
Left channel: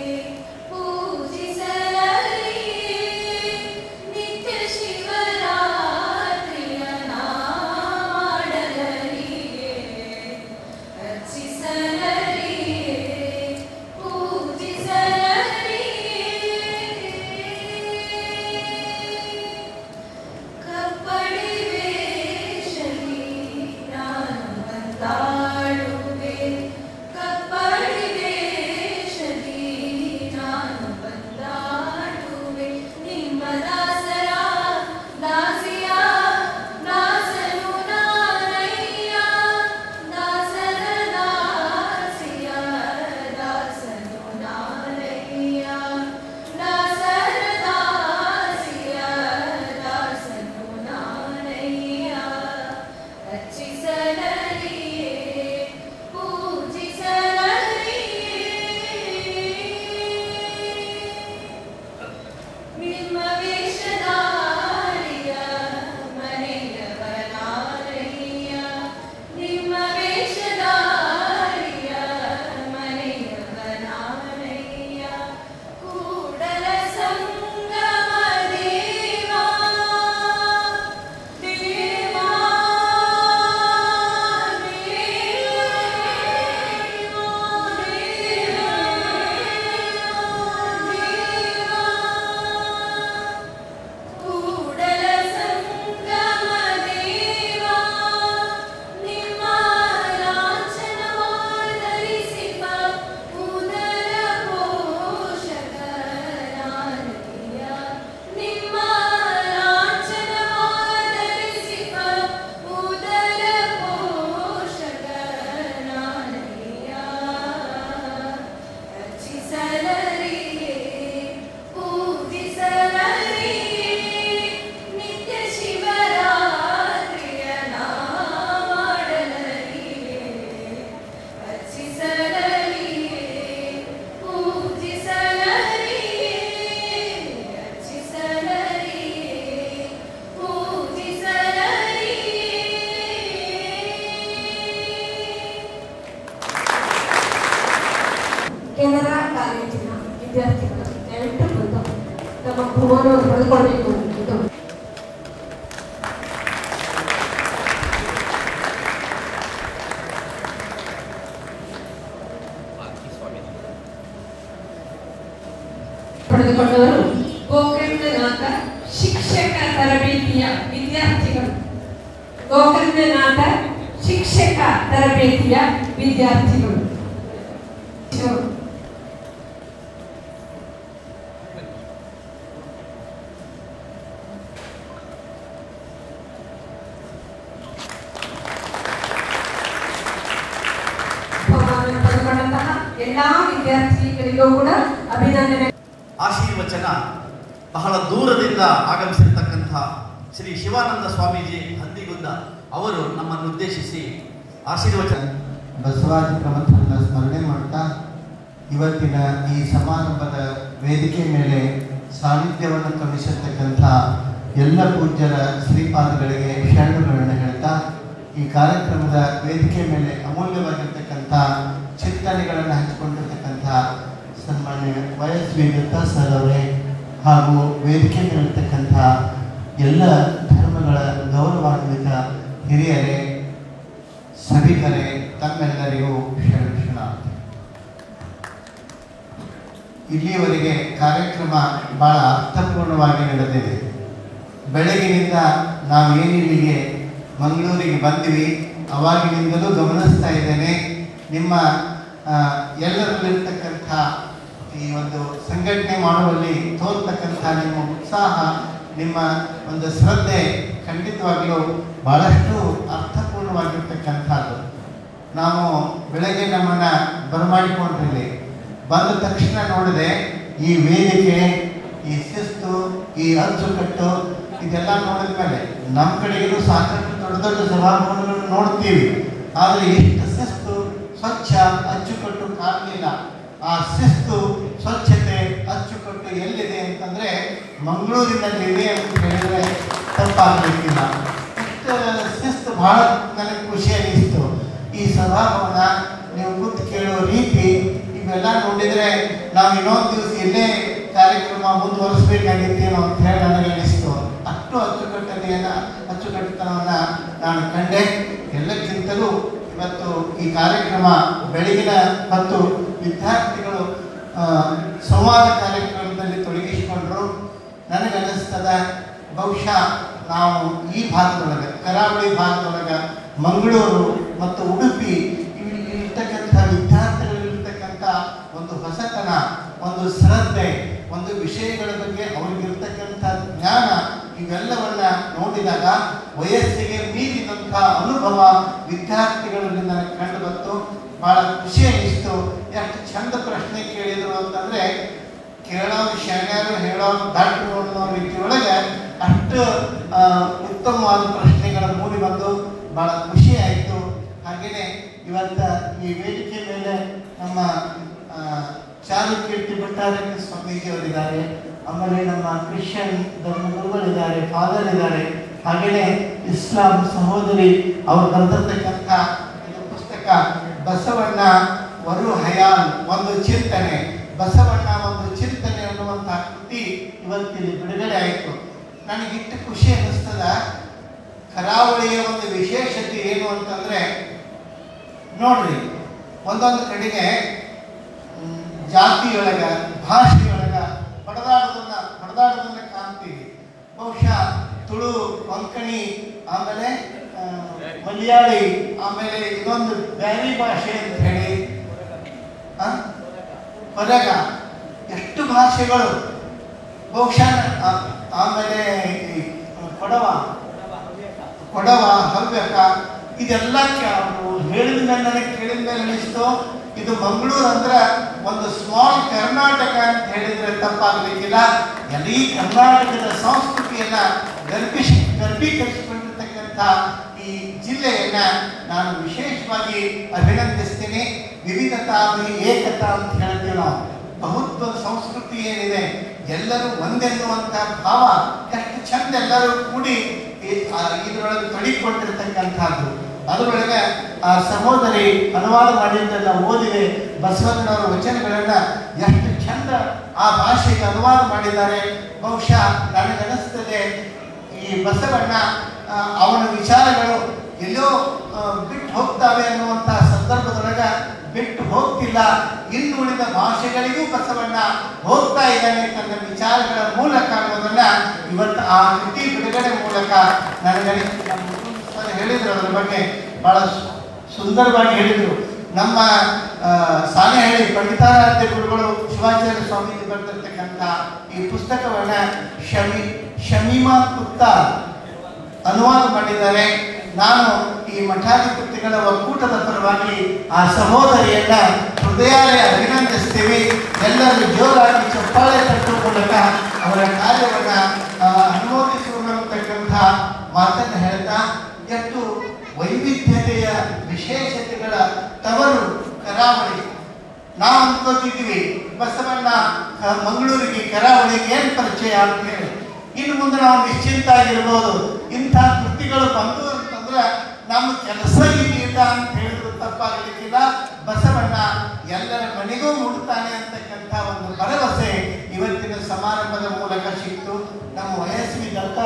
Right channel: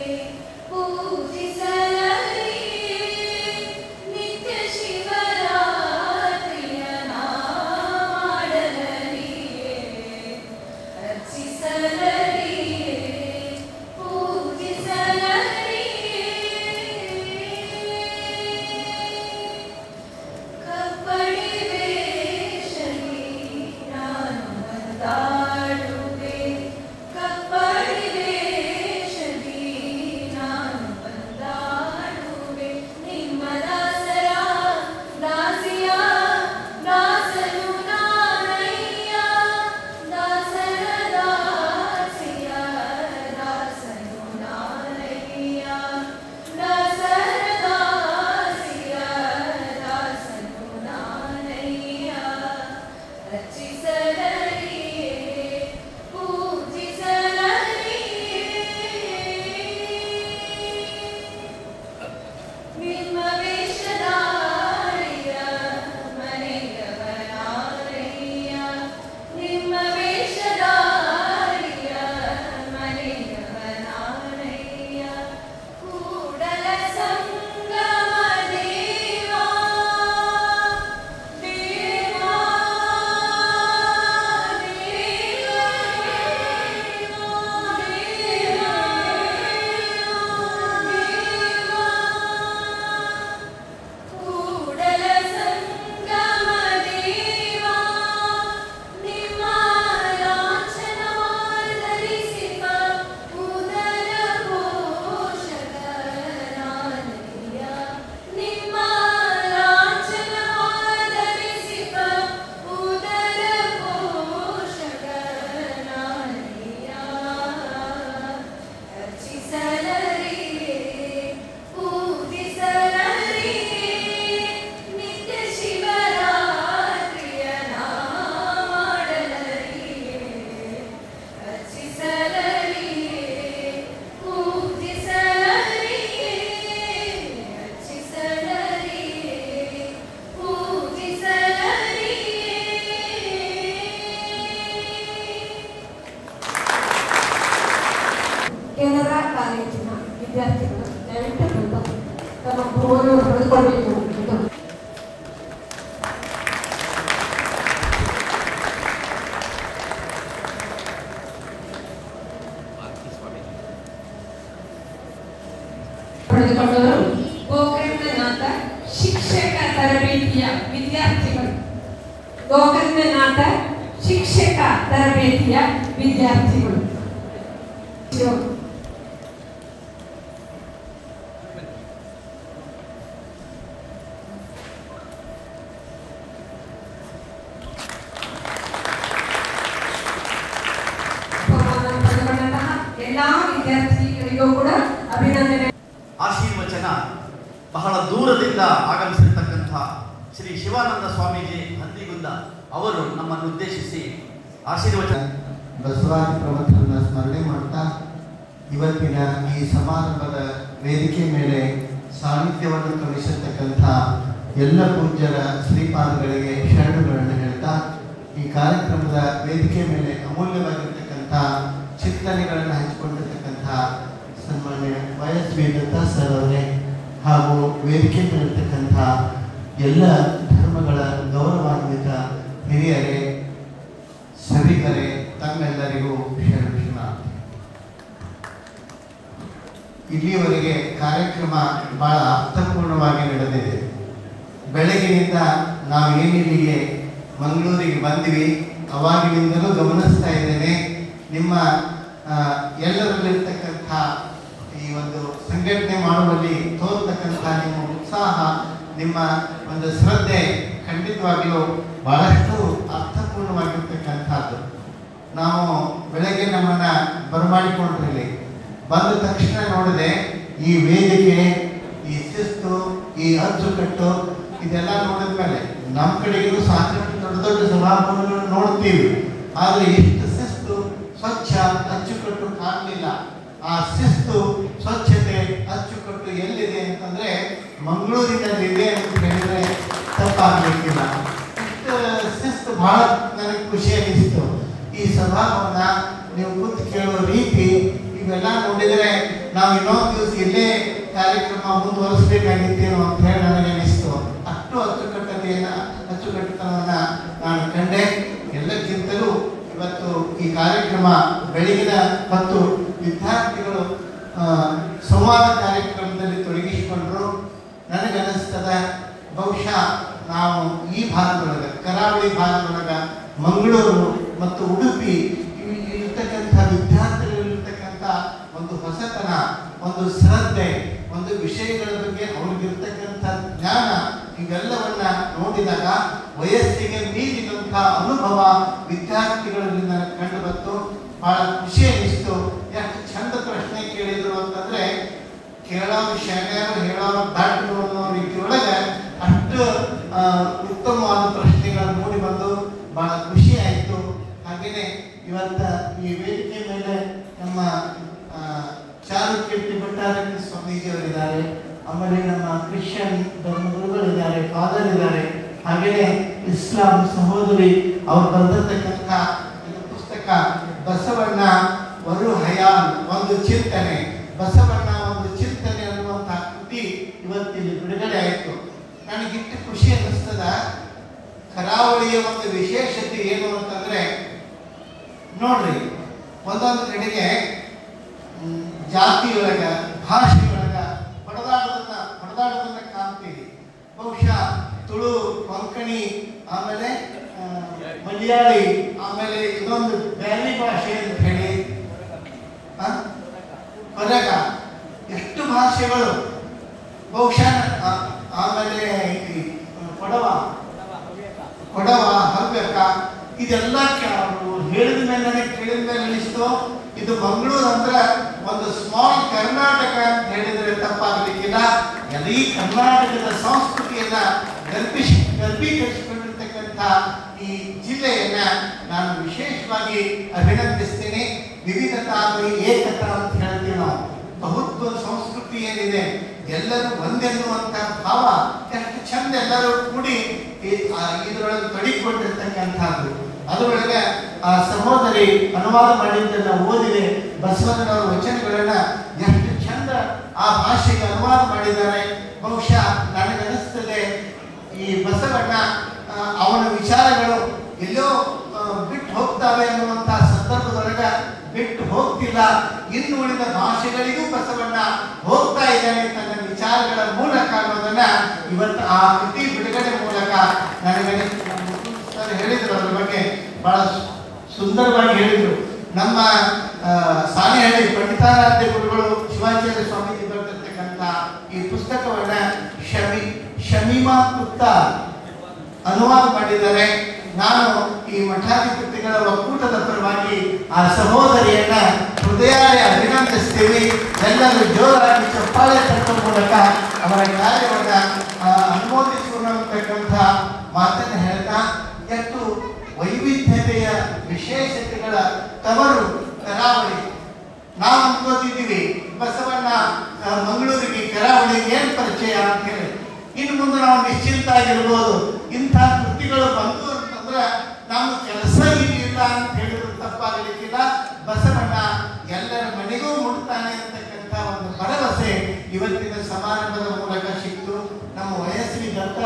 ವಿದ್ಯಾರ್ಥಿಗಳು ದಯವಿಟ್ಟು ತಮ್ಮ ಗುರುವನ್ನು ಪಡೆದುಕೊಳ್ಳಬೇಕು. ಪಡೆದುಕೊಂಡವರು ಗೋಕರ್ಣನಾಥ ಶಿಕ್ಷಕ ತರಬೇತಿಯ ವಿದ್ಯಾರ್ಥಿಗಳು. ಗೋಕರ್ಣನಾಥ ಶಿಕ್ಷಕ ತರಬೇತಿಯ ವಿದ್ಯಾರ್ಥಿಗಳು. ಎಲ್ಲಾ ವಿದ್ಯಾರ್ಥಿಗಳಿಗೂ ಕೂಡ ಅಭಿನಂದನೆ. ಆಶೀರ್ವಚನ ಬಹಳ ದೂರದಿಂದ ಆಗಮಿಸಿರ್ತಕ್ಕಂತಹ ಶ್ರೀ ಶಿವಾನಂದ ಸ್ವಾಮೀಜಿ ಹಂದಿಗುಂದ ಅವರು ನಮ್ಮನ್ನು ಉದ್ದೇಶಿಸಿ ಆಶೀರ್ವಚನ. ಬಸವಾದಿ ಪ್ರವಚನದ ಸ್ಮರಣೆ ಮಾಡ್ತಾ ಇವತ್ತಿನ ಈ ಸಮಾರಂಭದ ವೇದಿಕೆ ಮೇಲೆ ಸಾನ್ನಿಧ್ಯವನ್ನು ಕಲಿಸಿರ್ತಕ್ಕಂಥ ಎಲ್ಲ ಪೂಜ್ಯರ ಶ್ರೀಪಾದಗಳಿಗೆ ಶರಣುಗಳನ್ನು ಹೇಳ್ತಾ ಈ ಕಾರ್ಯಕ್ರಮದ ವೇದಿಕೆ ಮೇಲೆ ಅಮೂಲ್ಯವಾಗಿರ್ತಕ್ಕಂಥ ಚಿಂತನೆಗಳನ್ನು ಹಂಚಿಕೊಂಡಿರ್ತಕ್ಕಂಥ ಸನ್ಮಾನ್ಯ ವೈಎಸ್.ವಿ. ದತ್ತ ಸರ್ ಅವರೇ ಹಾಗೂ ವೇದಿಕೆ ಮೇಲಿರ್ತಕ್ಕಂಥ ಎಲ್ಲ ಧರ್ಮಗಳ ಗೌರವಾನ್ವಿತ ಹಿರಿಯರೇ, ಸಭಿಕರೇ, ತಮ್ಮೆಲ್ಲರಿಗೂ ಶರಣಾರ್ಥಿ. ಇಲ್ಲಿಯವರೆಗೆ ಕಾರ್ಯಕ್ರಮ ಬಹಳ ಅರ್ಥಪೂರ್ಣವಾಗಿ ನಡೆದಿದೆ. ಬೆಳಗಿನಿಂದ ನಾವೇನಿಲ್ಲಿಗೆ ಮಂಗಳೂರಿಗೆ ಬಂದ್ವಿ, ಅವಾಗಿನಿಂದಲೂ ಗಮನಿಸ್ತಾ ಇದ್ದೇನೆ ನಿಮ್ಮ ಎಲ್ಲರಲ್ಲಿರ್ತಕ್ಕಂಥ ಈ ಒಂದು ಸಂಘಟನೆ ಮಾಡುವಲ್ಲಿ ತೋರ್ತಕ್ಕಂಥ ನಿಮ್ಮ ಉತ್ಸಾಹ, ನಿಮ್ಮ ಒಂದು ಶ್ರದ್ಧೆ ಖಂಡಿತವಾಗಲೂ ಬಹಳಷ್ಟು ಅರ್ಥಪೂರ್ಣವಾಗಿರ್ತಕ್ಕಂಥದ್ದು. ನಾವು ಬೆಳಗ್ಗೆ ನಮ್ಮನ್ನ ಬರಮಾಡಿಕೊಂಡಿರಲಿ, ಬಂದ ತಕ್ಷಣ ನೋಡಿದೆ ಈ ವೇದಿಕೆ, ಈ ಶಿಸ್ತು, ಈ ಅಚ್ಚುಕಟ್ಟು ಇದೆಲ್ಲ ನೋಡಿದ ಮೇಲೆ ನಮ್ಮ ಕಡೆಗೂ ಸಾಕಷ್ಟು ದೊಡ್ಡ ದೊಡ್ಡ ಸಭಾಭವನಗಳನ್ನು ನೋಡ್ತೀವಿ, ಆದರೆ ಎಷ್ಟು ಶಿಸ್ತು, ಸ್ವಚ್ಛ, ಅಚ್ಚುಕಟ್ಟು ಕಾಣಲಿಲ್ಲ. ಆ ಶಿಸ್ತು, ಸ್ವಚ್ಛತೆ, ಅಚ್ಚುಕಟ್ಟು ಎಲ್ಲಿದೆ ಅಂತಂದ್ರೆ ಮಂಗಳೂರಿನಲ್ಲಿ ಇದೆ ಅಂತ ಹೇಳಿದ್ರೆ ತಪ್ಪಾಗಲಿಕ್ಕಿಲ್ಲ. ಶಿಸ್ತು ಬಹಳ ನನಗೆ ಖುಷಿ ಅನಿಸ್ತು. ಈ ಸಭಾಭವನ, ನೀವು ಕೂತು ಕೇಳೋ ರೀತಿ ಇವೆಲ್ಲ ನೋಡಿದರೆ ನಾವು ಇನ್ನೊಂದು ದಿವಸ ಇಲ್ಲೇ ಕಾರ್ಯಕ್ರಮ ಮುಂದುವರಿಸಬೇಕಾಗಿತ್ತೇನೋ ಅಂತ ಹೇಳಿ ನನಗೆ ಅನಿಸ್ತು. ಅಷ್ಟು ಅಚ್ಚುಕಟ್ಟುತನವನ್ನು ನಾನು ಕಂಡೆ. ಎಲ್ಲಕ್ಕಿಂತಲೂ ಇವತ್ತು ಈ ಕಾರ್ಯಕ್ರಮ ಬೆಳಗಿನ ಮತ್ತು ವಿದ್ಯಾರ್ಥಿಗಳು ಸಂವಾದ ಕಾರ್ಯಕ್ರಮದಲ್ಲಿ ತೊಡಗಿಸಿಕೊಂಡ್ರು. ನನಗನ್ನಿಸ್ತದ ಬಹುಶಃ ನಾವು ಈ ಭಾಗದೊಳಗೆ, ಕರಾವಳಿ ಭಾಗದೊಳಗೆ, ಮಂಗಳೂರು ಮತ್ತು ಉಡುಪಿ ಇರ್ತಕ್ಕಂಥ ವಿದ್ಯಾರ್ಥಿಗಳಿರ್ತಕ್ಕಂಥ ಒಂದು ಹೊಸತನ, ಒಂದು ಶ್ರದ್ಧೆ, ಒಂದು ವಿಷಯಗಳ ಬಗ್ಗೆ ಅವ್ರಿಗಿರ್ತಕ್ಕಂಥ ಜ್ಞಾನ, ಇವೆಲ್ಲವನ್ನ ನೋಡಿದಾಗ ವಯಸ್ಸಿಗೆ ಮೀರಿದಂಥ ಅನುಭವ ವಿದ್ಯಾರ್ಥಿಗಳಲ್ಲಿ ನನಗೆ ಕಂಡು ಬಂತು. ಬಹಳ ಖುಷಿ ಅನಿಸ್ತು. ಎಷ್ಟು ಚಂದ ಪ್ರಶ್ನೆ ಕೇಳಿದ್ರು ಅಂತಂದ್ರೆ ಕೇಳೋರು ಶರಣರು, ಹೇಳೋರು ದಾಟರು ಅನ್ನೋ ರೀತಿಯೊಳಗೆ ಅಷ್ಟು ಉತ್ತಮವಾದ ಪ್ರಶ್ನೆಗಳು ಮೂಡಿ ಬಂದು ಬಹಳ ಖುಷಿ ಆಯಿತು. ಹಾಗೆಯೇ ಇವತ್ತ ಈ ವೇದಿಕೆ ಮೇಲೆ ನಮ್ಮ ಚಾರುಕೀರ್ತಿ ಭಟ್ಟಾರಕ ಸ್ವಾಮೀಜಿ ಅವರಿದ್ದಾರೆ, ಆಮೇಲೆ ನಮ್ಮ ಕ್ರಿಶ್ಚಿಯನ್ ಧರ್ಮಗುರುಗಳಿದ್ದಾರೆ, ಫಾದರ್ ಇದ್ದಾರೆ, ಹಾಗೆಯೇ ಇಸ್ಲಾಂ ಸಹೋದರಿ ಅವರು ಬರೆದಿರ್ತಕ್ಕಂಥ ಪುಸ್ತಕ ಬಸವಣ್ಣ ವರು ಹಯಾನ್ ಒಂದು ಚಿಂತನೆ, ಬಸವಣ್ಣ ಒಂದು ಚಿಂತನೆ ಅನ್ನುವಂಥ ಕೃತಿ ಇವತ್ತಿಲ್ಲಿ ಬಿಡುಗಡೆ ಆಯಿತು. ನನಗಿಷ್ಟು ಖುಷಿ ಅನ್ನಿಸ್ತದ. ಕರಾವಳಿಯ ಒಂದು ವಿಶೇಷತೆ ಏನು ಅಂತಂದ್ರೆ ನೋಡ್ರಿ, ಒಂದೊಂದು ಕಡೆಗೆ ಜಾತಿಯೊಳಗ, ಭಾಷೆಯೊಳಗ ಹೊಡೆದಾಡೋದನ್ನ ಕಾಣ್ತೀವಿ. ಬಹುಶಃ ತುಳು, ಕೊಂಕಣಿ, ಆಮೇಲೆ ಮಲಯಾಳಿ, ಆಮೇಲೆ ಇದೊಂದು ಬ್ಯಾರಿ ಭಾಷೆ ಅಂತ ಹೇಳಿ ಹೊರಗ ಎಷ್ಟು ಭಾಷೆಗಳು. ಬಹುಶಃ ಆಮೇಲೆ ಕೊಡವ, ಹವ್ಯಕ, ಇದೆಲ್ಲ ಹೇಳಿದ ಮೇಲೆ ನನಗೆ ಕೇಳಿದ ಮೇಲೆ ಅನಿಸ್ತು ಇದು ಮಂಗಳೂರು ಅಂದ್ರೆ ಒಂದು ಸ್ಮಾಲ್ ಕರ್ನಾಟಕ ಅಂತ ಹೇಳಿದ್ರೆ ತಪ್ಪಾಗಲಿಕ್ಕಿಲ್ಲ. ಈ ಕರ್ನಾಟಕದ ಸಂಸ್ಕೃತಿಯನ್ನ ಗರ್ಭೀಕರಿಸಿಕೊಂಡಿರ್ತಕ್ಕಂಥ ಈ ಜಿಲ್ಲೆಯನ್ನ ನಾನು ವಿಶೇಷವಾಗಿ ಅಭಿನಂದಿಸ್ತೇನೆ. ವಿವಿಧತಾದಲ್ಲಿ ಏಕತಾ ಅಂತ ಹೇಳ್ತೀವಿ ನಾವು. ಬಹುತ್ವ ಸಂಸ್ಕೃತಿ ಏನಿದೆ, ಎಲ್ಲರೂ ಒಂದೆನ್ನುವಂತ ಭಾವ ಎಷ್ಟು ಚಂದ ಎಲ್ಲರೂ ಕೂಡಿ ಇದರೊಳಗೆ ತೊಡಗಿಕೊಂಡಿರ್ತಕ್ಕಂಥದ್ದು. ಅದರೊಳಗೆ ಆ ಸಹೋದರಿ ಅನುವಾದ ಮಾಡಿದ್ದನ್ನ ಓದಿದೆ. ಬಸವಣ್ಣನವರ ವಚನಗಳನ್ನ ಎಷ್ಟು ಚಂದ ಆ ಭಾಷೆಗೆ ಅನುವಾದ ಮಾಡಿದ್ದಾರೆ. ಬಹುಶಃ ನನಗನ್ನಿಸ್ತದೆ ಈ ಬಸವಣ್ಣ ಅವನ ವಿಚಾರಗಳು ಎಲ್ಲೋ ಬಿಟ್ಟು ಹೋಗ್ತವೆ ಅನ್ನುವಂಥ ಸಂದರ್ಭದೊಳಗ ಬಿಟ್ಟು ಹೋಗ್ತಿಲ್ಲ. ಇನ್ನು ಉಳಿದ ಭಾಷೆಗಳಿಗೂ ಬಸವಣ್ಣ ಹೋಗ್ತಾ ಇದ್ದಾನೆ ತನ್ನ ವಿಚಾರಗಳ ಮೂಲಕ ಅನ್ನೋದನ್ನ ಇವತ್ತು ಆ ಕೃತಿ ಬಿಡುಗಡೆ ಮೂಲಕ ನನಗೆ ಹೇಳಿದ್ರು. ಅದರ ಬಗ್ಗೆ ಬಹಳ ಸುಂದರವಾಗಿ ಹೇಳಿದರು. ನಮ್ಮ ಸಾಣೆಹಳ್ಳಿ ಪಂಡಿತಾರಾಧ್ಯ ಗುರುಗಳು ಶಿವಾಚಾರ್ಯ ಸ್ವಾಮೀಜಿ ಬರೆದಿರ್ತಕ್ಕಂಥ ಈ ಪುಸ್ತಕವನ್ನ ಶಮೀಮಾ ಗುಪ್ತಾ ಅನುವಾದ ಮಾಡಿದ್ದಾರೆ. ನಾನು ಈ ಮಠಾಧಿಪತಿಗಳ ಒಕ್ಕೂಟದ ಪರವಾಗಿ ಆ ಸಹೋದರಿಯನ್ನ ಹೃದಯಾಲಯ ಅಭಿನಂದಿಸ್ತೇವೆ. ಎಲ್ಲರೂ ಜೋರಾಗಿ ಚಪ್ಪಾಳೆ ತಟ್ಟುವ ಮೂಲಕ ಅವರ ಕಾರ್ಯವನ್ನ ಅನುಮೋದಿಸಿಕೊಳ್ಳತಕ್ಕಂಥ ಮಾತನ್ನು ಹೇಳ್ತಾ, ಎಷ್ಟು ವೈವಿಧ್ಯತೆಯ ವಿಶೇಷತೆಗಳ ತವರು ಕರಾವಳಿ. ನಾವು ಅನ್ಕೋತಿದ್ದೀವಿ ಬಸವಣ್ಣ ಮಂಗಳೂರಿಗೆ ಕರಾವಳಿಗೆ ಏನು ಪರಿಚಯ ಅಂತ ಹೇಳಿ. ಇನ್ನು ಮುಂದೆ ನಾವು ನಿಶ್ಚಿಂತ ಆಗಿರ್ಬೋದು. ಇಂಥ ಕೃತಿಗಳು ಬಂದು ಅಂತಂದ್ರೆ ನಮ್ಮ ಕೆಲಸ ಇಲ್ಲ ಅಂತ ಹೇಳಿದ್ರು ತಪ್ಪಾಗಲಿಕ್ಕಿಲ್ಲ. ಬಸವಣ್ಣ ಎಲ್ಲರ ಮನೆಗೂ ಮುಡ್ತಾನೆ ಅಂತಕ್ಕಂಥ ಒಂದು ಭರವಸೆ ಇವತ್ತಿನ ಸಮಾರಂಭದ ಮೂಲಕ ಸಿಕ್ತು. ನಮ್ಮ ವಯಸ್ವಿ ದತ್ತ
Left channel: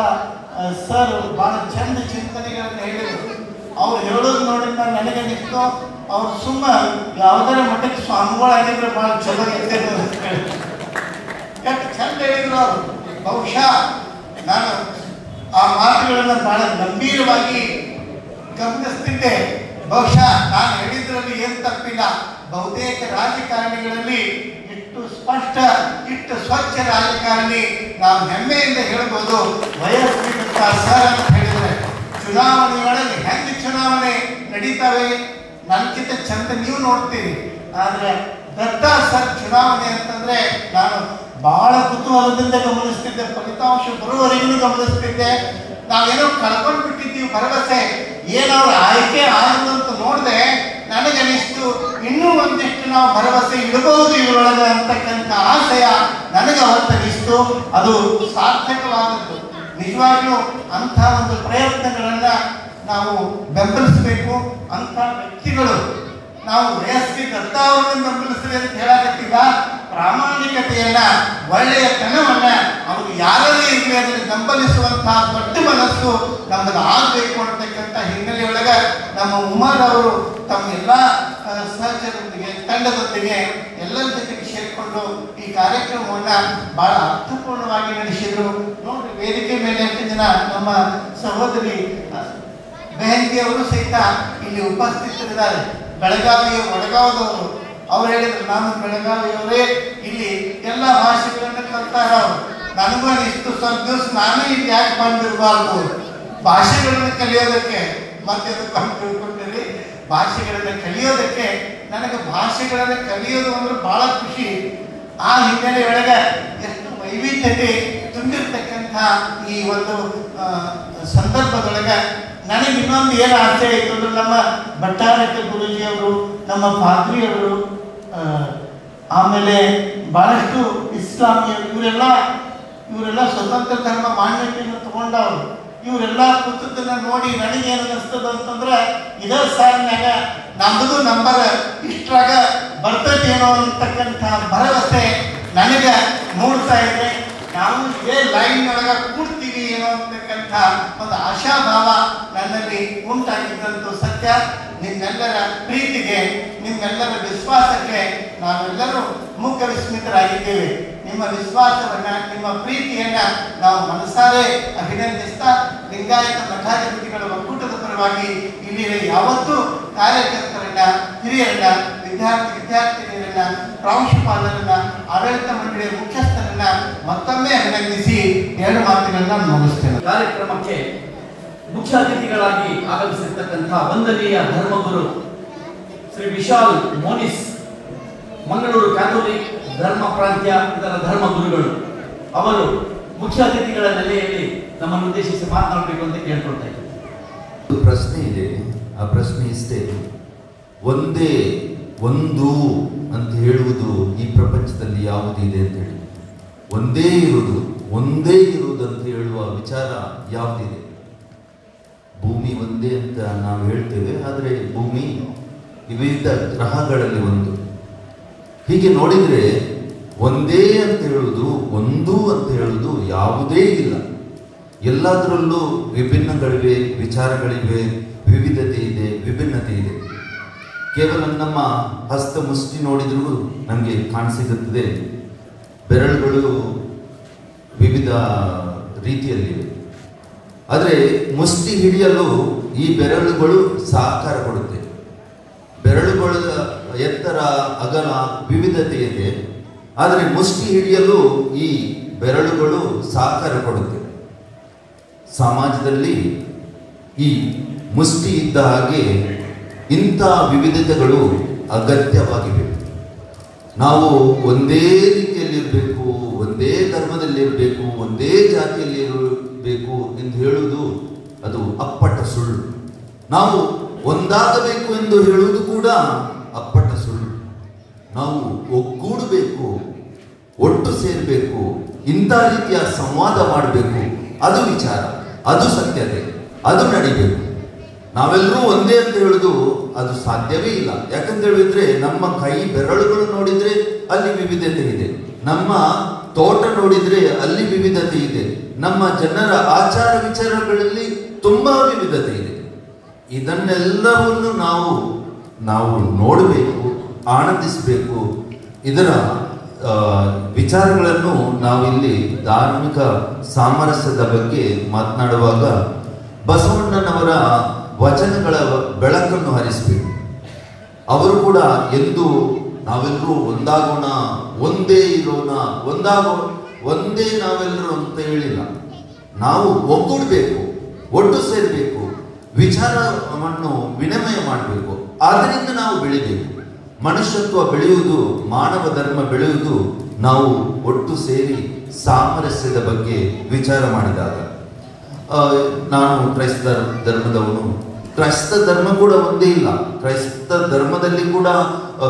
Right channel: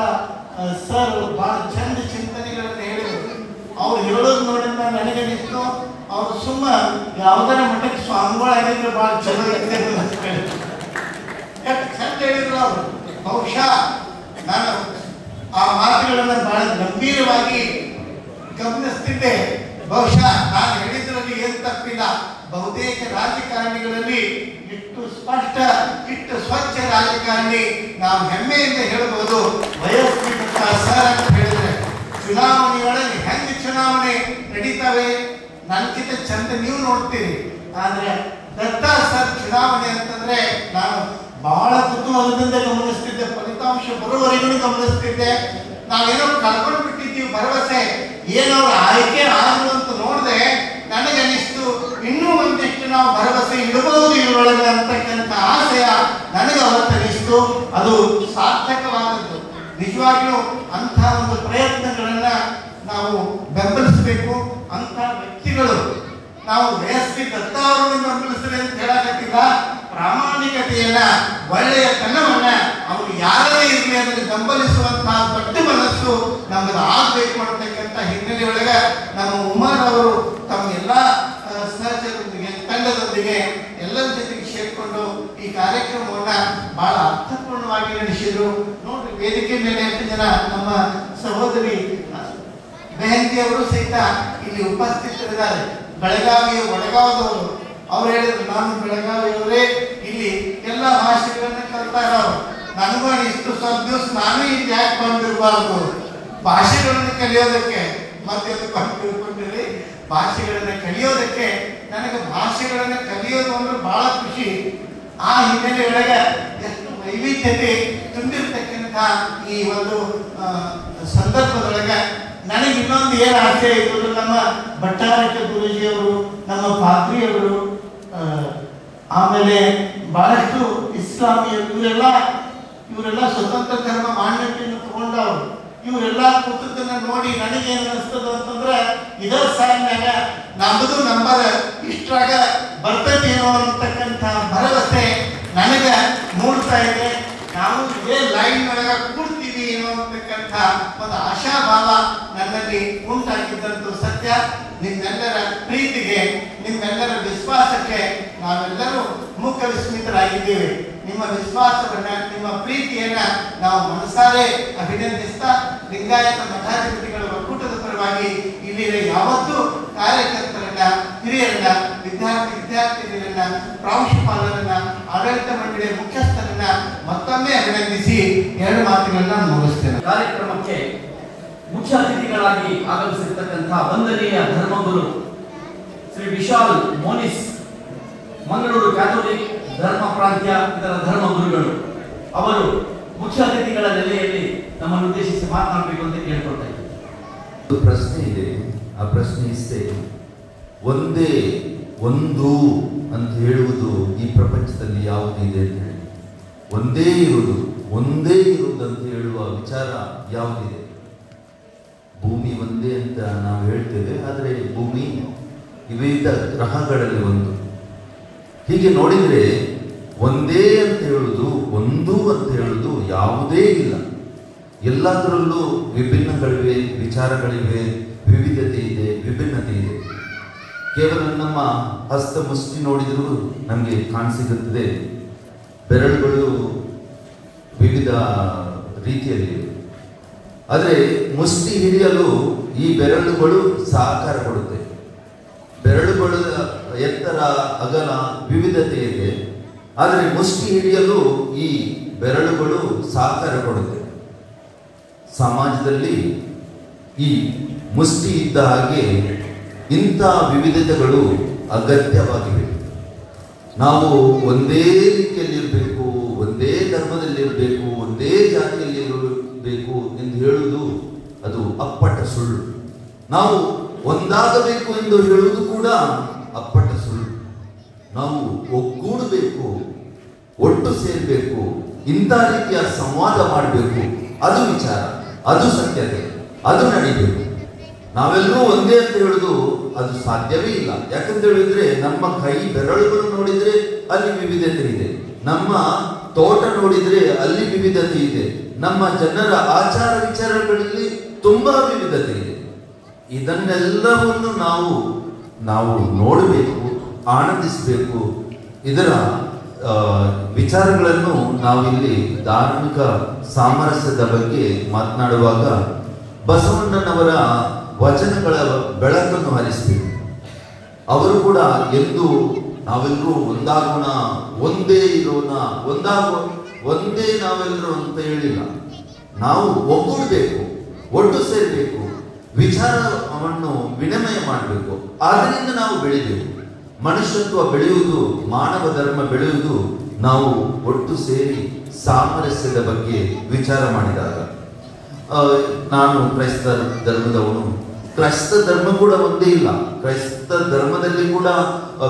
ಸರ್ ಬಹಳ ಚಂದ ಚಿಂತನೆಗಳನ್ನು ಹೇಳಿದರು. ಅವ್ರು ಹೇಳೋದು ನೋಡಿದ ನನಗೆ ನಿಂತು ಅವ್ರು ಸುಮ್ಮ ಯಾವುದರ ಮಟ್ಟಕ್ಕೆ ಸ್ವಾಮಿಗಳಾಗಿದ್ರೆ ಬಹಳ ಚಲೋ ಇರ್ತೈತೆ ಅಂತ ಹೇಳಿ ಎಷ್ಟು ಚಂದ ಹೇಳಿದ್ರು ಅವರು. ಬಹುಶಃ ನಾನು ಆ ಮಾತುಗಳನ್ನು ಬಹಳ ಗಂಭೀರವಾಗಿ ಗಮನಿಸ್ತಿದ್ದೆ. ಬಹುಶಃ ನಾನು ಹೇಳಿದ್ರಲ್ಲಿ ಏನು ತಪ್ಪಿಲ್ಲ. ಬಹುತೇಕ ರಾಜಕಾರಣಿಗಳಲ್ಲಿ ಇಷ್ಟು ಸ್ಪಷ್ಟ, ಇಷ್ಟು ಸ್ವಚ್ಛ ರಾಜಕಾರಣಿ ನಾವು ಹೆಮ್ಮೆಯಿಂದ ಹೇಳ್ಬೋದು ವಯಸ್ಸಿನ ಸರ್ ಅಂತ ಹೇಳಿದ್ರೆ. ಚುನಾವಣೆಯೊಳಗೆ ಹೆಂಗೆ ಚುನಾವಣೆ ನಡೀತಾವೆ ನನ್ಕಿಂತ ಚಂದ ನೀವು ನೋಡ್ತೀರಿ. ಆದ್ರೆ ದತ್ತಾ ಸರ್ ಚುನಾವಣೆ ಅಂತಂದ್ರೆ ನಾನು ಬಹಳ ಕುತೂಹಲದಿಂದ ಗಮನಿಸ್ತಿದ್ದೆ. ಫಲಿತಾಂಶ ಬರುವವರೆಗೂ ಗಮನಿಸ್ತಿದ್ದೆ. ನಾವೇನೋ ಕಳ್ಕೊಂಡು ಬಿಟ್ಟಿದ್ದೀವಿ ಭರವಸೆ. ಏನವ್ರ ಆಯ್ಕೆ ಆದ್ರು ಅಂತ ನೋಡಿದೆ ನನಗನಿಸ್ತು ಇನ್ನೂ ಒಂದಿಷ್ಟು ನಾವು ಭರವಸೆ ಇಡಬಹುದು ಇದ್ರೊಳಗೆ ಅಂತಕ್ಕಂಥ ಆಶಯ ನನಗೆ ಅವತ್ತನಿಸ್ತು. ಅದು ಸಾರ್ಥಕವಾದದ್ದು. ನಿಜವಾಗಿಯೂ ಅಂಥ ಒಂದು ಪ್ರಯತ್ನಗಳನ್ನ ನಾವು ಬೆಂಬಲಿಸಬೇಕು. ಅಂಥ ವ್ಯಕ್ತಿಗಳು ನಾವು ವಯಸ್ಸಿ ದತ್ತಾ ಅವರನ್ನು ಬೆಂಬಲಿಸ್ತೇವೆ ಅಂತ ಹೇಳಾಕತ್ತಿಲ್ಲ. ಪ್ರಾಮಾಣಿಕತೆಯನ್ನ, ಒಳ್ಳೆಯ ತನವನ್ನ ಅವ್ರು ಯಾರೇ ಇರಲಿ ಅದನ್ನು ಬೆಂಬಲಿಸುವಂತಹ ಪಟ್ಟು ಮನಸ್ಸು ನಮ್ಮದು ಆಗಬೇಕು ಅನ್ನತಕ್ಕಂಥ ಹಿನ್ನೆಲೆಯೊಳಗೆ ನಮ್ಮ ಉಮರ್ ಅವರು ತಮ್ಮೆಲ್ಲ ಸಹಚರರೊಂದಿಗೆ, ತಂಡದೊಂದಿಗೆ ಎಲ್ಲರ ಜೊತೆಗೆ ಸೇರಿಕೊಂಡು ಈ ಕಾರ್ಯಕ್ರಮವನ್ನ ಬಹಳ ಅರ್ಥಪೂರ್ಣವಾಗಿ ನಡೆಸಿದ್ರು. ನೋಡಿ, ವೇದಿಕೆ ಮೇಲೆ ಎಷ್ಟು ಜನ ನಮ್ಮ ಸಹೋದರಿ ಬೆಹಂತಿ ಅವರು ಸಹಿತ ಇಲ್ಲಿ ಉಪಸ್ಥಿತರಿದ್ದಾರೆ. ಬೆಳಗಾವಿಯ ಒಳಗಾವದವರು. ಅವ್ರು ಹೇಳಿದ್ರು ನಾನು ಬೆಳಗಾವಿಯವರೇ, ಇಲ್ಲಿ ಎಲ್ಲ ಭಾಷೆಗಳನ್ನು ಕಲ್ತಾರ. ನನಗೂ ಅನಿಸ್ತು ಸ್ವಲ್ಪ ದಿವಸ ನಾನೇ ಇಲ್ಲಿ ಯಾಕೆ ಬಂದಿರಬಾರ್ದು ಭಾಷೆಗಳನ್ನು ಕಲಿಯೋದಕ್ಕೆ. ಮತ್ತೆ ತಿಳ್ಕೊಂಡಿರಿ, ಭಾಷೆಗಳನ್ನು ಕಲಿಯೋದಕ್ಕೆ ನನಗೆ ಭಾಷೆಗಳನ್ನು ಕಲಿಯೋದು ಅಂದ್ರೆ ಬಹಳ ಖುಷಿ. ಆ ಹಿನ್ನೆಲೆಯೊಳಗೆ ಎಷ್ಟು ವೈವಿಧ್ಯತೆ ತುಂಬಿರ್ತಕ್ಕಂಥ ಈ ಒಂದು ಸಂದರ್ಭದೊಳಗೆ ನನಗೆ ಇನ್ನೊಂದು ಏನು ಆಸೆ ಇದ್ರು, ನಮ್ಮ ಭಟ್ಟಾರಕ ಗುರುಜಿಯವರು, ನಮ್ಮ ಪಾದ್ರಿಯವರು, ಆಮೇಲೆ ಬಹಳಷ್ಟು ಇಸ್ಲಾಮಿಯರು, ಇವರೆಲ್ಲ ಸ್ವತಂತ್ರ ಧರ್ಮ ಮಾನ್ಯತೆಯನ್ನು ತಗೊಂಡವರು. ಇವರೆಲ್ಲ ಕೂತದನ್ನ ನೋಡಿ ನನಗೇನು ಅನಿಸ್ತದ ಅಂತಂದ್ರೆ ಇದೇ ಸಾಲಿನಾಗ ನಮ್ಮದು ನಂಬರ್ ಇಷ್ಟ್ರಾಗ ಬರ್ತದೇನೋ ಅಂತಕ್ಕಂಥ ಭರವಸೆ ನನಗೆ ಮೂಡ್ತಾ ಇದೆ. ನಾವು ಇದೇ ಲೈನ್ ಒಳಗೆ ಕೂಡ್ತೀವಿ ಏನೋ ಅಂತಕ್ಕಂಥ ಒಂದು ಆಶಾಭಾವ ನನ್ನಲ್ಲಿ ಉಂಟಾಗಿದ್ದಂತೂ ಸತ್ಯ. ನಿಮ್ಮೆಲ್ಲರ ಪ್ರೀತಿಗೆ, ನಿಮ್ಮೆಲ್ಲರ ವಿಶ್ವಾಸಕ್ಕೆ ನಾವೆಲ್ಲರೂ ಮುಖ್ಯ ವಿಸ್ಮಿತರಾಗಿದ್ದೇವೆ. ನಿಮ್ಮ ವಿಶ್ವಾಸವನ್ನ, ನಿಮ್ಮ ಪ್ರೀತಿಯನ್ನ ನಾವು ಮನಸಾರೆ ಅಭಿನಂದಿಸ್ತಾ ಲಿಂಗಾಯತ ಮಠಾಧಿಪತಿಗಳ ಒಕ್ಕೂಟದ ಪರವಾಗಿ ಇಲ್ಲಿನ ಯಾವತ್ತೂ ಕಾರ್ಯಕರ್ತರನ್ನ, ಹಿರಿಯರನ್ನ, ವಿದ್ಯಾರ್ಥಿನಿಯರನ್ನ, ಪ್ರಾಂಶುಪಾಲರನ್ನ, ಆಡಳಿತ ಮಂಡಳಿಯ ಮುಖ್ಯಸ್ಥರನ್ನ ಮತ್ತೊಮ್ಮೆ ಅಭಿನಂದಿಸಿ ಎರಡು ಮಾತುಗಳನ್ನ ಮುಗಿಸ್ತೇನೆ. ಕಾರ್ಯಕ್ರಮಕ್ಕೆ ಮುಖ್ಯ ಅತಿಥಿಗಳಾಗಿ ಆಗಮಿಸಿರ್ತಕ್ಕಂಥ ವಂದನೀಯ ಧರ್ಮಗುರು ಶ್ರೀ ವಿಶಾಲ್ ಮೋನಿಸ್, ಮಂಗಳೂರು ಕ್ಯಾಥೋಲಿಕ್ ಧರ್ಮ ಪ್ರಾಂತ್ಯ ಇದರ ಧರ್ಮಗುರುಗಳು, ಅವರು ಮುಖ್ಯ ಅತಿಥಿಗಳ ನೆಲೆಯಲ್ಲಿ ನಮ್ಮನ್ನು ಉದ್ದೇಶಿಸಿ ಮಾತನಾಡಬೇಕು ಅಂತ ಕೇಳ್ಕೊಳ್ತಾ ಇದ್ದಾರೆ. ಒಂದು ಪ್ರಶ್ನೆ ಇದೆ. ಆ ಪ್ರಶ್ನೆ ಇಷ್ಟೇ, ಒಂದೇ ಒಂದು ಅಂತ ಹೇಳುವುದು ಈ ಪ್ರಪಂಚದಲ್ಲಿ ಯಾವುದಿದೆ ಅಂತ ಹೇಳಿ, ಒಂದೇ ಇರುವುದು ಅಂತ ಹೇಳುವ ವಿಚಾರ ಯಾವುದಿದೆ? ಭೂಮಿ ಒಂದೇ ಅಂತ ನಾವು ಹೇಳ್ತೇವೆ, ಆದರೆ ಭೂಮಿ ವಿವಿಧ ಗ್ರಹಗಳಲ್ಲಿ ಒಂದು. ಹೀಗೆ ನೋಡಿದರೆ ಒಂದೇ ಅಂತ ಹೇಳುವ ಒಂದು ಅಂತ ಹೇಳುವುದು ಯಾವುದೇ ಇಲ್ಲ. ಎಲ್ಲದರಲ್ಲೂ ವಿಭಿನ್ನಗಳಿವೆ, ವಿಚಾರಗಳಿವೆ, ವಿವಿಧತೆ ಇದೆ, ವಿಭಿನ್ನತೆ ಇದೆ. ಕೇವಲ ನಮ್ಮ ಹಸ್ತ ಮುಷ್ಟಿ ನೋಡಿದರೂ ನಮಗೆ ಕಾಣಿಸಿರುತ್ತದೆ, ಬೆರಳುಗಳು ವಿವಿಧ ರೀತಿಯಲ್ಲಿವೆ. ಆದರೆ ಮುಷ್ಟಿ ಹಿಡಿಯಲು ಈ ಬೆರಳುಗಳು ಸಹಕಾರ ಕೊಡುತ್ತೆ. ಬೆರಳುಗಳ ಎತ್ತರ, ಅಗಲ, ವಿವಿಧತೆ ಇದೆ. ಆದರೆ ಮುಷ್ಟಿ ಹಿಡಿಯಲು ಈ ಬೆರಳುಗಳು ಸಹಕಾರ ಕೊಡುತ್ತೆ. ಸಮಾಜದಲ್ಲಿ ಈ ಮುಷ್ಟಿ ಇದ್ದ ಹಾಗೆ ಇಂಥ ವಿವಿಧತೆಗಳು ಅಗತ್ಯವಾಗಿವೆ. ನಾವು ಒಂದೇ ರೀತಿಯಲ್ಲಿರಬೇಕು, ಒಂದೇ ಧರ್ಮದಲ್ಲಿರಬೇಕು, ಒಂದೇ ಜಾತಿಯಲ್ಲಿರಬೇಕು ಎಂದು ಹೇಳುವುದು ಅದು ಅಪ್ಪಟ ಸುಳ್ಳು. ನಾವು ಒಂದಾಗಬೇಕು ಎಂದು ಹೇಳುವುದು ಕೂಡ ಅಪ್ಪಟ ಸುಳ್ಳು. ನಾವು ಒಗ್ಗೂಡಬೇಕು, ಒಟ್ಟು ಸೇರಬೇಕು, ಇಂಥ ರೀತಿಯ ಸಂವಾದ ಮಾಡಬೇಕು, ಅದು ವಿಚಾರ, ಅದು ಸತ್ಯತೆ, ಅದು ನಡಿಬೇಕು. ನಾವೆಲ್ಲರೂ ಒಂದೇ ಅಂತ ಹೇಳುದು ಅದು ಸಾಧ್ಯವೇ ಇಲ್ಲ. ಯಾಕಂತ ಹೇಳಿದ್ರೆ ನಮ್ಮ ಕೈ ಬೆರಳುಗಳು ನೋಡಿದ್ರೆ ಅಲ್ಲಿ ವಿವಿಧತೆ ಇದೆ, ನಮ್ಮ ತೋಟ ನೋಡಿದ್ರೆ ಅಲ್ಲಿ ವಿವಿಧತೆ ಇದೆ, ನಮ್ಮ ಜನರ ಆಚಾರ ವಿಚಾರಗಳಲ್ಲಿ ತುಂಬಾ ವಿವಿಧತೆ ಇದೆ. ಇದನ್ನೆಲ್ಲವನ್ನು ನಾವು ನೋಡಬೇಕು, ಆನಂದಿಸಬೇಕು. ಇದರ ವಿಚಾರಗಳನ್ನು ನಾವಿಲ್ಲಿ ಧಾರ್ಮಿಕ ಸಾಮರಸ್ಯದ ಬಗ್ಗೆ ಮಾತನಾಡುವಾಗ ಬಸವಣ್ಣನವರ ವಚನಗಳ ಬೆಳಕನ್ನು ಹರಿಸಬೇಕು. ಅವರು ಕೂಡ ಎಂದು ನಾವೆಲ್ಲರೂ ಒಂದಾಗೋಣ, ಒಂದೇ ಇರೋಣ, ಒಂದೇ ನಾವೆಲ್ಲರೂ ಅಂತ ಹೇಳಿಲ್ಲ. ನಾವು ಒಗ್ಗೂಡಬೇಕು, ಒಟ್ಟು ಸೇರಬೇಕು, ವಿಚಾರವನ್ನು ವಿನಿಮಯ ಮಾಡಬೇಕು. ಆದ್ದರಿಂದ ನಾವು ಬೆಳಿಬೇಕು. ಮನುಷ್ಯತ್ವ ಬೆಳೆಯುವುದು, ಮಾನವ ಧರ್ಮ ಬೆಳೆಯುವುದು ನಾವು ಒಟ್ಟು ಸೇರಿ ಸಾಮರಸ್ಯದ ಬಗ್ಗೆ ವಿಚಾರ ಮಾಡಿದಾಗ. ನಾನು ಕ್ರೈಸ್ತ ಧರ್ಮದವನು. ಕ್ರೈಸ್ತ ಧರ್ಮ ಕೂಡ ಒಂದೇ ಇಲ್ಲ. ಕ್ರೈಸ್ತ ಧರ್ಮದಲ್ಲಿ ಕೂಡ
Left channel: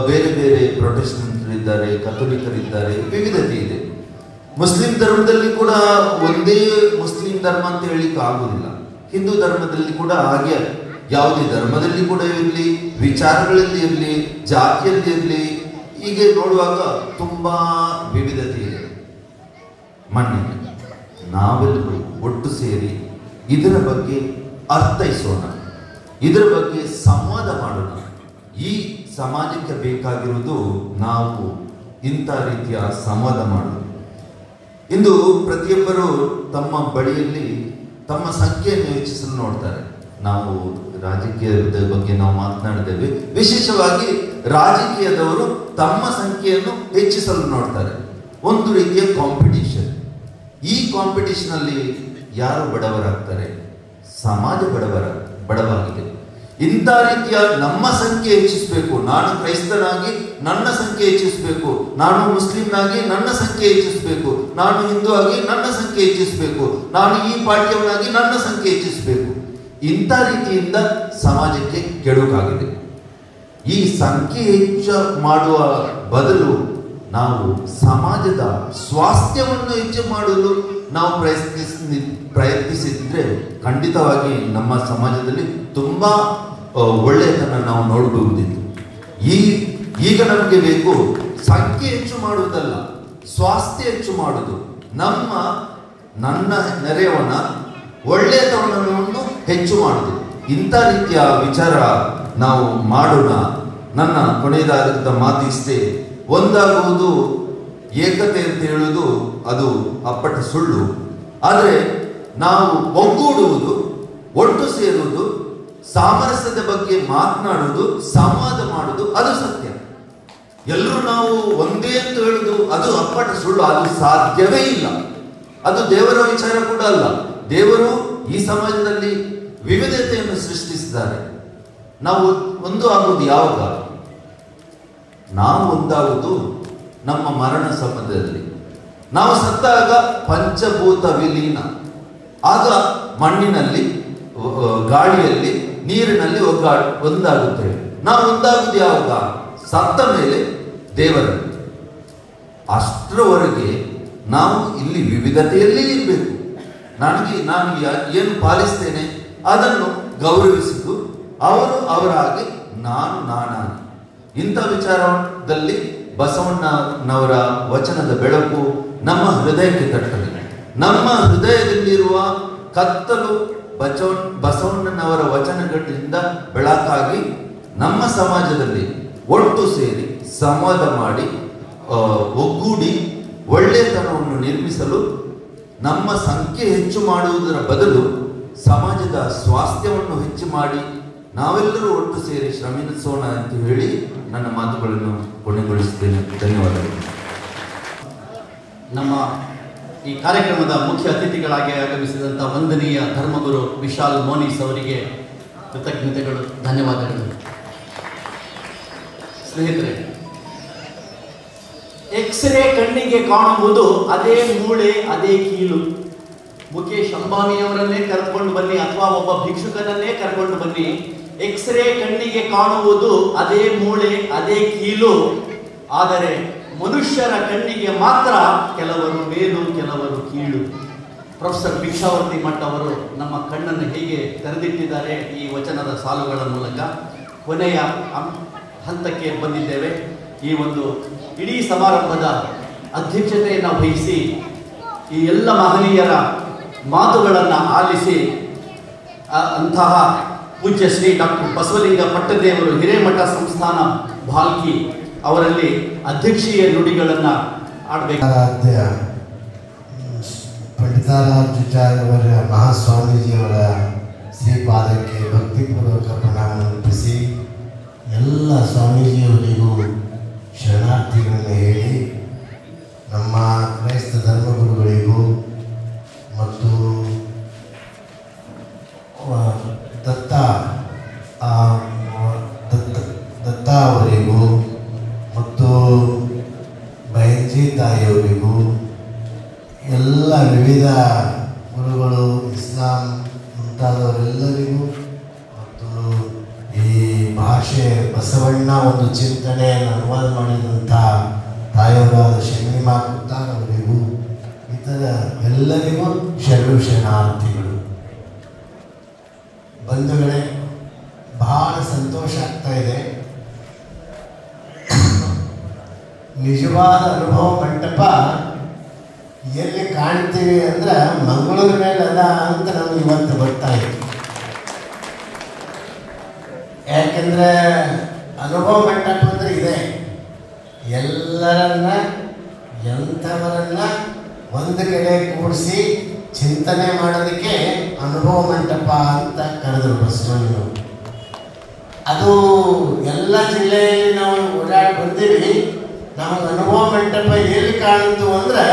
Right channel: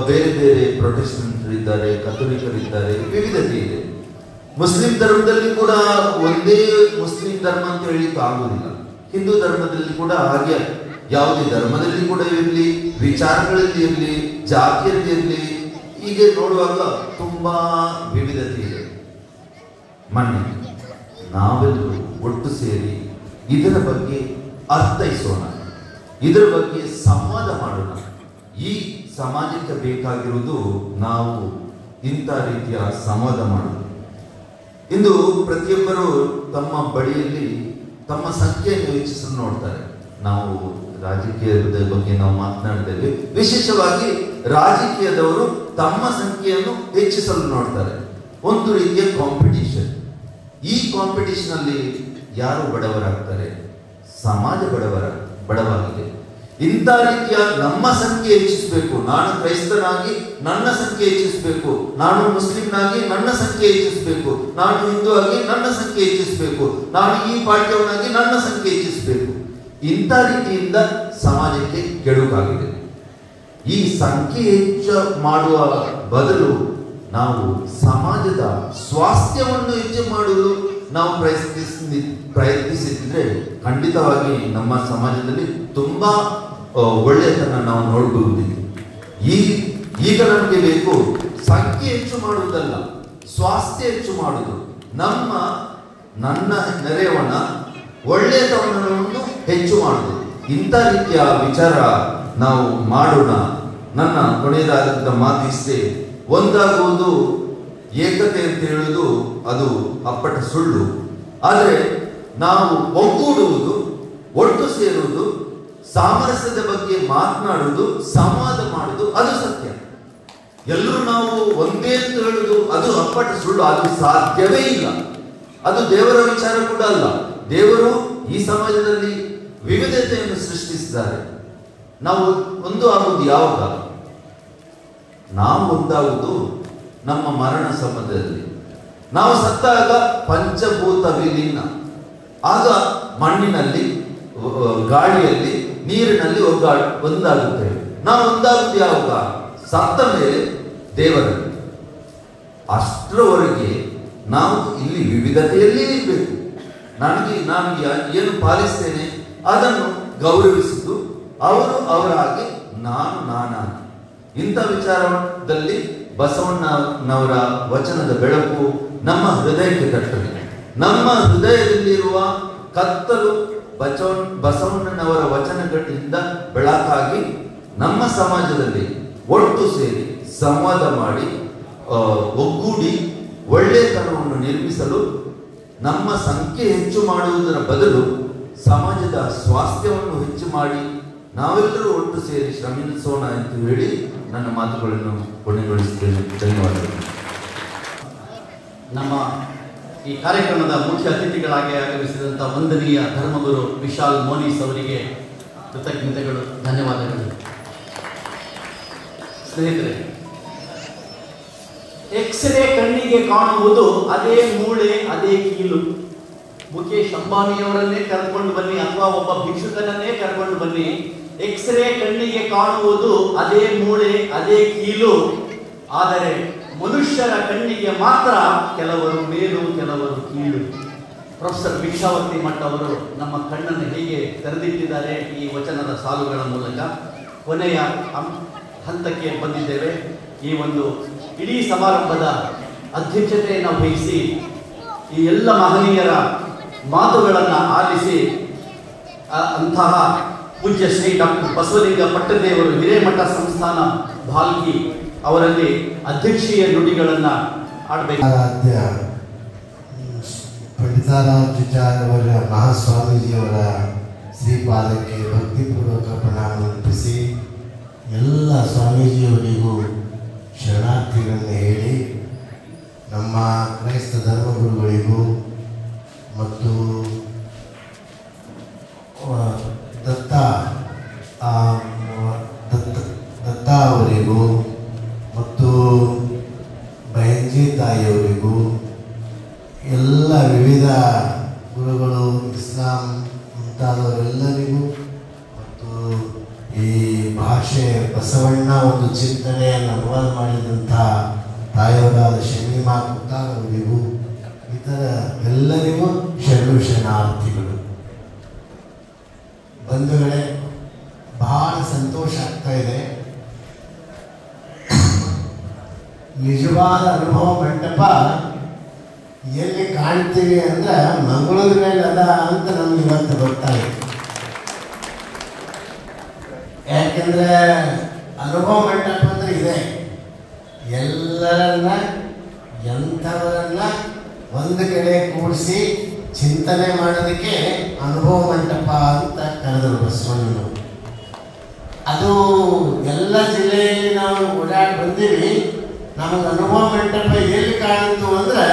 ಬೇರೆ ಬೇರೆ ಪ್ರೊಟೆಸ್ಟೆಂಟರಿದ್ದಾರೆ, ಕಥೋಲಿಕರಿದ್ದಾರೆ, ವಿವಿಧತೆ ಇದೆ. ಮುಸ್ಲಿಂ ಧರ್ಮದಲ್ಲಿ ಕೂಡ ಒಂದೇ ಮುಸ್ಲಿಂ ಧರ್ಮ ಅಂತ ಹೇಳಿಕ್ಕೆ ಆಗುವುದಿಲ್ಲ. ಹಿಂದೂ ಧರ್ಮದಲ್ಲಿ ಕೂಡ ಹಾಗೆ, ಯಾವುದೇ ಧರ್ಮದಲ್ಲಿ ಕೂಡ ಇರಲಿ, ವಿಚಾರಗಳಲ್ಲಿ ಇರಲಿ, ಜಾತಿಯಲ್ಲಿ ಇರಲಿ, ಹೀಗೆ ನೋಡುವಾಗ ತುಂಬಾ ವಿವಿಧತೆ ಇದೆ. ಮೊನ್ನೆ ನಾವೆಲ್ಲರೂ ಒಟ್ಟು ಸೇರಿ ಇದರ ಬಗ್ಗೆ ಅರ್ಥೈಸೋಣ, ಇದರ ಬಗ್ಗೆ ಸಂವಾದ ಮಾಡೋಣ. ಈ ಸಮಾಜಕ್ಕೆ ಬೇಕಾಗಿರುವುದು ನಾವು ಇಂಥ ರೀತಿಯ ಸಂವಾದ ಮಾಡೋದು. ಇಂದು ಪ್ರತಿಯೊಬ್ಬರು ತಮ್ಮ ಬಳಿಯಲ್ಲಿ ತಮ್ಮ ಸಂಖ್ಯೆಯನ್ನು ಹೆಚ್ಚಿಸಲು ನೋಡ್ತಾರೆ. ನಾವು ರಾಜಕೀಯದ ಬಗ್ಗೆ ನಾವು ಮಾತನಾಡಿದ್ದೇವೆ. ವಿಶೇಷವಾಗಿ ರಾಜಕೀಯದವರು ತಮ್ಮ ಸಂಖ್ಯೆಯನ್ನು ಹೆಚ್ಚಿಸಲು ನೋಡ್ತಾರೆ. ಒಂದು ರೀತಿಯ ಕಾಂಪಿಟಿಷನ್. ಈ ಕಾಂಪಿಟಿಷನ್ ಅಲ್ಲಿ ಯಾರು ಬಡವರಾಗ್ತಾರೆ? ಸಮಾಜ ಬಡವಾಗಿದೆ. ಇಂಥ ರೀತಿಯ ನಮ್ಮ ಸಂಖ್ಯೆ ಹೆಚ್ಚಿಸಬೇಕು. ನಾನು ಕ್ರೈಸ್ತನಾಗಿ ನನ್ನ ಸಂಖ್ಯೆ ಹೆಚ್ಚಿಸಬೇಕು, ನಾನು ಮುಸ್ಲಿಂನಾಗಿ ನನ್ನ ಸಂಖ್ಯೆ ಹೆಚ್ಚಿಸಬೇಕು, ನಾನು ಹಿಂದೂ ಆಗಿ ನನ್ನ ಸಂಖ್ಯೆ ಹೆಚ್ಚಿಸಬೇಕು, ನಾನು ಈ ಪಾಠ್ಯವನಾಗಿ ನನ್ನ ಸಂಖ್ಯೆ ಹೆಚ್ಚಿಸಬೇಕು. ಇಂಥ ರೀತಿಯಿಂದ ಸಮಾಜಕ್ಕೆ ಕೆಡುಕಾಗಿದೆ. ಈ ಸಂಖ್ಯೆ ಹೆಚ್ಚು ಮಾಡುವ ಬದಲು ನಾವು ಸಮಾಜದ ಸ್ವಾಸ್ಥ್ಯವನ್ನು ಹೆಚ್ಚು ಮಾಡಲು ನಾವು ಪ್ರಯತ್ನಿಸಿದ್ರೆ ಖಂಡಿತವಾಗಿ ನಮ್ಮ ಸಮಾಜದಲ್ಲಿ ತುಂಬಾ ಒಳ್ಳೆಯದನ್ನ ನಾವು ನೋಡಬಹುದಿತ್ತು. ಈಗ ನಮಗೆ ಬೇಕು ಸಂಖ್ಯೆ ಹೆಚ್ಚು ಮಾಡುವುದಲ್ಲ, ಸ್ವಾಸ್ಥ್ಯ ಹೆಚ್ಚು ಮಾಡುವುದು. ನನ್ನ ನೆರೆಯವನ ಒಳ್ಳೆಯತನವನ್ನು ಹೆಚ್ಚು ಮಾಡುವುದು. ಇಂಥ ರೀತಿಯ ವಿಚಾರ ನಾವು ಮಾಡೋಣ. ನನ್ನ ಕೊನೆಯದಾದಂಥ ಮಾತು ಇಷ್ಟೇ. ಒಂದಾಗುವುದು, ಏಕತೆ ಅಂತ ಹೇಳುವುದು ಅದು ಅಪ್ಪಟ ಸುಳ್ಳು. ಆದರೆ ನಾವು ಒಗ್ಗೂಡುವುದು, ಒಟ್ಟು ಸೇರುವುದು, ಸಾಮರಸ್ಯದ ಬಗ್ಗೆ ಮಾತನಾಡುವುದು, ಸಂವಾದ ಮಾಡುವುದು ಅದು ಸತ್ಯ. ಎಲ್ಲರೂ ನಾವು ಒಂದೇ ಅಂತ ಹೇಳುವುದು ಅದು ಅಪ್ಪಟ ಸುಳ್ಳು. ಅದು ಸಾಧ್ಯವೇ ಇಲ್ಲ. ಅದು ದೇವರ ವಿಚಾರ ಕೂಡ ಅಲ್ಲ. ದೇವರು ಈ ಸಮಾಜದಲ್ಲಿ ವಿವಿಧತೆಯನ್ನು ಸೃಷ್ಟಿಸಿದ್ದಾರೆ. ನಾವು ಒಂದು ಆಗುವುದು ಯಾವಾಗ? ನಾವು ಒಂದಾಗುವುದು ನಮ್ಮ ಮರಣ ಸಮಯದಲ್ಲಿ. ನಾವು ಸತ್ತಾಗ ಪಂಚಭೂತ ವಿಲೀನ. ಆಗ ಮಣ್ಣಿನಲ್ಲಿ, ಗಾಳಿಯಲ್ಲಿ, ನೀರಿನಲ್ಲಿ ಒಂದಾಗುತ್ತೇವೆ. ನಾವು ಒಂದಾಗುವುದು ಯಾವಾಗ? ಸತ್ತ ಮೇಲೆ ದೇವರಲ್ಲಿ. ಅಷ್ಟರವರೆಗೆ ನಾವು ಇಲ್ಲಿ ವಿವಿಧತೆಯಲ್ಲಿ ಇರಬೇಕು. ನಾನು ಏನು ಪಾಲಿಸ್ತೇನೆ ಅದನ್ನು ಗೌರವಿಸುವುದು, ಅವರು ಅವರಾಗಿ, ನಾನು ನಾನಾಗಿ. ಇಂಥ ವಿಚಾರದಲ್ಲಿ ಬಸವಣ್ಣನವರ ವಚನದ ಬೆಳಕು ನಮ್ಮ ಹೃದಯಕ್ಕೆ ತಟ್ಟದೆ. ನಮ್ಮ ಹೃದಯದಲ್ಲಿರುವ ಕತ್ತಲು ಬಸವಣ್ಣನವರ ವಚನಗಳಿಂದ ಬೆಳಕಾಗಿ ನಮ್ಮ ಸಮಾಜದಲ್ಲಿ ಒಟ್ಟು ಸೇರಿ ಸಂವಾದ ಮಾಡಿ ಒಗ್ಗೂಡಿ ಒಳ್ಳೆಯತನವನ್ನು ನಿರ್ಮಿಸಲು ನಮ್ಮ ಸಂಖ್ಯೆ ಹೆಚ್ಚು ಮಾಡುವುದರ ಬದಲು ಸಮಾಜದ ಸ್ವಾಸ್ಥ್ಯವನ್ನು ಹೆಚ್ಚು ಮಾಡಿ ನಾವೆಲ್ಲರೂ ಒಟ್ಟು ಸೇರಿ ಶ್ರಮಿಸೋಣ ಅಂತ ಹೇಳಿ ನನ್ನ ಮಾತುಗಳನ್ನು ಕೊನೆಗೊಳಿಸುತ್ತೇನೆ. ಧನ್ಯವಾದಗಳು. ನಮ್ಮ ಈ ಕಾರ್ಯಕ್ರಮದ ಮುಖ್ಯ ಅತಿಥಿಗಳಾಗಿ ಆಗಮಿಸಿದಂಥ ವಂದನೀಯ ಧರ್ಮಗುರು ವಿಶಾಲ್ ಮೋನಿಸ್ ಅವರಿಗೆ ಕೃತಜ್ಞತೆಗಳು, ಧನ್ಯವಾದಗಳು. ಸ್ನೇಹಿತರೆ, ಎಕ್ಸ್ರೇ ಕಣ್ಣಿಗೆ ಕಾಣುವುದು ಅದೇ ಮೂಳೆ ಅದೇ ಕೀಲು. ಮುಖೇಶ್ ಅಂಬಾನಿಯವರನ್ನೇ ಕರ್ಕೊಂಡು ಬನ್ನಿ ಅಥವಾ ಒಬ್ಬ ಭಿಕ್ಷುಕನನ್ನೇ ಕರ್ಕೊಂಡು ಬನ್ನಿ, ಎಕ್ಸ್ರೇ ಕಣ್ಣಿಗೆ ಕಾಣುವುದು ಅದೇ ಮೂಳೆ ಅದೇ ಕೀಲು. ಆದರೆ ಮನುಷ್ಯರ ಕಣ್ಣಿಗೆ ಮಾತ್ರ ಕೆಲವರು ಮೇಲು ಕೆಲವರು ಕೀಳು. ಪ್ರೊಫೆಸರ್ ಭಿಕ್ಷಾವತಿ ಮಠ ಅವರು ನಮ್ಮ ಕಣ್ಣನ್ನು ಹೇಗೆ ತೆರೆದಿಟ್ಟಿದ್ದಾರೆ ಈ ವಚನದ ಸಾಲುಗಳ ಮೂಲಕ. ಕೊನೆಯ ಹಂತಕ್ಕೆ ಬಂದಿದ್ದೇವೆ. ಈ ಒಂದು ಇಡೀ ಸಮಾರಂಭದ ಅಧ್ಯಕ್ಷತೆಯನ್ನು ವಹಿಸಿ ಈ ಎಲ್ಲ ಮಹನೀಯರ ಮಾತುಗಳನ್ನು ಆಲಿಸಿ ಅಂತಹ ಪೂಜ್ಯ ಶ್ರೀ ಡಾಕ್ಟರ್ ಬಸವಲಿಂಗ ಪಟ್ಟದೇವರು ಹಿರೇಮಠ ಸಂಸ್ಥಾನ ಭಾಲ್ಕಿ ಅವರಲ್ಲಿ ಅಧ್ಯಕ್ಷೀಯ ನುಡಿಗಳನ್ನು ಆಡಬೇಕು. ಪಂಡಿತಾರಾಧ್ಯಾಚಾರ್ಯವರ ಮಹಾಸ್ವಾಮೀಜಿಯವರ ಶ್ರೀಪಾದಕ್ಕೆ ಭಕ್ತಿಪೂರ್ವಕ ಪ್ರಣಾಮ ಅರ್ಪಿಸಿ ಎಲ್ಲ ಸ್ವಾಮೀಜಿಯವರಿಗೂ ಶರಣಾರ್ಥಿಗಳನ್ನು ಹೇಳಿ ನಮ್ಮ ಕ್ರೈಸ್ತ ಧರ್ಮಗುರುಗಳಿಗೂ ಮತ್ತು ದತ್ತ ಅವರಿಗೂ ಮತ್ತು ಬೈಂಜಿ ತಾಯಿಯವರಿಗೂ ಎಲ್ಲ ವಿವಿಧ ಗುರುಗಳು ಇಸ್ಲಾಂ ಮುಂತಾದವರೆಲ್ಲರಿಗೂ ಮತ್ತು ಈ ಭಾಷೆ ಬಸವಣ್ಣ ಒಂದು ಚಿಂತನೆಯನ್ನು ಅನುವಾದ ಮಾಡಿದಂಥ ತಾಯಿಯವರಾದ ಶರ್ಮಿಮಾ ಕುತ್ತಾರ್ ಅವರಿಗೂ ಇತರ ಎಲ್ಲರಿಗೂ ಶರಣಾರ್ಥಿಗಳು. ಬಂಧುಗಳೇ, ಬಹಳ ಸಂತೋಷ ಆಗ್ತಾ ಇದೆ. ನಿಜವಾದ ಅನುಭವ ಮಂಟಪ ಎಲ್ಲಿ ಕಾಣ್ತೀವಿ ಅಂದ್ರೆ ಮಂಗಳೂರು ಮೇಲೆ ಅದ ಅಂತ ನಮ್ಗೆ ಇವತ್ತು ಬರ್ತಾ ಇದೆ. ಯಾಕೆಂದ್ರೆ ಅನುಭವ ಮಂಟಪ ಅಂದ್ರೆ ಇದೆ, ಎಲ್ಲರನ್ನ ಎಂಥವರನ್ನ ಒಂದು ಕಡೆ ಕೂಡಿಸಿ ಚಿಂತನೆ ಮಾಡೋದಕ್ಕೆ ಅನುಭವ ಮಂಟಪ ಅಂತ ಕರೆದರು ಬಸವಣ್ಣರು. ಅದು ಎಲ್ಲ ಜಿಲ್ಲೆಯಲ್ಲಿ ನಾವು ಓಡಾಡಿ ಬಂದೀವಿ. ನಮಗೆ ಅನುಭವ ಮಂಟಪ ಎಲ್ಲಿ ಕಾಣಿತು ಅಂದ್ರೆ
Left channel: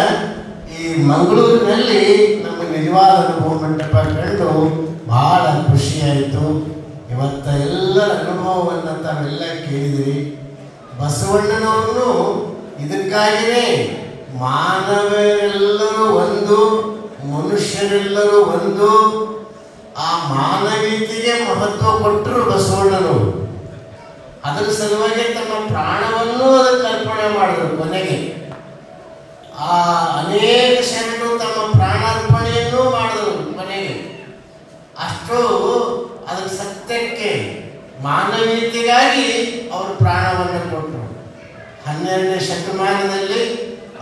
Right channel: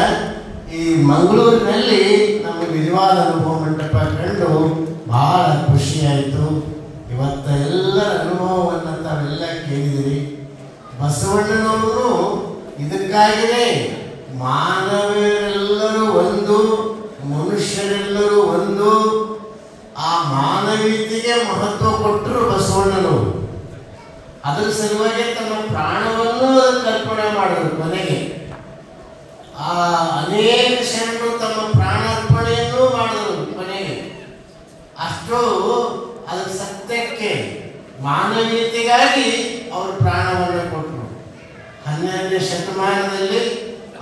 ಈ ಮಂಗಳೂರಿನಲ್ಲಿ ನಮಗೆ ನಿಜವಾದ ಅನುಭವ ಮಂಟಪ ಕಂಡು ಬಹಳ ಖುಷಿಯಾಯಿತು. ಇವತ್ತ ಎಲ್ಲರ ಅನುಭವವನ್ನು ತಾವೆಲ್ಲ ಕೇಳಿದಿರಿ. ಬಸವಣ್ಣನವರು ಇದಕ್ಕಾಗಿಯೇ ಮಾನವರೆಲ್ಲರೂ ಒಂದು, ಮನುಷ್ಯರೆಲ್ಲರೂ ಒಂದು, ಆ ಮಾನವೀಯತೆಗೆ ಮಹತ್ವ ಕೊಟ್ಟರು ಬಸವಣ್ಣನವರು. ಅದರ ಸಲುವಾಗಿ ತಮ್ಮ ಪ್ರಾಣವನ್ನು ಕಲ್ಪನೆ ಮಾಡಿದ್ರು. ಕೊನೆಗೆ ಆ ಅನೇಕ ಶರಣರು ತಮ್ಮ ಪ್ರಾಣಾರ್ಪಣೆಯನ್ನು ಮಾಡಿದರು. ಕೊನೆಗೆ ಅಷ್ಟು ಅದರ ಸತ್ಯಕ್ಕೆ ಮಾನವೀಯತೆಗಾಗಿ ಅವರು ಪ್ರಾಣವನ್ನು ಕೊಟ್ಟರು. 12ನೇ ಶತಮಾನದಲ್ಲಿ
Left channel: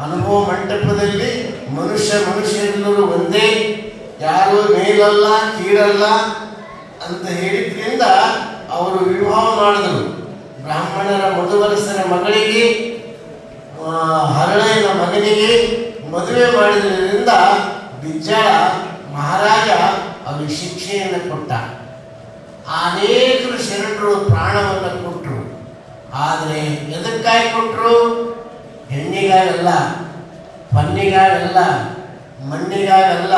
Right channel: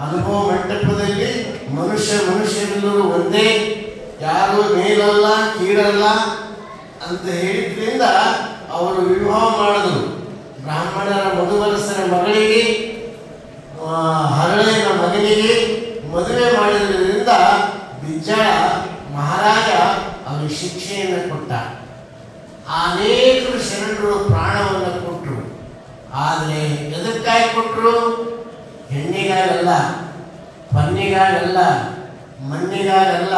ಅನುಭವ ಮಂಟಪದಲ್ಲಿ ಮನುಷ್ಯರೆಲ್ಲರೂ ಒಂದೇ, ಯಾರು ಮೇಲಲ್ಲ ಕೀಳಲ್ಲ ಅಂತ ಹೇಳಿದ್ರಿಂದ ಅವರು ವಿವಾಹ ಮಾಡಿದ್ರು. ಬ್ರಾಹ್ಮಣರ ಮಧುವರಸರ ಮಗಳಿಗೆ ಹರಳೆಯ ಮಗನಿಗೆ ಮದುವೆ ಮಾಡಿದ್ರಿಂದ ಬಿಜ್ಜಳ ಮಹಾರಾಜ ಅವರಿಗೆ ಶಿಕ್ಷೆಯನ್ನು ಕೊಟ್ಟ. ಅನೇಕರು ಶರಣರು ಪ್ರಾಣವನ್ನು ಕೊಟ್ಟರು. ಆದರೆ ಎದಕ್ಕಾಗಿ ಕೊಟ್ಟರು? ಹೆಣ್ಣಿಗಾಗಲ್ಲ, ಪನ್ನಿಗಾಗಲ್ಲ, ಮಣ್ಣಿಗಾಗಲ್ಲ,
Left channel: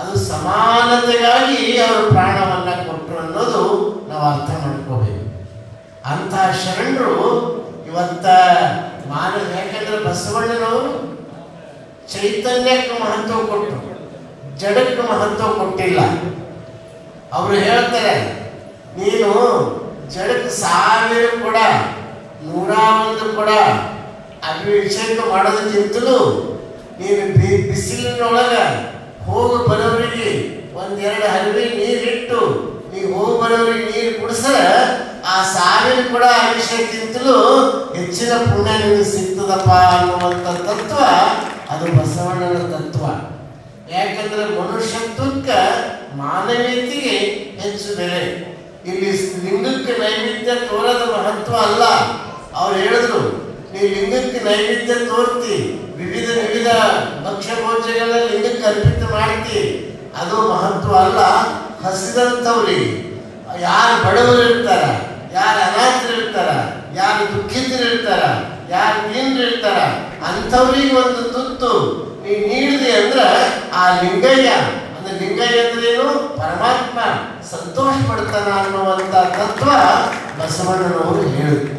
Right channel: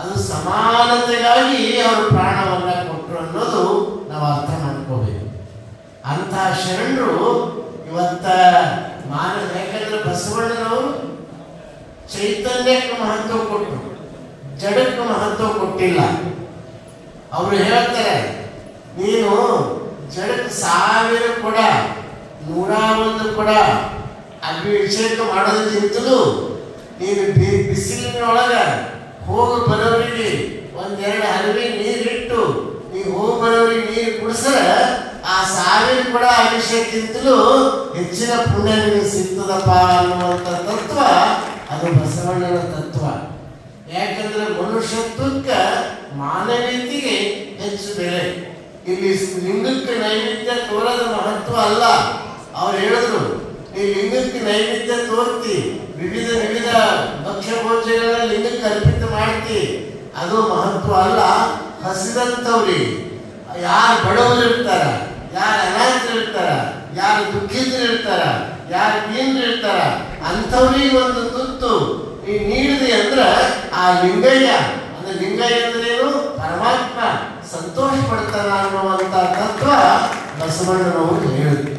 ಅದು ಸಮಾನತೆಗಾಗಿ ಅವರು ಪ್ರಾಣವನ್ನು ಕೊಟ್ಟರು ಅನ್ನೋದು ನಾವು ಅರ್ಥ ಮಾಡ್ಕೋಬೇಕು. ಅಂಥ ಶರಣರು ಇವತ್ತ ಯಾಕಂದ್ರೆ ಬಸವಣ್ಣನವರು ಚೈತನ್ಯಕ್ಕೆ ಮಹತ್ವ ಕೊಟ್ಟರು, ಜಡಕ್ಕೆ ಮಹತ್ವ ಕೊಟ್ಟಿಲ್ಲ. ಅವರು ಹೇಳ್ತಾರೆ, ನೀನು ಜಡಕ್ಕೆ 1000 ಕೂಡ 101 ಕೂಡ ಅಭಿಷೇಕ ಮಾಡೋದಕ್ಕಿಂತಲೂ ನೀನು ಬಿಸಿಲಿನೊಳಗ ಹೋಗಿ ಬರೋರಿಗೆ 1-2 ಹರಿವೆ ನೀರಿಟ್ಟು ನೀವು ಹೋಗಿ ಬರೋರಿಗೆ ನೀರು ಕುಡಿಸಿದ್ರೆ ಆ 1000 ಕೂಡ ಅಭಿಷೇಕಕ್ಕಿಂತಲೂ ಹೆಚ್ಚಿನ ಪುಣ್ಯ ನಿಮಗೆ ಸಿಗ್ತದಪ್ಪ ಅನ್ನುವಂಥ ತತ್ವ ಅದು ಬಸವ ಮನುಷ್ಯತ್ವಕ್ಕೆ ಮಾನವೀಯತೆಗೆ ಹೆಚ್ಚು ಬೆಲೆ. ಇಲ್ಲಿ ಲಿಂಗಕ್ಕೆ ನೈವೇದ್ಯ ತೋರದ ಮಹತ್ವ ಅಲ್ಲ. ಅವ್ರು ಹೇಳಿದ್ರು, ನೀ ಲಿಂಗಕ್ಕೆ ನೈವೇದ್ಯ ತೋರ್ತಿ, ವಿವಿಧ ವಿವಿಧ ಭಕ್ಷ್ಯ ಭೋಜ್ಯಗಳನ್ನ ಲಿಂಗಕ್ಕೆ ಅರ್ಪಿತ ಮಾಡ್ತಿ, ಅದು ಮಹತ್ವ ಅಲ್ಲ. ಹಸಿದಂಥವ್ರಿಗೆ, ಯಾರು ಬಡವರು ಇರ್ತಾರ, ಯಾರು ಅನಾಥರು ಇರ್ತಾರ, ಯಾರು ದುಃಖಿತರು ಇರ್ತಾರ, ಯಾರು ದೀನರು ಇರ್ತಾರ, ಅಂಥವ್ರಿಗೆ ಒಂದು ತುತ್ತು ನೀ ನೀಡಿದೆ ಅಂದ್ರೆ ಆ ಲಿಂಗಯ್ಯ ಅಂದ್ರೆ ಲಿಂಗಯ್ಯ ಅಂದ್ರೇನು, ಪರಮಾತ್ಮ ಸಂತೋಷ ಪಡ್ತಾನ ಅನ್ನುವಂಥ ತತ್ವ ಬಸವಣ್ಣನವರು ಹೇಳಿದ್ರು.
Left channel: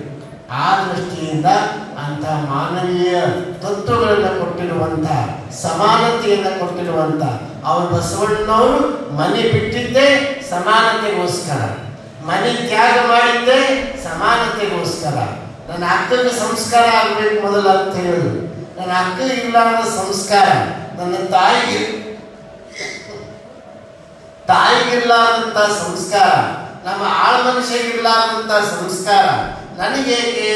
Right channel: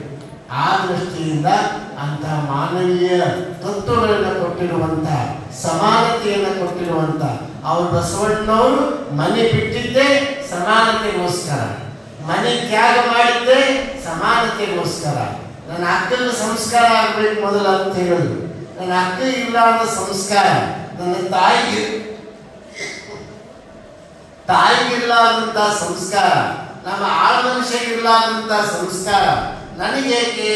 ಆ ದೃಷ್ಟಿಯಿಂದ ಅಂತ ಮಾನವೀಯ ತತ್ವಗಳನ್ನು ಕೊಟ್ಟಿರುವಂತ, ಸಮಾನತೆಯನ್ನು ಕೊಟ್ಟಿರುವಂತ ಅವರು ಬಸವಣ್ಣನವರು ಮನೆ ಬಿಟ್ಟಿದ್ದೇ ಸಮಾನತೆಗೋಸ್ಕರ, ಮನೆ ತ್ಯಾಗ ಮಾಡಿದ್ದೆ ಸಮಾನತೆಗೋಸ್ಕರ. ನನ್ನ ಅಕ್ಕನ ಸಂಸ್ಕಾರ ಆಗ್ಬೇಕು ಮೊದಲು ಅಂತ ಹೇಳಿದ್ರು. ನನ್ನ ಅಕ್ಕ ಇಲ್ಲದ ಸಂಸ್ಕಾರ, ನನ್ನ ತಾಯಿಗಿಲ್ಲಾದಂತ ಸಂಸ್ಕಾರ, ನಮ್ಮ ಆಳ ಮನುಷ್ಯಗಿಲ್ಲಾದಂತ ಸಂಸ್ಕಾರ ನನಗೇಕೆ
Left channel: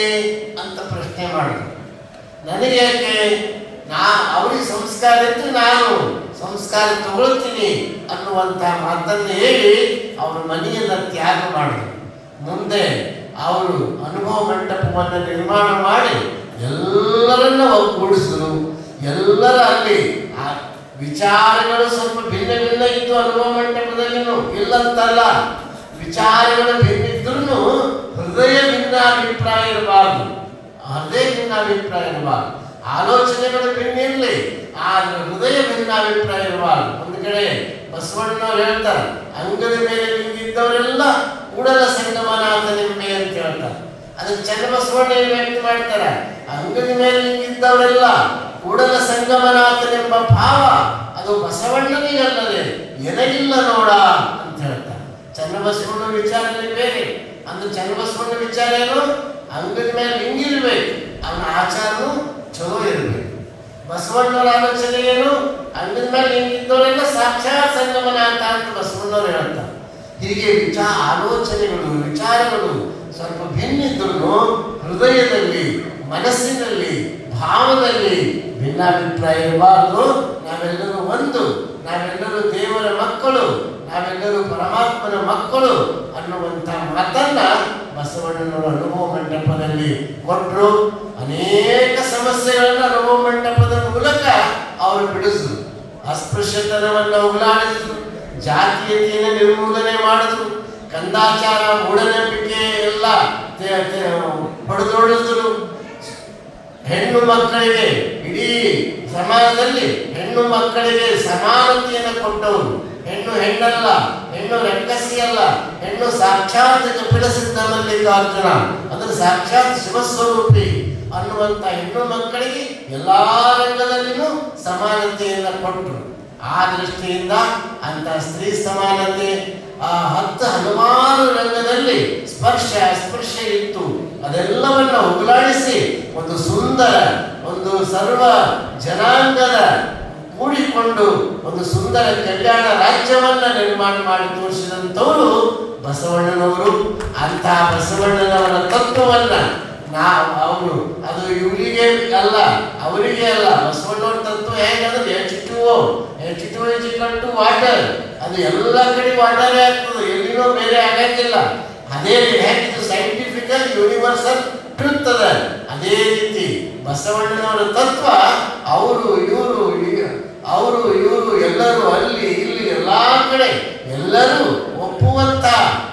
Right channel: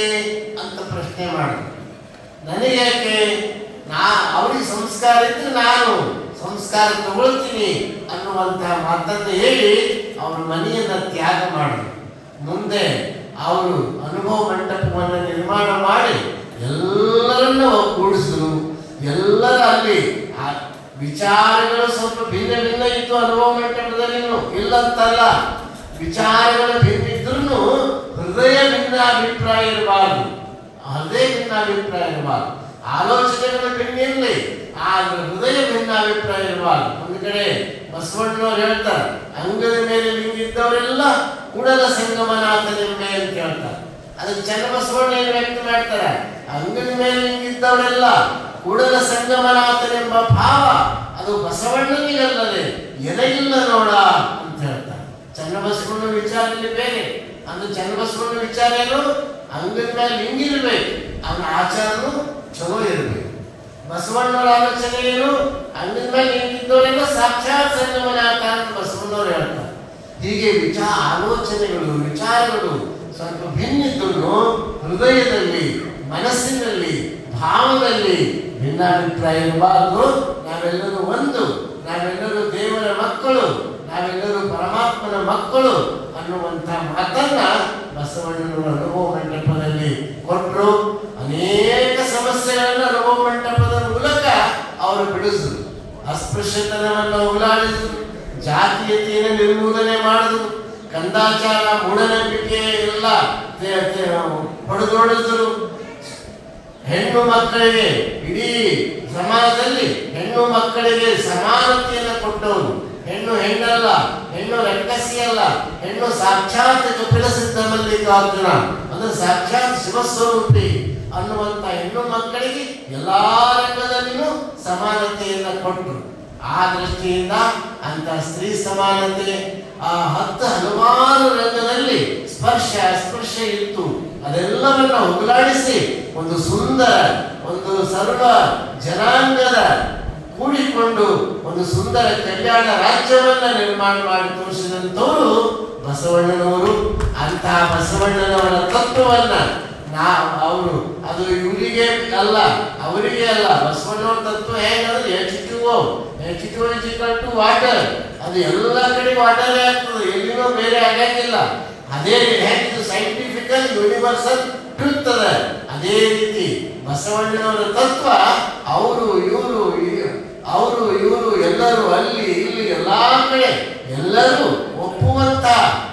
ಅಂತ ಪ್ರಶ್ನೆ ಮಾಡಿದ್ರು. ನನಗೇಕೆ? ಅವ್ರಿಗೆ ಸಂಸ್ಕಾರ ಇದ್ರೆ ನಾನು ಸಂಸ್ಕಾರ ತಗೊಳ್ತೀನಿ ಅನ್ನುವಂತ ಮಾತನ್ನು ಹೇಳಿ ಅವ್ರ ಮನೆಯನ್ನ ತ್ಯಾಗ ಮಾಡಿದ್ರು. ಮುಂದೆ ಅವರು ಅನುಭವ ಮಂಟಪವನ್ನು ನಿರ್ಮಾಣ ಮಾಡಿ ಎಲ್ಲರನ್ನ ಒಗ್ಗೂಡಿಸಿದ್ರು. ಎಲ್ಲರ ಅಲ್ಲಿ ವಿಚಾರಗಳು ಸ್ವಲ್ಪ ಭಿನ್ನ ಭಿನ್ನ ಇತ್ತು ಅನುಭವ ಮಂಟಪದಲ್ಲಿನೂ, ಇಲ್ಲಂತಲ್ಲ. ವಿಚಾರಗಳು ಭಿನ್ನಿದ್ರು ಹೃದಯ ಭಿನ್ನ ಅಭಿಪ್ರಾಯ ಇರಬಾರ್ದು, ಹೃದಯ ಭಿನ್ನ ಅಭಿಪ್ರಾಯ ಇರಬಾರ್ದು. ಆಲೋಚನೆಗಳು ಭಿನ್ನ ಇರಲಿ, ಆದ್ರೆ ಹೃದಯ ಭಿನ್ನ ಅಭಿಪ್ರಾಯ ಇರಬಾರ್ದು. ಒಂದು ಕಡೆ ಬಸವಣ್ಣನವ್ರು ಹೇಳ್ತಾರೆ, ಅಂಗಡಿ ಮೇಲೆ ನಿಂತಿದ್ದವರೆಲ್ಲ ಕೂಡಲ ಸಂಗಮನಾಥನೆಂಬೆ ಅಂತ ಹೇಳ್ತಾರೆ. ಅದಕ್ಕೆ ಚನ್ನಬಸವಣ್ಣ ವ್ಯಕ್ತ ಮಾಡ್ತಾರೆ, ಅಂಗಡಿ ಮೇಲೆ ನಿಂತಿದ್ದವರೆಲ್ಲ ಕೂಡಲ ಸಂಗಮನಾಥನೆಂಬ ಭಾವ ಅದು ಬಸವಣ್ಣನಿಗಲ್ಲದೆ ಎನಗಿಲ್ಲ ನೋಡ ಅಂತ ಹೇಳ್ತಾರೆ. ಚನ್ನಬಸವಣ್ಣ ವಿಚಾರದಲ್ಲಿ ಬೇರೆ. ಅಂದ್ರೆ ಚನ್ನಬಸವಣ್ಣ ವಿಚಾರ ಏನು, ಅಂಗಡಿ ಮೇಲೆ ಹಿಂಗಿರ್ಬೇಕು, ಅವನ ಆಚಾರನು ಚಲೋ ಇರ್ಬೇಕು. ಬಸವಣ್ಣನ ಆಲೋಚನೆ ಏನು, ಅಂಗಡಿ ಮೇಲೆ ಹಿಂಗಿದ್ದವರೆಲ್ಲ ಸಾಕ್ಷಾತ್ ಸಂಗಮನಾಥ ಅಂತ ಬಸವಣ್ಣವ್ರು ಹೇಳ್ತಾರೆ. ಹೀಗೆ ಆಲೋಚನೆಗಳು, ವಿಚಾರಗಳು ಸ್ವಲ್ಪ ಭಿನ್ನಿದ್ರು ಹೃದಯದಲ್ಲಿ, ಮನಸ್ಸಿನಲ್ಲಿ, ಭಾವದಲ್ಲಿ ಭಿನ್ನಾಭಿಪ್ರಾಯ ಇರಬಾರ್ದು. ನಾವೆಲ್ಲರೂ ಒಂದು, ನಾವೆಲ್ಲರೂ ದೇವರ ಮಕ್ಕಳು, ನಾವೆಲ್ಲರೂ ಪರಮಾತ್ಮನ ಮಕ್ಕಳು ಅನ್ನುವಂಥ ಮಾತನ್ನ ಬಸವಣ್ಣನವರು ಅನುಭವ ಮಂಟಪದಲ್ಲಿ ಕೊಟ್ಟರು. ಅನೇಕ ಸಮಸ್ಯೆಗಳನ್ನು ಅನುಭವ ಮಂಟಪದ ಮೂಲಕ ಅವರು ಬಿಡಿಸಿದ್ರು. ಅಸ್ಪೃಶ್ಯತನವನ್ನು ಉಗುಳಾಡಿದ್ರು, ಜಾತೀಯತೆಯನ್ನು ನಿರ್ಮೂಲನೆ ಮಾಡಿದ್ರು, ಕಂದಾಚಾರ, ಮೂಢನಂಬಿಕೆ ಎಲ್ಲ ಹೊಡೆದೊಡೆದ್ರು. ಹೆಣ್ಣು ಮಕ್ಕಳಿಗೆ, ಇಡೀ ಸಮಾಜದಲ್ಲಿ ಹೆಣ್ಣು ಮಕ್ಕಳಿಗೆ ಸಮಾನತೆಯನ್ನು ಕೊಟ್ಟವರು. ಹೆಣ್ಣು ಹೆಣ್ಣಲ್ಲ, ಹೆಣ್ಣು ರಕ್ಕಸಿ ಅಲ್ಲ, ಹೆಣ್ಣು ಸಾಕ್ಷಾತ್ ಕಪಿಲಸಿದ್ಧ ಮಲ್ಲಿಕಾರ್ಜುನ, ಅಂದ್ರೆ ಸಾಕ್ಷಾತ್ ಶಿವಸ್ವರೂಪಿ ಅನ್ನುವಂತ ಹೆಣ್ಣು ಮಕ್ಕಳಿಗೆ ಎಲ್ಲಾ ರಂಗದಲ್ಲಿಯೂ ಸಮಾನತೆಯನ್ನು ಕೊಟ್ಟರು. ಆ ದೃಷ್ಟಿಯಿಂದ ಅಂತ ಸ್ತ್ರೀ ಸಮಾನತೆ ಹಲವಾರು ರಂಗದಲ್ಲಿ ಸ್ಪರ್ಶ ಅಸ್ಪರ್ಶ ಇತ್ತು. ಅದೆಲ್ಲವನ್ನ ಹೋಗಲಾಡಿಸಿ ಒಂದು ಸುಂದರ, ಒಂದು ಸರ್ವ ಜನಾಂಗದ ಕೂಡಿಕೊಂಡು ಒಂದು ಸುಂದರ ಕಲ್ಯಾಣ ರಾಜ್ಯವನ್ನ ನಿರ್ಮಾಣ ಮಾಡಿ ತೋರಿಸಿದಂಥವರು ಬಸವಣ್ಣನವರು. ಅಂತ ಬಸವಣ್ಣನವರ ತತ್ವವನ್ನ ಅವರು ಅದು ಇವರಿಗೆ ಅಲ್ಲ, ಅವರಿಗೆ ಅಲ್ಲ. ಬಸವಣ್ಣವರ ತತ್ವ ಹೇಗಂದ್ರೆ H2O ವಾಟರ್, ಅದು ಎಲ್ಲ ಕಡೆ ವಾಟರ್ ಆಗ್ತದೆ, ಎಲ್ಲಿನೂ ಬೇರೆ ಆಗಂಗಿಲ್ಲ. ಅದೇ ಹೇಗಿದ್ದು ಸೈಂಟಿಫಿಕಲ್ ಯೂನಿವರ್ಸಲ್ ಟ್ರೂತ್ ಅದ, ಅದೇ ರೀತಿ ಬಸವಣ್ಣನವರ ತತ್ವ ಅವರು ಇವರು ಎಲ್ಲರೂ ಅಲ್ಲಿ ಇಲ್ಲಿ ಎಲ್ಲಾ ಕಡೆ ಎಲ್ಲರೂ ಒಪ್ಪುವಂತ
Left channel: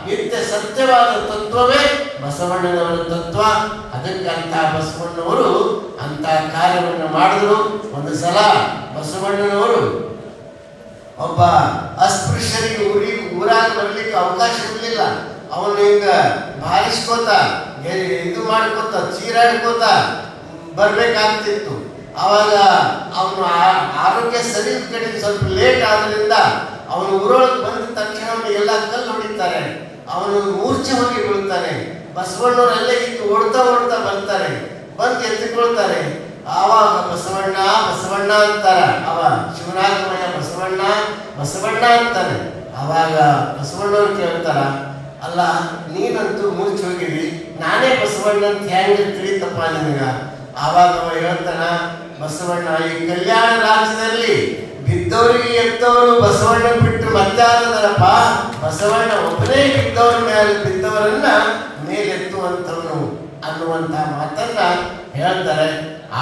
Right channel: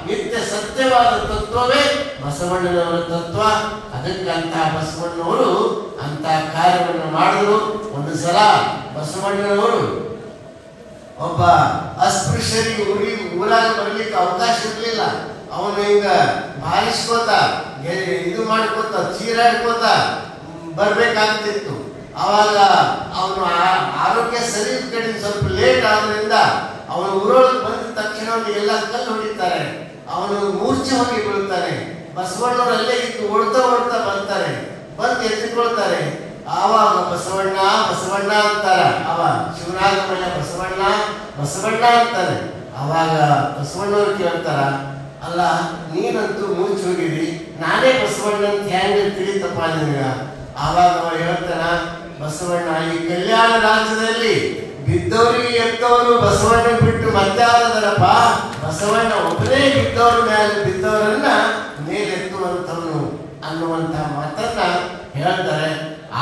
ನಿತ್ಯ ಸತ್ಯವಾದ ತತ್ವವೇ ಬಸವಣ್ಣನವರ ತತ್ವ. ಅದಕ್ಕಂತ ಬಸವಣ್ಣನವರು ಅಂತ ಕಾರ್ಯವನ್ನು ಮಾಡಿದ್ರು. ಒಂದು ಸಲ ಬಸವಣ್ಣನವರು ಒಬ್ಬ ಅಸ್ಪೃಶ್ಯರಿಗೆ ಊರಾಗ ಬರ್ಲಿಕ್ಕೆ ಅವಕಾಶ ಇರಲಿಲ್ಲ. ಅವನು ಹಿಂಗ ಬಾರಿಸ್ಕೋತ ಇದು ಮಾಡ್ಕೋತ ಚೀರಾಡ್ಕೋತ ಬರ್ಬೇಕಾಗ್ತಿತ್ತು. ಅವಾಗ ಅವನು ಆರೋಗ್ಯ ಸರಿ ಕಡೆ ಸ್ವಲ್ಪ ಲೇಟ್ ಆದ್ರಿಂದ ಅವನು ಊರೊಳಗೆ ಬಂದ ತಕ್ಷಣ ಎಲ್ಲ ಕಲ್ಲು ಹೊಡಿತಾರೆ, ಅವನು ಮೂರ್ಛೆ ಹೋಗಿ ಬೀಳ್ತಾನೆ. ಬಸವಣ್ಣವರೆಲ್ಲ ಇದ್ದು ಓಡ್ತಾ ಬರ್ತಾರೆ, ಬಂದು ಎತ್ತಿಕೊಳ್ತಾರೆ. ಆವಾಗ ಬಸವಣ್ಣ ಅಂತಾರೆ. ಅವ ಶಿವನಾಥಮಯ್ಯ ಬಸವಣ್ಣ ಅಂತಾನೆ. ಅವಾಗ ಬಸವಣ್ಣವ್ರು ಕೇಳ್ತಾರ, ಅಲ್ಲ ನೀನಂತೂ ಮೂರ್ಛೆ ಹೋಗಿರಿ, ನಾನೇ ಬಸವಣ್ಣ ಅಂತ ಹೆಂಗ ತಿಳಿತಪ್ಪ ನಿನಗ? ಆವಾಗ ಅವ ಹೇಳ್ತಾನ, ಬಸವಣ್ಣ ಈ ಕಲ್ಯಾಣ ರಾಜ್ಯದಲ್ಲಿ ಬಿದ್ದವರಿಗೆ ಎತ್ತವರು ಬಸವಣ್ಣ ಬಿಟ್ಟು ಮತ್ತಾರದರಪ್ಪ, ಬಸವಣ್ಣ ಒಬ್ಬನೇ ಬಿದ್ದವ್ರ ಮೇಲೆ ಬಿದ್ದವರನ್ನ ಮೇಲೆತ್ತುವಂಥವನು ಅನ್ನುವಂತ ಮಾತನ್ನ ಹೇಳ್ತಾರೆ.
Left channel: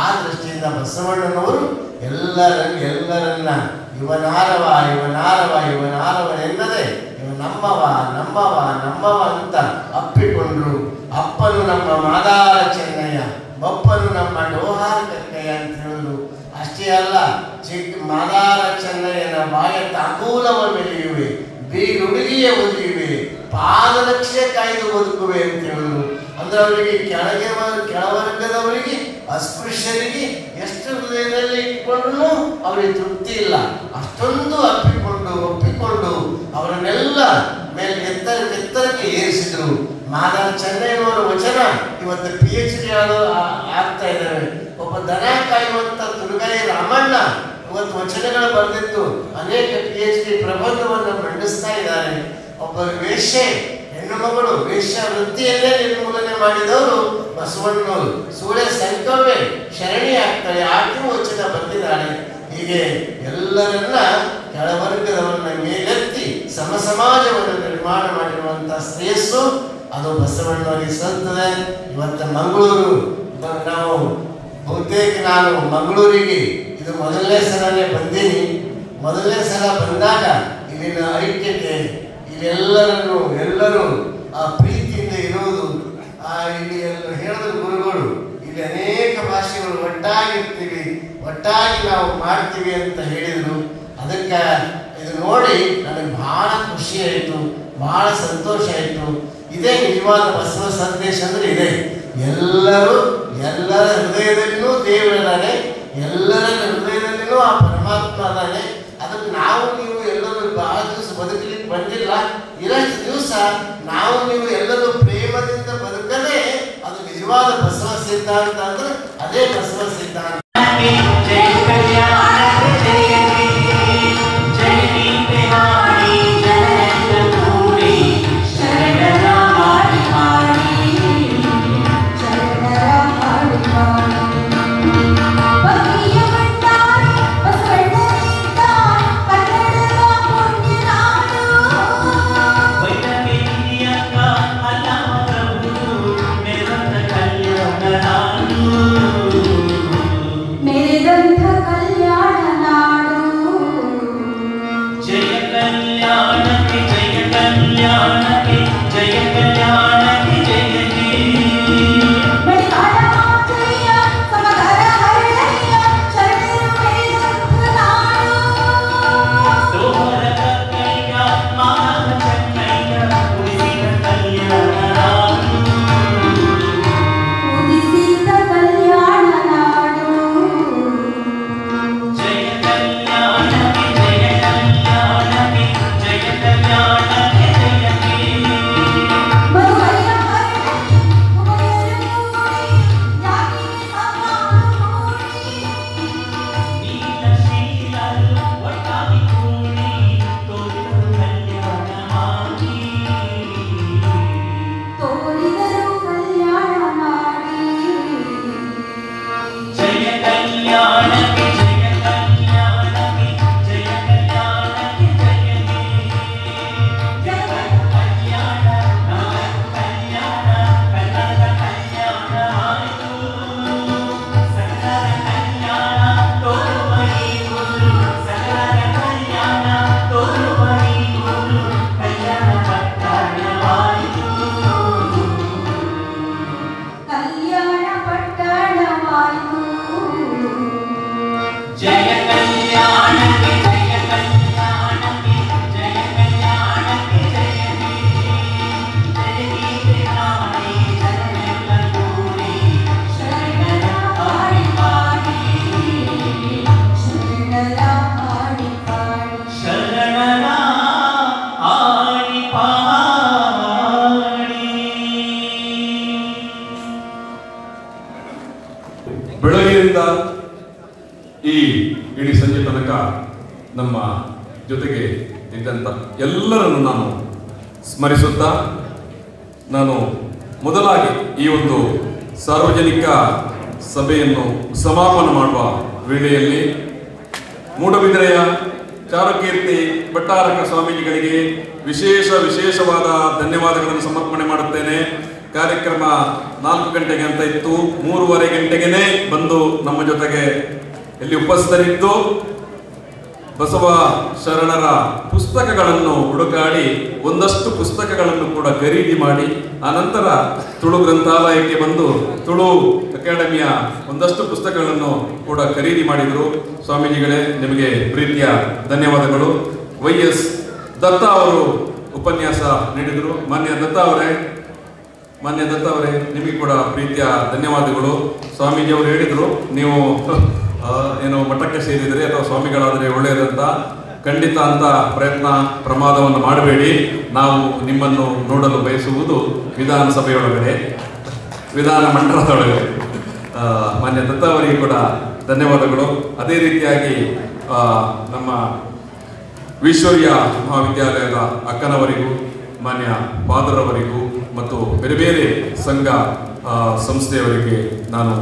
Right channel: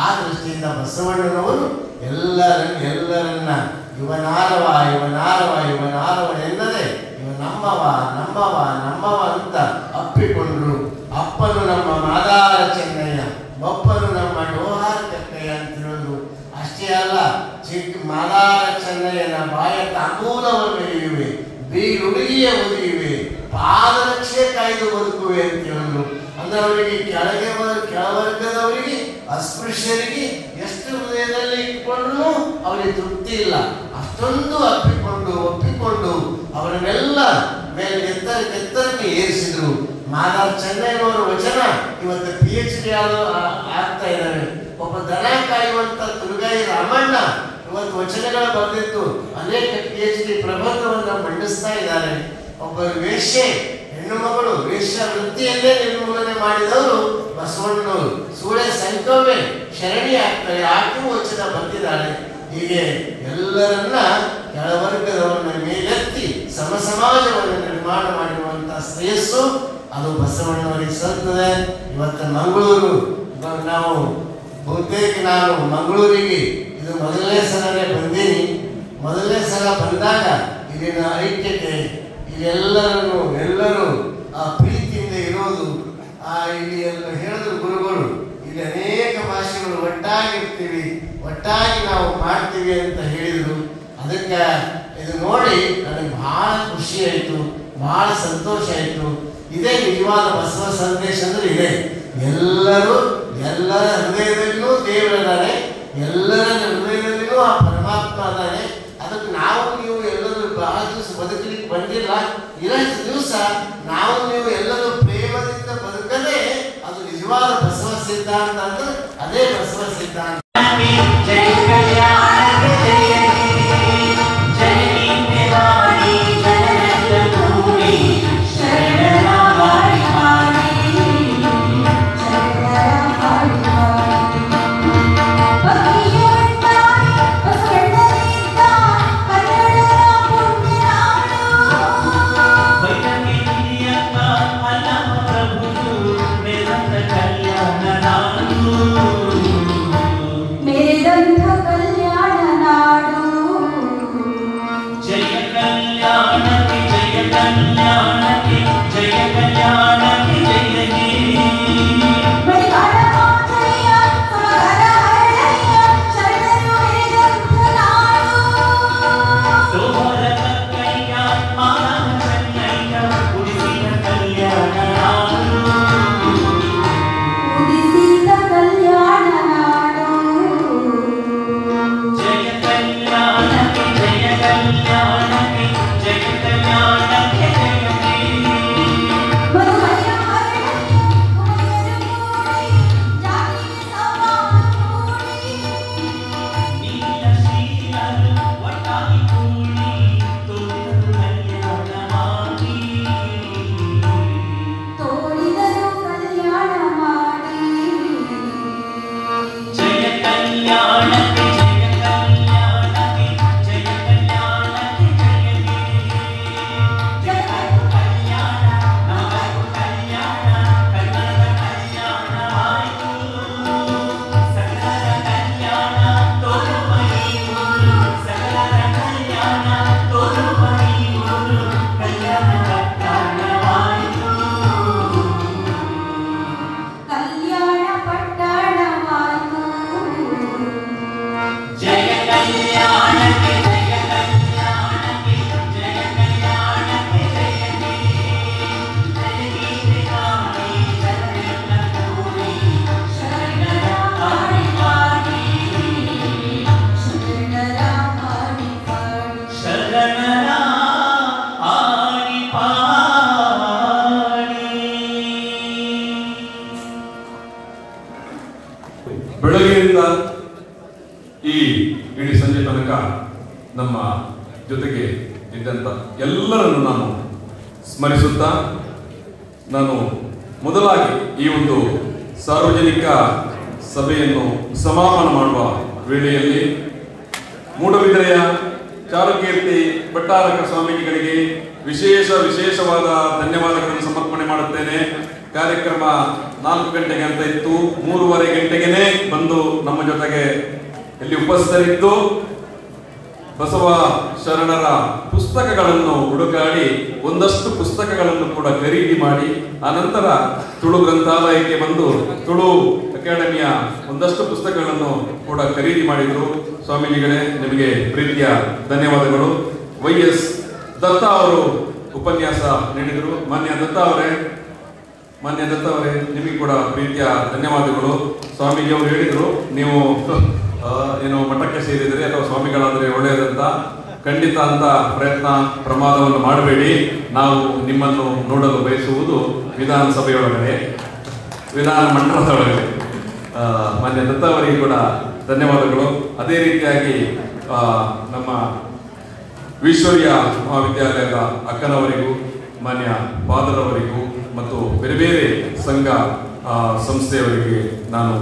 ಆ ದೃಷ್ಟಿಯಿಂದ ಬಸವಣ್ಣನವರು ಎಲ್ಲರನ್ನ ಇವನಾರವ ಇವನಾರವ ಇವನಾರವ ಎಂದರೆ ಇವ ನಮ್ಮವ ನಮ್ಮವ ನಮ್ಮವ ಅಂತ ಅಪ್ಪಿಕೊಂಡ್ರು. ಅಪ್ಪನು ನಮ್ಮ ಮಾದಾರ ಚೆನ್ನಯ್ಯ, ಬಪ್ಪನು ನಮ್ಮ ಡೋಹಾರ ಕಕ್ಕಯ್ಯ ಅಂತ ಹೇಳಿದ್ರು. ಅಷ್ಟೇ ಅಲ್ಲ, ಚಿಕ್ಕ ಮಾದಾರ ಚೆನ್ನಯ್ಯನ ಬಾಯ ತಾಂಬೂಲವ ಬೆಳೆಯುವೆ, ಬೀರುಡಿಯ ಒಲಿಯುವೆ, ಪಾದರಕ್ಷೆ ಕಾಯ್ದು ಬದುಕುವೆ ಅಂತ ಹೇಳಿದ್ರು. ಅಂದ್ರೆ ಅವರಿಗೆ ಕೆಳವರ್ಗದವರಿಗೆ ಅಸ್ಪೃಶ್ಯರಿಗೆ ಎಷ್ಟು ಹೃದಯದಲ್ಲಿ ಇಟ್ಕೊಂಡ್ರು ಅವರಿಗೆ ತೃಪ್ತಿ ಇಲ್ಲ. ಅಷ್ಟೊಂದು ಒಪ್ಪಿಕೊಂಡು ಅವರನ್ನೆಲ್ಲ ಮೇಲ್ಗೆತ್ತರಕ್ಕೆ ಏರಿಸಿದ್ರು. ಮಾದಾರ ಚೆನ್ನಯ್ಯನವರ ವಚನ ಇವತ್ತು PhD ಆಗ್ತಾ ಇದ್ದಾರೆ. ಒಬ್ಬ ದನ ಕಾಯುವಂತ ತುರುಗಾಯಿ ರಾಮಣ್ಣ ಇವತ್ತು ವಚನಗಳ ಬರೆದಿದ್ದು ಅನೇಕ PhD ಪ್ರಬಂಧವನ್ನು ಮಂಡಿಸ್ತಾ ಇದ್ದಾರೆ. ಒಬ್ಬ ವೇಶ್ಯೆ ಹೆಣ್ಣು ಮಗಳು ವೇಶ್ಯ ವೃತ್ತಿಯನ್ನೇ ನಿರ್ಮೂಲನೆ ಮಾಡಿದವರು ಬಸವಣ್ಣನವರು. ಸೂರ್ಯ ಸಂಕವೇ ಶರಣಿ ಆಗ್ತಾರೆ, ಆಕೆಯೂ ವಚನ ಬಂದಿದ್ದಾಳೆ. ಹೀಗೆ ಎಲ್ಲರನ್ನ ಕೆಳವರ್ಗದವರನ್ನ ಮೇಲೆತ್ತಿ ಸಮಾಜವನ್ನು ನಿರ್ಮಾಣ ಮಾಡಿರುವಂತಹ ಶ್ರೇಯಸ್ಸು ಅದು ಬಸವಣ್ಣವರಿಗೆ ಸಲ್ತದೆ. ಇವತ್ತು ಮಂಗಳೂರು ನಾವು ಬಹುತೇಕ ನಾನು ಮಂಗಳೂರಿಗೆ ಇದು ಮೊದಲನೇ ಸಲನೇ ಬಂದೀನಿ. ಮೊದಲನೇ ಸಲ ಬಂದಾಗ ಇಲ್ಲಿನ ಐಕ್ಯತೆ, ಎಲ್ಲರೂ ಆ ಪ್ರೀತಿಯಿಂದ ಇರೋದು, ಇಲ್ಲಿ ಹೇಳಿದ್ರು ಗುರುಗಳು, ಇಲ್ಲಿ ಅನೇಕ ಭಾಷೆಗಳು ಒಟ್ಟಾಗಿರ್ತೀವಿ, ಒಟ್ಟಾಗಿ ನಾವು ಮಾಡ್ತೀವಿ ಅಂತ ಹೇಳಿದ್ರು. ಅದಕ್ಕೆ ಇದು ನೋಡಿ ನನಗೆ ಬಹಳ ಖುಷಿ ಆಯಿತು, ಬಹಳ ಸಂತೋಷ ಆಯಿತು. ಇದೇ ನಿಜವಾದ ಬಸವ ಸಂದೇಶ ಅಂದ್ರೆ ಇದೆ. ಎಲ್ಲರ ಹೃದಯದಲ್ಲಿಯೂ ದೇವರಿದ್ದಾನೆ, ಎಲ್ಲರ ಹೃದಯದಲ್ಲಿಯೂ ಆ ಪರಮಾತ್ಮ ಇದ್ದಾನೆ. ಅದಕ್ಕೆ ನಾವು ನೀವು ಎಲ್ಲರೂ ಬಹಳ ದಿವಸ ಬದುಕಲಿಕ್ಕೆ ಬಂದಿಲ್ಲ. ಇರಷ್ಟು ದಿವಸ ನಾವು ನೀವು ಎಲ್ಲರೂ ಪ್ರೇಮದಿಂದ ಬದುಕದೆ ಅದು ನಿಜವಾದ ಬಸವ ಸಿದ್ಧಾಂತ ಅಂದ್ರೆ ಅದೇ ಬಸವ ಸಿದ್ಧಾಂತ. ಬೆಳಗ್ಗೆಯಿಂದ ಈ ಇಡೀ ಸಂಜೆ ತನಕ ನಮ್ಮ ಜೊತೆಗೆ ಇದ್ದಂಥ ಎಲ್ಲರನ್ನು ನಾನು ಸ್ಮರಿಸುತ್ತಾ, ನಾನು ಮೊದಲಾಗಿ ಈ ಒಂದು ಸಾರ್ವಜನಿಕ ಸಭೆಯನ್ನು ಸಮಾಪನ ಮಾಡುವ ವೇಳೆಯಲ್ಲಿ ಮೂಡಬಿದಿರೆಯ ಚಾರುಕೀರ್ತಿ ಭಟ್ಟಾರಕ ಸ್ವಾಮೀಜಿಗಳಿಗೆ ವಿಶೇಷವಾದ ಧನ್ಯವಾದಗಳನ್ನು ಸಮರ್ಪಣೆ ಮಾಡುತ್ತೇನೆ. ಕಾರ್ಯಕ್ರಮ 4 ಗಂಟೆಗೆ ಅಂತ ಇತ್ತು, 3:30 ಗಂಟೆಗೆ ಬಂದು ನಮ್ಮ ಜೊತೆಗೆ ಇಲ್ಲಿ ಉಪಸ್ಥಿತರಿದ್ದು ಬಸವ ಶರಣರ ಪುಸ್ತಕಗಳನ್ನು ಹುಡುಕಾಡಿ ಒಂದಷ್ಟು ಪುಸ್ತಕಗಳನ್ನು ಕೂಡ ಖರೀದಿ ಮಾಡಿ ಆನಂತರ ತುಳು ಗ್ರಂಥಾಲಯಕ್ಕೆ ಬಂದು ತುಳು ಅಕಾಡೆಮಿಯ ಒಂದಷ್ಟು ಪುಸ್ತಕಗಳನ್ನು ಕೂಡ ಖರೀದಿ ಮಾಡಿದ್ರು. ಸ್ವಾಮೀಜಿಗಳೇ, ನಿಮಗೆ ಪ್ರೀತಿಯ ಧನ್ಯವಾದಗಳು. YS ದತ್ತ ಅವರು ಉಪನ್ಯಾಸ ನೀಡಿದರು. ಮಾನ್ಯ ದತ್ತ ಅವರೇ, ನಿಮಗೆ ಕೂಡ ಪ್ರೀತಿಯ ಧನ್ಯವಾದಗಳು. ಸ್ವಾಮೀಜಿಯವರು ಹೇಳಿದರು, ನೀವು ಏನು ಮಠಕ್ಕೆ ಸೇರಿದರೆ ಅಥವಾ ಸ್ವಾಮಿಗಳಾದರೆ ಒಳ್ಳೆಯದಂತ. ಖಂಡಿತ ಅಂತ ಪ್ರಮಾದವನ್ನು ಮಾಡಬೇಡಿ. ನಾವು ನಿಮ್ಮನ್ನು ನೋಡಲು ಬಯಸುವುದು ವಿಧಾನಸಭೆಯೊಳಗಡೆ, ವಿಧಾನ ಮಂಡಲದೊಳಗಡೆ. ಮಾನ್ಯ ದತ್ತ ಅವರಿಗೆ ಕೂಡ ಧನ್ಯವಾದಗಳು. ಅದೇ ರೀತಿಯಾಗಿ ನಮ್ಮ ವಿಶ್ವರ್ಯ ಮಹಾವಿದ್ಯಾಲಯದ ಅಕ್ಕನವರಿಗೂ, ಮಾನ್ಯ ಫಾದರ್ ಅವರಿಗೂ ಮತ್ತು ಬೇರೆ ಬೇರೆ ಸಂಘ ಸಂಸ್ಥೆಯವರಿಗೆ ನಾನು